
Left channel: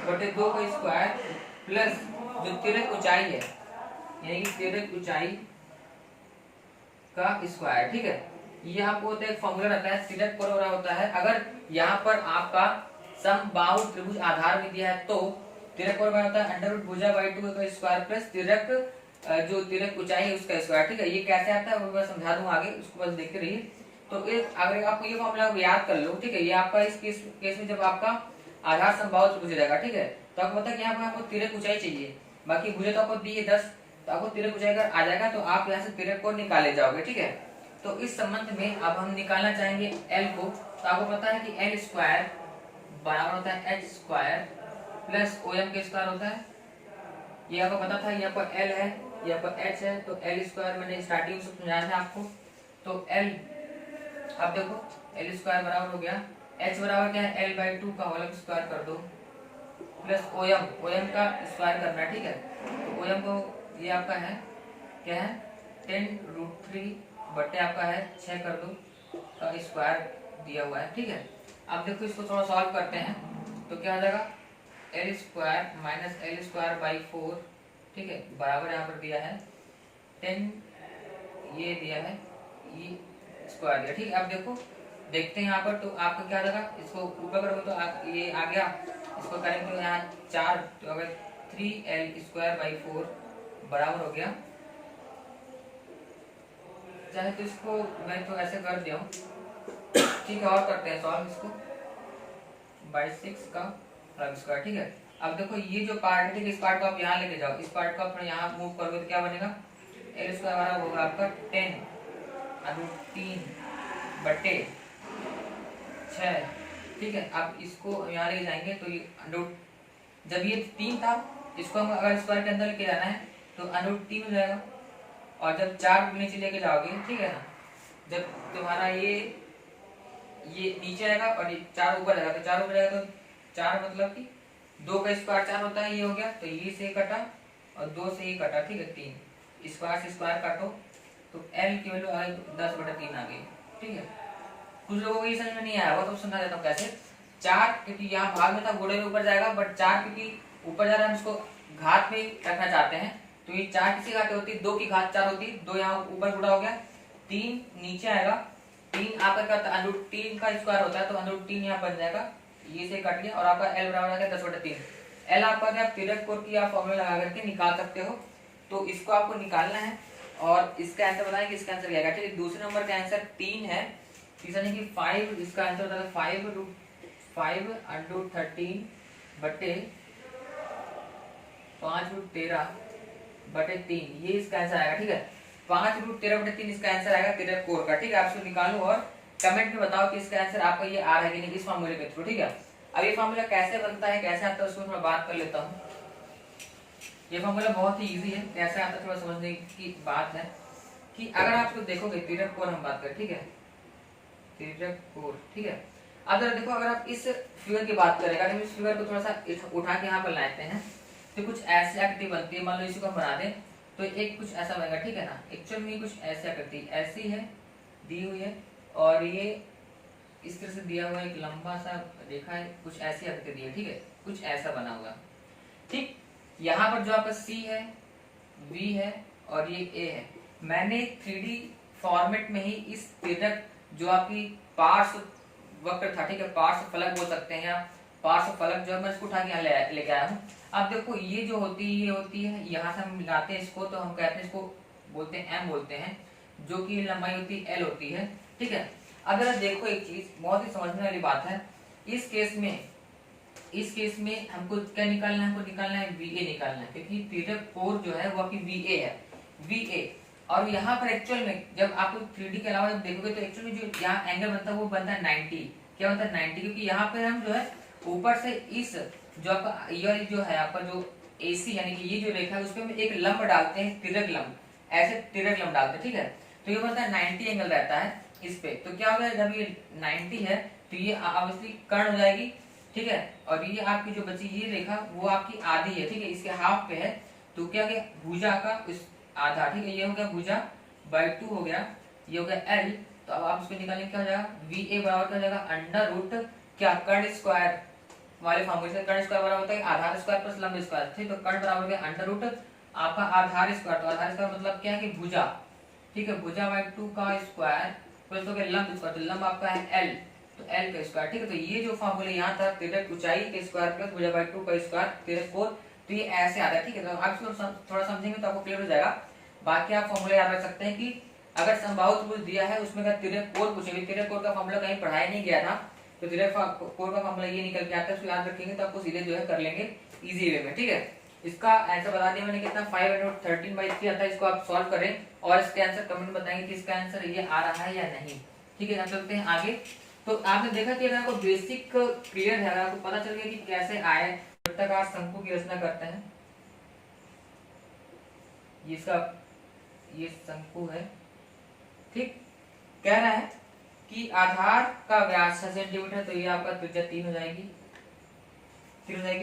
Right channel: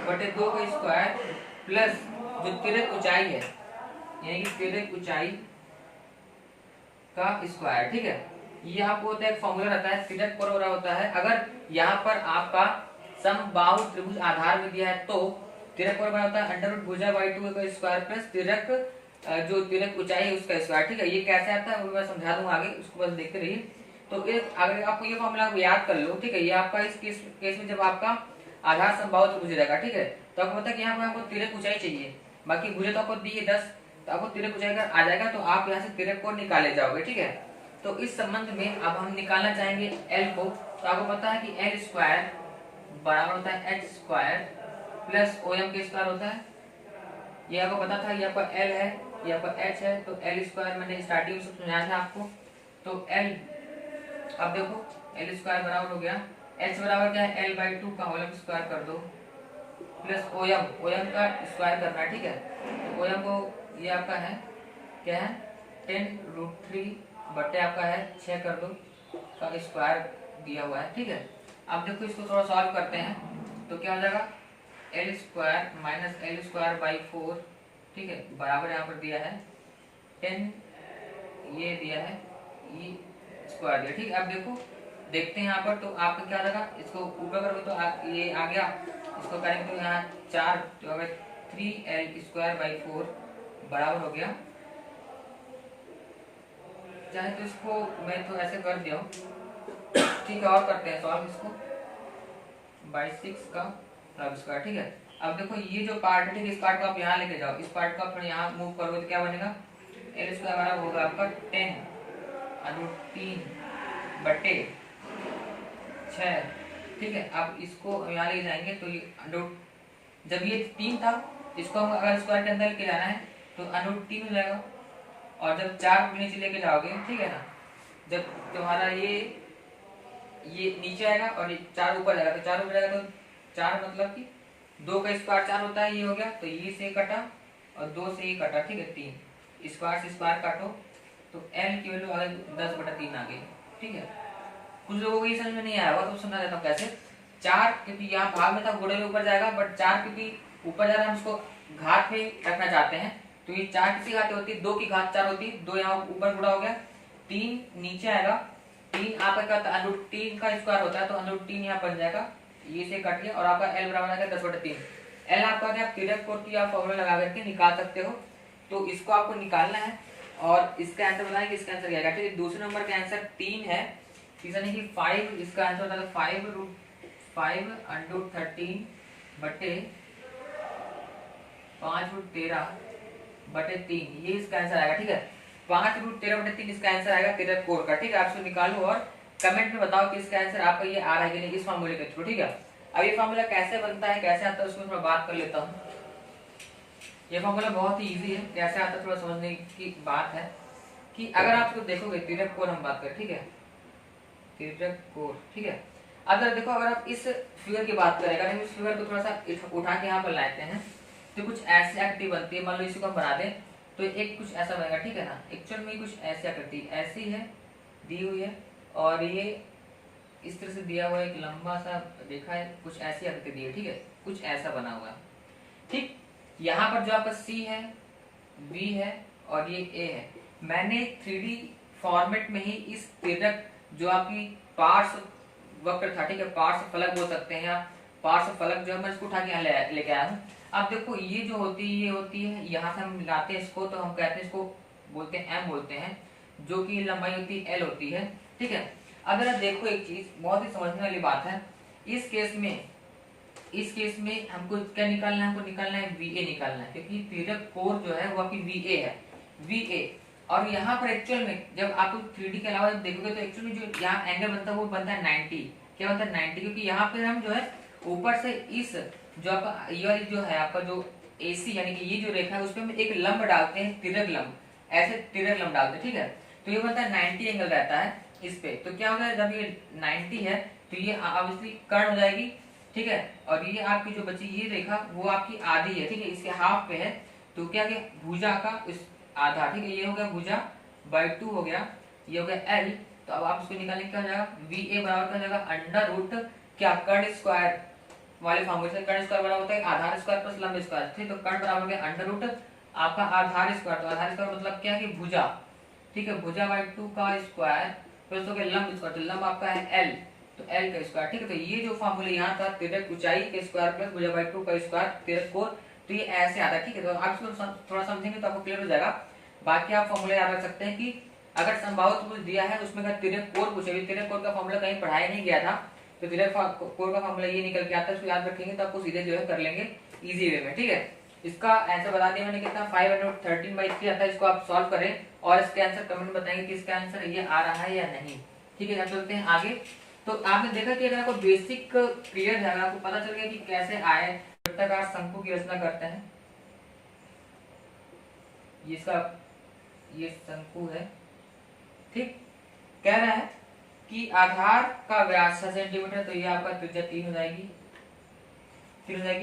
बटे 2 का स्क्वायर प्लस जो तिर्यक ऊंचाई है, यानी कि तिर्यक ऊंचाई का स्क्वायर, ठीक है। ये आपको होता है एक फॉर्मूला रहता है, तिर्यक कोण बड़ा होता है, अगर यहाँ पर आपका समबाहु त्रिभुज आधार में दिया है तो तिर्यक कोण बड़ा होता है √, भुजा/2 का स्क्वायर प्लस तिर्यक जो तिर्यक ऊंचाई है उसका स्क्वायर, ठीक है। ये कैसे आता है वो मैं समझा दूंगा आगे, उसको बस देखते रहिए। तो अगर आपको ये फॉर्मूला याद कर लो, ठीक है, ये आपका इस केस में जब आपका आधार समबाहु त्रिभुज रहेगा, ठीक है, तो आपको पता है कि यहाँ पर आपको तिर्यक ऊंचाई चाहिए, बाकी भुजा तो आपको दी है 10, तो आपको तिर्यक ऊंचाई अगर आ जाएगा तो आप यहाँ से तिर्यक कोण निकाले जाओगे, ठीक है। तो इस संबंध में अब हम निकालना चाहेंगे L को, तो आपको पता है कि L स्क्वायर बराबर होता है H स्क्वायर प्लस OM के स्क्वायर होता है। ये आपको पता था, ये आपका L है, ये आपका H है, तो L स्क्वायर मैंने स्टार्टिंग में समझाया था आपको। तो L, अब देखो L स्क्वायर बराबर हो गया, H बराबर क्या है, L/2 का होल स्क्वायर कर दो प्लस OM का स्क्वायर करना है, ठीक है। तो OM को ये आपका है क्या है 10√3 बटे आपका है 6 कर दो का स्क्वायर दिया हुआ है, ठीक है। अब देखो इसको थोड़ा सॉल्व करते हैं, तो क्या आ जाएगा L square minus L square by 4, ठीक है, बराबर यहाँ पर दिया है 10, ये दिया है E स्क्वायर दिया, ठीक है। अब देखो देखते हैं यहाँ पर, तो आपको क्या लगा, इसको ऊपर करोगे तो आप ये आ गया, इसको करेंगे तो यहाँ 4, तो अगर 3L स्क्वायर बाई 4 बराबर हो गया चाहे तो इसको मैं तो ऐसे कर दिया हूँ, ठीक है। और करते हैं सॉल्व इसको, 22 का लब स्क्वायर, ठीक है। अब देखो ये जो पार्ट है, ठीक है, इस पार्ट को आप यहाँ लेके जाओ, इस पार्ट को आप यहाँ मूव करोगे तो क्या बनेगा, एल स्क्वायर हमारा होगा आपका 10√3/6, ठीक है। अब इसको यहाँ ले जाएंगे तो ये जब ये 3 था, इसको हम अगर स्क्वायर के अंदर लेके जाना है तो √3 हो जाएगा। और जब 4 नीचे लेके जाओगे, ठीक है ना, जब तुम्हारा ये नीचे आएगा और 4 ऊपर जाएगा, तो 4 ऊपर जाएगा तो 4 मतलब कि 2 का स्क्वायर 4 होता है, ये हो गया। तो ये से कटा और 2 से ये कटा, ठीक है, 3 स्क्वायर से स्क्वायर काटो तो एल की वैल्यू आ गई 10/3 आ गई, ठीक है। कुछ लोगों को ये समझ में नहीं आया होगा तो समझा देता हूँ कैसे। 4 क्योंकि यहाँ भाग में था, घोड़े में ऊपर जाएगा, बट 4 क्योंकि ऊपर जा रहा है, हम उसको घात में रखना चाहते हैं, तो ये 4 किसी घात होती है, 2 की घात 4 होती है, 2 यहाँ ऊपर गुड़ा हो गया, 3 नीचे आएगा, 3 आपका करता √3 का स्क्वायर होता है, तो √3 यहाँ बन जाएगा, ये से कट गया, और आपका एल बराबर आता है 10/3। एल आपका क्या तिरक कोट की आप फॉर्मूला लगा करके निकाल सकते हो, तो इसको आपको निकालना है और इसका आंसर बताएं कि इसका आंसर क्या है। ठीक है, दूसरे नंबर का आंसर 3 है, तीसरा नहीं कि 5, इसका आंसर होता है 5√13/3, ये इसका आंसर आएगा। ठीक है, 5√13/3 इसका आंसर आएगा तिरक कोर का। ठीक है, आप इसको निकालो और कमेंट में बताओ कि इसका आंसर आपका ये आ रहा है कि नहीं इस फॉर्मूले के थ्रू। ठीक है, अब ये फॉर्मूला कैसे बनता है, कैसे आता है, उसमें थोड़ा बात कर लेता हूँ। ये फॉर्मूला बहुत ही इजी है, कैसे आता है थोड़ा समझने की बात है कि अगर आप इसको देखोगे तिरक कोर हम बात करें, ठीक है, तिरक कोर। ठीक है, अब जरा देखो, अगर आप इस फिगर की बात करें, अगर हम इस फिगर को थोड़ा सा उठा के यहाँ पर लाते हैं तो कुछ ऐसी आकृति बनती है। मान लो इसी को बना दें तो एक कुछ ऐसा बनेगा। ठीक है ना, एक्चुअल में कुछ ऐसी आकृति ऐसी है दी हुई है, और ये इस तरह से दिया हुआ एक लंबा सा रेखा है, कुछ ऐसी आकृति दी है। ठीक है, कुछ ऐसा बना हुआ है। ठीक, यहाँ पर जो आपका C है, V है और ये A है, मैंने 3D फॉर्मेट में ही इस तिरक जो आपकी पार्श्व वक्र था, ठीक है, पार्श्व फलक बोल सकते हैं, या पार्श्व फलक जो मैं इसको उठा के यहाँ लेके आया हूँ। अब देखो ये जो होती है, ये होती है, यहाँ से हम मिलाते हैं इसको तो हम कहते हैं, इसको बोलते हैं M बोलते हैं, जो कि लंबाई होती है L होती है। ठीक है, अगर देखो एक चीज बहुत ही समझने वाली बात है, इस केस में हमको क्या निकालना है, हमको निकालना है VA निकालना है, क्योंकि तिरक कोर जो है वो आपकी VA है, VA। और यहाँ पर एक्चुअल में जब आप 3D के अलावा जब देखोगे तो एक्चुअली जो यहाँ एंगल बनता है वो बनता है 90। क्या बनता है 90, क्योंकि यहाँ पे हम जो है ऊपर से इस जो आपका ये वाली जो है आपका जो AC यानी कि ये जो रेखा है उसपे हम एक लंब डालते हैं, तिरक लंब, ऐसे तिरक लंब डालते हैं। ठीक है, तो ये बनता है 90 एंगल रहता है इस पे। तो क्या होगा, जब ये 90 है तो ये ऑब्वियसली कर्ण हो जाएगी। ठीक है, और ये आपकी जो बची ये रेखा वो आपकी आधी है। ठीक है, इसके हाफ पे है, तो क्या गया भुजा का इस आधा। ठीक है, ये हो गया भुजा बाय 2 हो गया, ये हो गया L। तो अब आप इसको निकालेंगे क्या हो जाएगा, VA बराबर क्या हो जाएगा, अंडर रूट क्या कर्ण स्क्वायर वाले फॉर्मूले से कर्ण स्क्वायर बराबर होता है आधार स्क्वायर प्लस लंब स्क्वायर। ठीक, तो कर्ण बराबर हो गया अंडर रूट आपका आधार स्क्वायर, तो आधार स्क्वायर मतलब क्या है कि भुजा। ठीक है, भुजा बाय 2 का स्क्वायर प्लस हो गया लंब स्क्वायर, तो लंब आपका है L, तो L का स्क्वायर। ठीक है, तो ये जो फॉर्मूला यहाँ था तिरक ऊंचाई के स्क्वायर प्लस भुजा बाय 2 का स्क्वायर तिरक कोण, तो ये ऐसे आता है। ठीक है, तो आप इसको थोड़ा समझेंगे तो आपको क्लियर हो जाएगा। बाकी आप फॉर्मूला याद रख सकते हैं कि अगर संभावित त्रिभुज दिया है उसमें अगर तिरक कोण पूछेगी, तिरक कोण का फॉर्मूला कहीं पढ़ाया नहीं गया था, तो तिरक कोण का फॉर्मूला ये निकल के आता है, उसको याद रखेंगे तो आपको सीधे जो है कर लेंगे इजी वे में। ठीक है, इसका आंसर बता दिया मैंने कितना 513/3 आता है। इसको आप सॉल्व करें और इसके आंसर कमेंट में बताएंगे कि इसका आंसर ये आ रहा है या नहीं। ठीक है, चलते हैं आगे। तो आपने देखा कि अगर आपको बेसिक क्लियर है, अगर आपको पता चल गया कि कैसे आए वृत्ताकार शंकु की रचना करते हैं, ये शंकु है। ठीक, कह रहा है कि आधार का व्यास 6 सेंटीमीटर, तो ये आपका त्रिज्या 3 हो जाएगी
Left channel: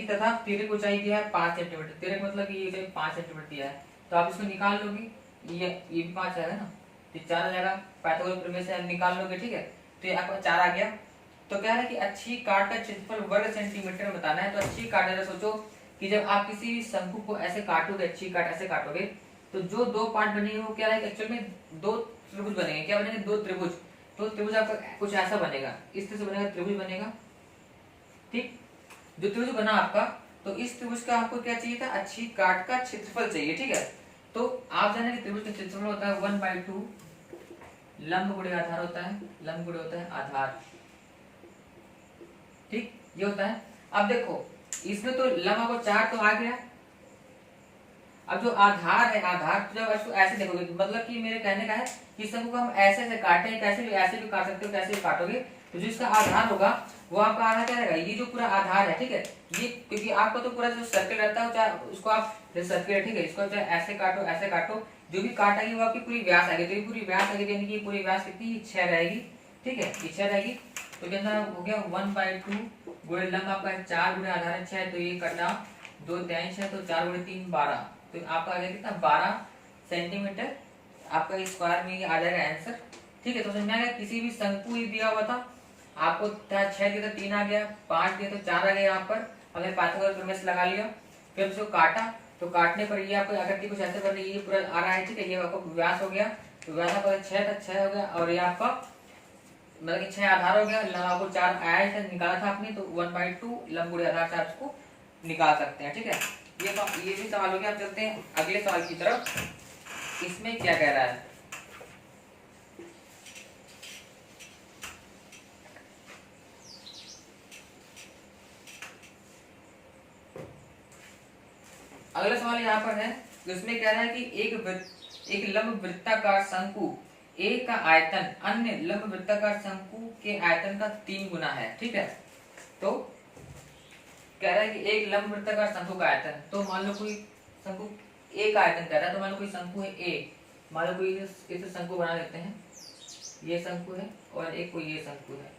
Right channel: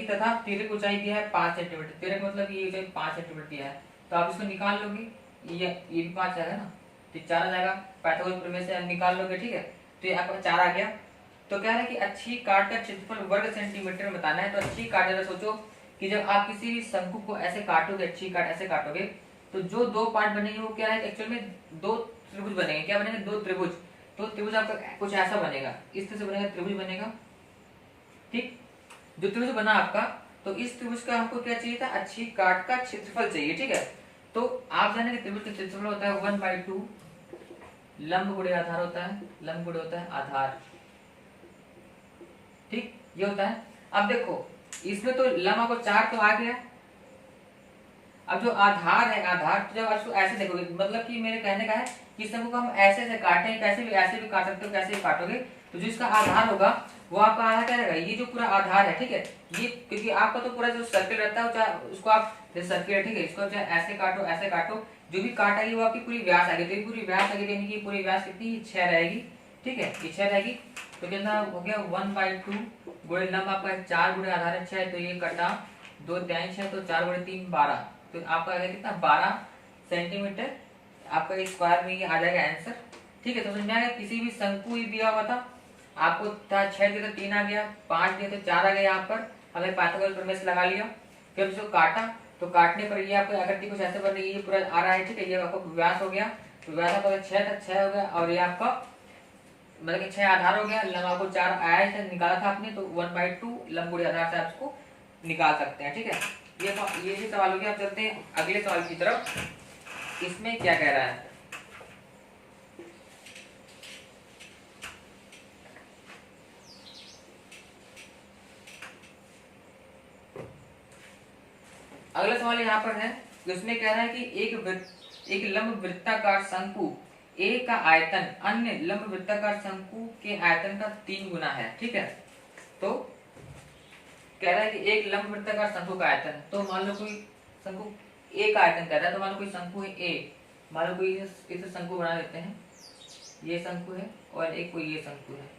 तथा तिरक ऊंचाई दिया है 5 सेंटीमीटर। तिरक मतलब ये ऊंचाई 5 सेंटीमीटर दिया है, तो आप इसको निकाल लोगे, ये भी 5 आएगा ना, तो 4 आ जाएगा, पाइथागोरस प्रमेय से निकाल लोगे। ठीक है, तो ये आपका 4 आ गया। तो कह रहा है कि अच्छी काट का क्षेत्रफल वर्ग सेंटीमीटर में बताना है। तो अच्छी काट, जरा सोचो कि जब आप किसी शंकु को ऐसे काटोगे, अच्छी काट ऐसे काटोगे, तो जो 2 पार्ट बनेंगे वो क्या है, एक्चुअल में 2 त्रिभुज बनेंगे। क्या बनेंगे, 2 त्रिभुज। तो त्रिभुज आपका कुछ ऐसा बनेगा, इस तरह से बनेगा, त्रिभुज बनेगा। ठीक, जो त्रिभुज बना आपका, तो इस त्रिभुज का आपको क्या चाहिए था, अच्छी काट का क्षेत्रफल चाहिए। ठीक है, तो आप जाने कि त्रिभुज का क्षेत्रफल होता है 1/2 लंब गुणे आधार होता है, लंब गुणे होता है आधार, ठीक, ये होता है। अब देखो इसमें तो लंब आपको 4 तो आ गया, अब जो आधार है, आधार तो जब इसको ऐसे देखोगे, मतलब कि मेरे कहने का है कि शंकु को हम ऐसे ऐसे काटें, ऐसे भी काट सकते हो, कैसे भी काटोगे तो जो इसका आधार होगा वो आपका आधार क्या रहेगा, ये जो पूरा आधार है, ठीक है, ये क्योंकि आपका तो पूरा जो सर्किल रहता है चाहे उसको आप सर्किल, ठीक है, इसको चाहे ऐसे काटो ऐसे काटो, जो भी काटेगी वो आपकी पूरी व्यास आएगी, तो ये पूरी व्यास आएगी, यानी कि पूरी व्यास कितनी 6 रहेगी, ठीक है, ये 6 रहेगी। तो कितना हो गया 1/2 गुणे लंब आपका 4 गुणे आधार है 6, तो ये कटा 2 3 6, तो 4 गुणे 3 12, तो आपका आ गया कितना 12 सेंटीमीटर आपका स्क्वायर में ये आ जाएगा आंसर, ठीक है। तो समझ में आ गया, किसी भी शंकु ही दिया हुआ था आपको 6 दिया तो 3 आ गया, 5 दिया तो 4 आ गया, यहाँ पर हमने पाइथागोरस प्रमेय से लगा लिया, फिर उसको काटा, तो काटने पर ये आपको आकृति कुछ ऐसे बन रही है, ये पूरा आ रहा है, ठीक है, ये आपको व्यास हो गया, तो व्यास आपका 6 तक 6 हो गया, और ये आपका मतलब कि 6 आधार हो गया, लंब आपको 4 आया ही था, निकाला था आपने, तो 1/2 लंब गुणे आधार से आप इसको निकाल सकते हैं, ठीक है। ये भी सवाल हो गया। अब चलते हैं अगले सवाल की तरफ, इसमें क्या कह रहा है। अगला सवाल यहाँ पर है, उसमें कह रहा है कि एक लंब वृत्ताकार शंकु ए का आयतन अन्य लंब वृत्ताकार शंकु के आयतन का 3 गुना है, ठीक है। तो कह रहा है कि एक लंब वृत्ताकार शंकु का आयतन, तो मान लो कोई शंकु ए का आयतन कह रहा है, तो मान लो कोई शंकु है ए, मान लो कोई इसे शंकु बना लेते हैं, ये शंकु है और एक कोई ये शंकु है,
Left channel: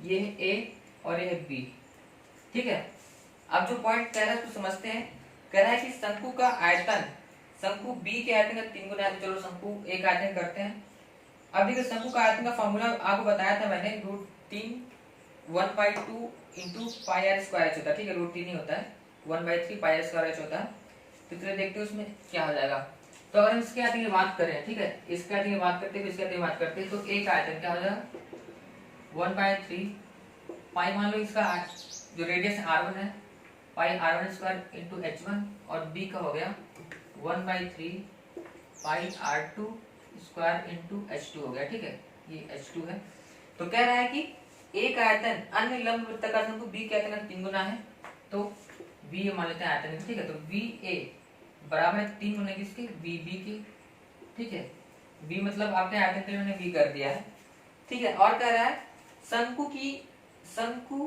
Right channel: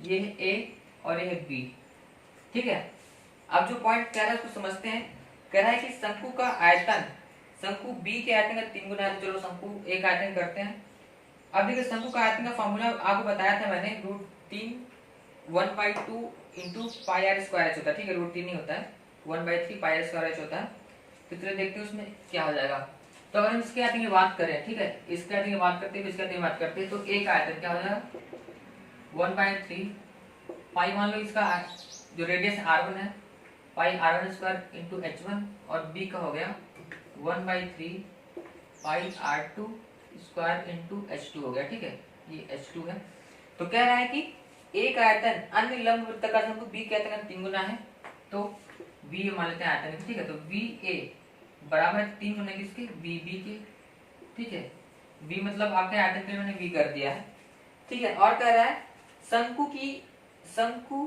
ये है ए और ये है बी, ठीक है। अब जो पॉइंट कह रहा है उसको समझते हैं। कह रहा है कि शंकु का आयतन शंकु बी के आयतन का 3 गुना है, तो चलो शंकु ए का आयतन करते हैं। अब देखिए शंकु का आयतन का फॉर्मूला आपको बताया था मैंने, √3 1/2 into pi R square H होता है, ठीक है, √3 नहीं होता है, 1/3 पाई आर स्क्वायर एच होता है। तो चलिए देखते हैं उसमें क्या हो जाएगा। तो अगर इसके आयतन की बात करें, ठीक है, इसके आयतन की बात करते हैं, इसके आयतन की बात करते हैं, तो ए का आयतन क्या हो जाएगा 1/3 पाई, मान लो इसका जो रेडियस r1 है, पाई r1 स्क्वायर इंटू h1, और b का हो गया 1/3 पाई r2 स्क्वायर इंटू h2 हो गया, ठीक है, ये h2 है। तो कह रहा है कि ए का आयतन अन्य लंब वृत्ताकार शंकु बी के आयतन का 3 गुना है, तो बी मान लेते हैं आयतन, ठीक है, तो बी ए बराबर है 3 गुना किसके, बी बी के, ठीक है, बी मतलब आपने आयतन के लिए मैंने बी कर दिया है, ठीक है। और कह रहा है शंकु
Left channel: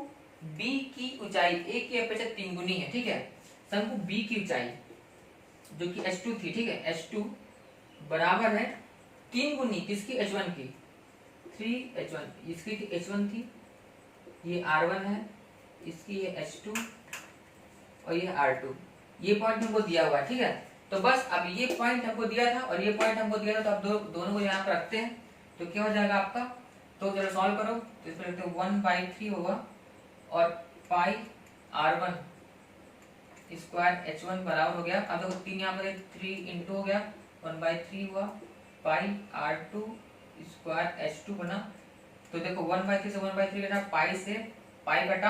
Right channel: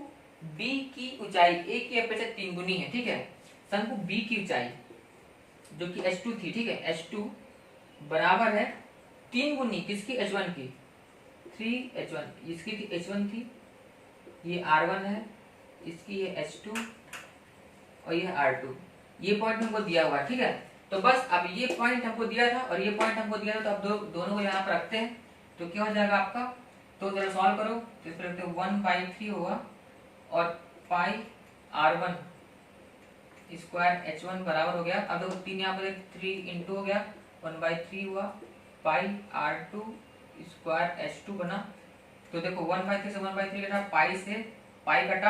बी की ऊंचाई ए की अपेक्षा 3 गुनी है, ठीक है, शंकु बी की ऊंचाई जो कि h2 थी, ठीक है, h2 बराबर है 3 गुनी किसकी, h1 की, 3h1, इसकी थी h1 थी, ये r1 है, इसकी ये h2 और ये r2, ये पॉइंट हमको दिया हुआ है, ठीक है। तो बस अब ये पॉइंट हमको दिया था और ये पॉइंट हमको दिया था, तो अब दोनों को यहाँ पर रखते हैं, तो क्या हो जाएगा आपका, तो चलो सॉल्व करो, तो इसमें रखते हैं 1/3 होगा और पाई r1 स्क्वायर h1 बराबर हो गया, अब देखो 3 यहाँ पर 3 इंटू हो गया 1/3 हुआ, पाई r2 स्क्वायर h2 बना, तो देखो 1/3 से 1/3 कटा, पाई से पाई कटा।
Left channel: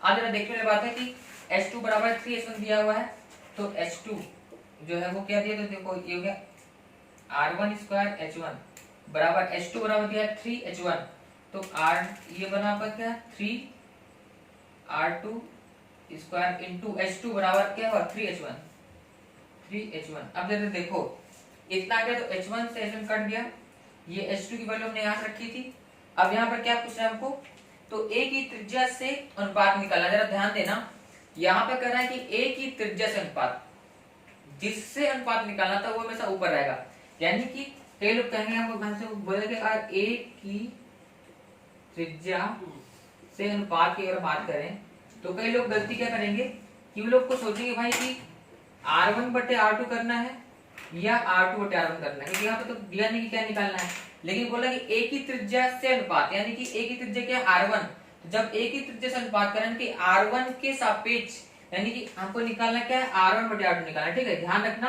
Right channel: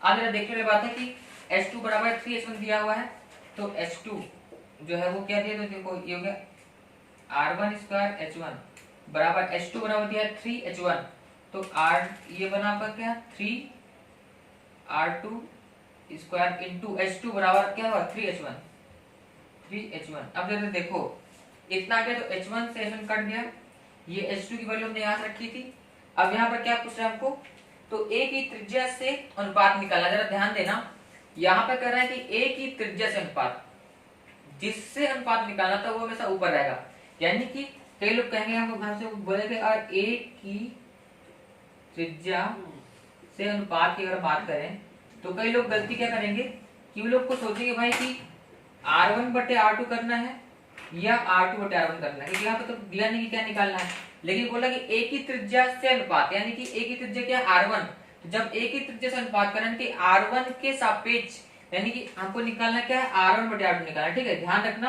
अब जरा देखने वाली बात है कि h2 बराबर 3h1 दिया हुआ है, तो h2 जो है वो क्या दिया, तो देखो ये हो गया r1 स्क्वायर h1 बराबर h2 बराबर दिया है 3h1, तो r ये बना आपका क्या 3r2 स्क्वायर इंटू h2 बराबर क्या हुआ 3h1। अब जरा देखो इतना आ गया, तो h1 से h1 कट दिया, ये h2 की वैल्यू हमने यहाँ रखी थी। अब यहाँ पर क्या पूछ रहा है हमको, तो a की त्रिज्या से अनुपात निकालना, जरा ध्यान देना, यहाँ पर कह रहा है कि a की त्रिज्या से अनुपात, जिससे अनुपात निकालना था वो हमेशा ऊपर रहेगा, यानी कि कई लोग कहेंगे हमसे बोलेंगे अगर a की त्रिज्या से अनुपात की अगर बात करें, तो कई लोग गलती क्या करेंगे कि वो लोग को सोचेंगे भाई कि r1/r2 करना है या r2/r1 करना है, क्योंकि यहाँ पे तो दिया नहीं कि क्या निकालना है, लेकिन बोला कि a की त्रिज्या से अनुपात, यानी कि a की त्रिज्या क्या है r1, तो जब a की त्रिज्या से अनुपात करें कि r1 के सापेक्ष, यानी कि हमको निकालना क्या है r1/r2 निकालना, ठीक है, ध्यान रखना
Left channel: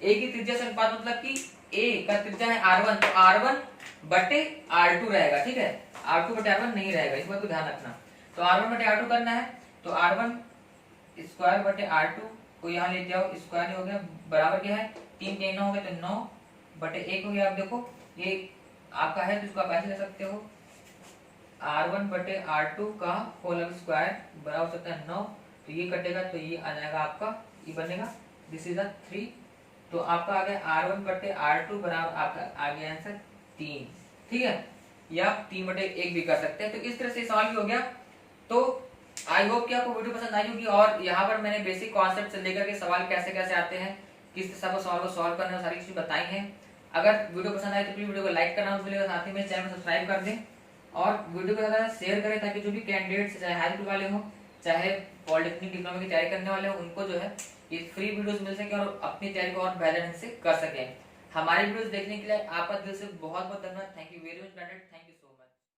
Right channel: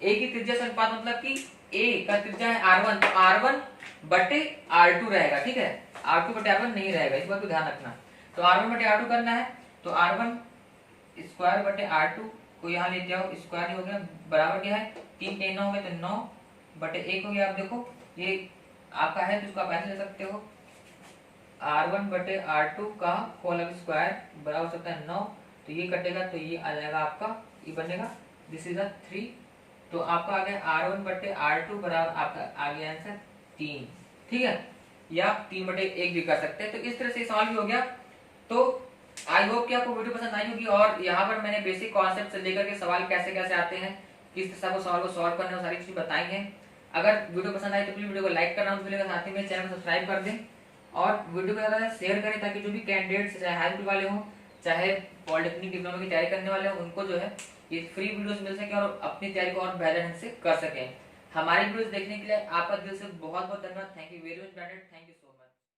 a की त्रिज्या से अनुपात मतलब कि a का त्रिज्या है r1, तो r1/r2 रहेगा, ठीक है, r2/r1 नहीं रहेगा, इस बात को ध्यान रखना। तो r1/r2 करना है, तो r1 स्क्वायर/r2 को यहाँ ले जाओ, स्क्वायर हो गया बराबर क्या है 3 9 हो गया, तो 9 बटे 1 हो गया। आप देखो ये आपका है तो इसको आप ऐसे ले सकते हो, R1 बटे R2 का होल स्क्वायर बराबर होता है 9। तो ये कटेगा तो ये आ जाएगा आपका, ये बनेगा दिस इज 3। तो आपका आ गया R1 बटे R2 बराबर आपका आ गया आंसर 3। ठीक है, या 3 बटे 1 भी कर सकते हैं। तो इस तरह से सॉल्व भी हो गया। तो आई होप कि आपको वीडियो पसंद आई होगी, और यहाँ पर मैंने बेसिक कॉन्सेप्ट से लेकर के सवाल कैसे कैसे आते हैं, किस तरह को सवाल को सॉल्व करना है, सारी चीजें बताई हैं। अगर वीडियो पसंद आई तो प्लीज वीडियो को लाइक करना भूलिएगा, साथ ही मेरे चैनल को सब्सक्राइब कर दें और वीडियो को ज्यादा शेयर करें, ताकि जो भी कैंडिडेट्स चाहे हाई स्कूल वाले हों चाहे पॉलिटेक्निक डिप्लोमा की तैयारी करने वाले हों, उनको जो है ये फ्री वीडियोस मिल सके और अपनी तैयारी को और बेहतर ढंग से कर सकें। हमारी वीडियोस देखने के लिए आपका दिल से बहुत बहुत धन्यवाद। Thank you very much, thank you.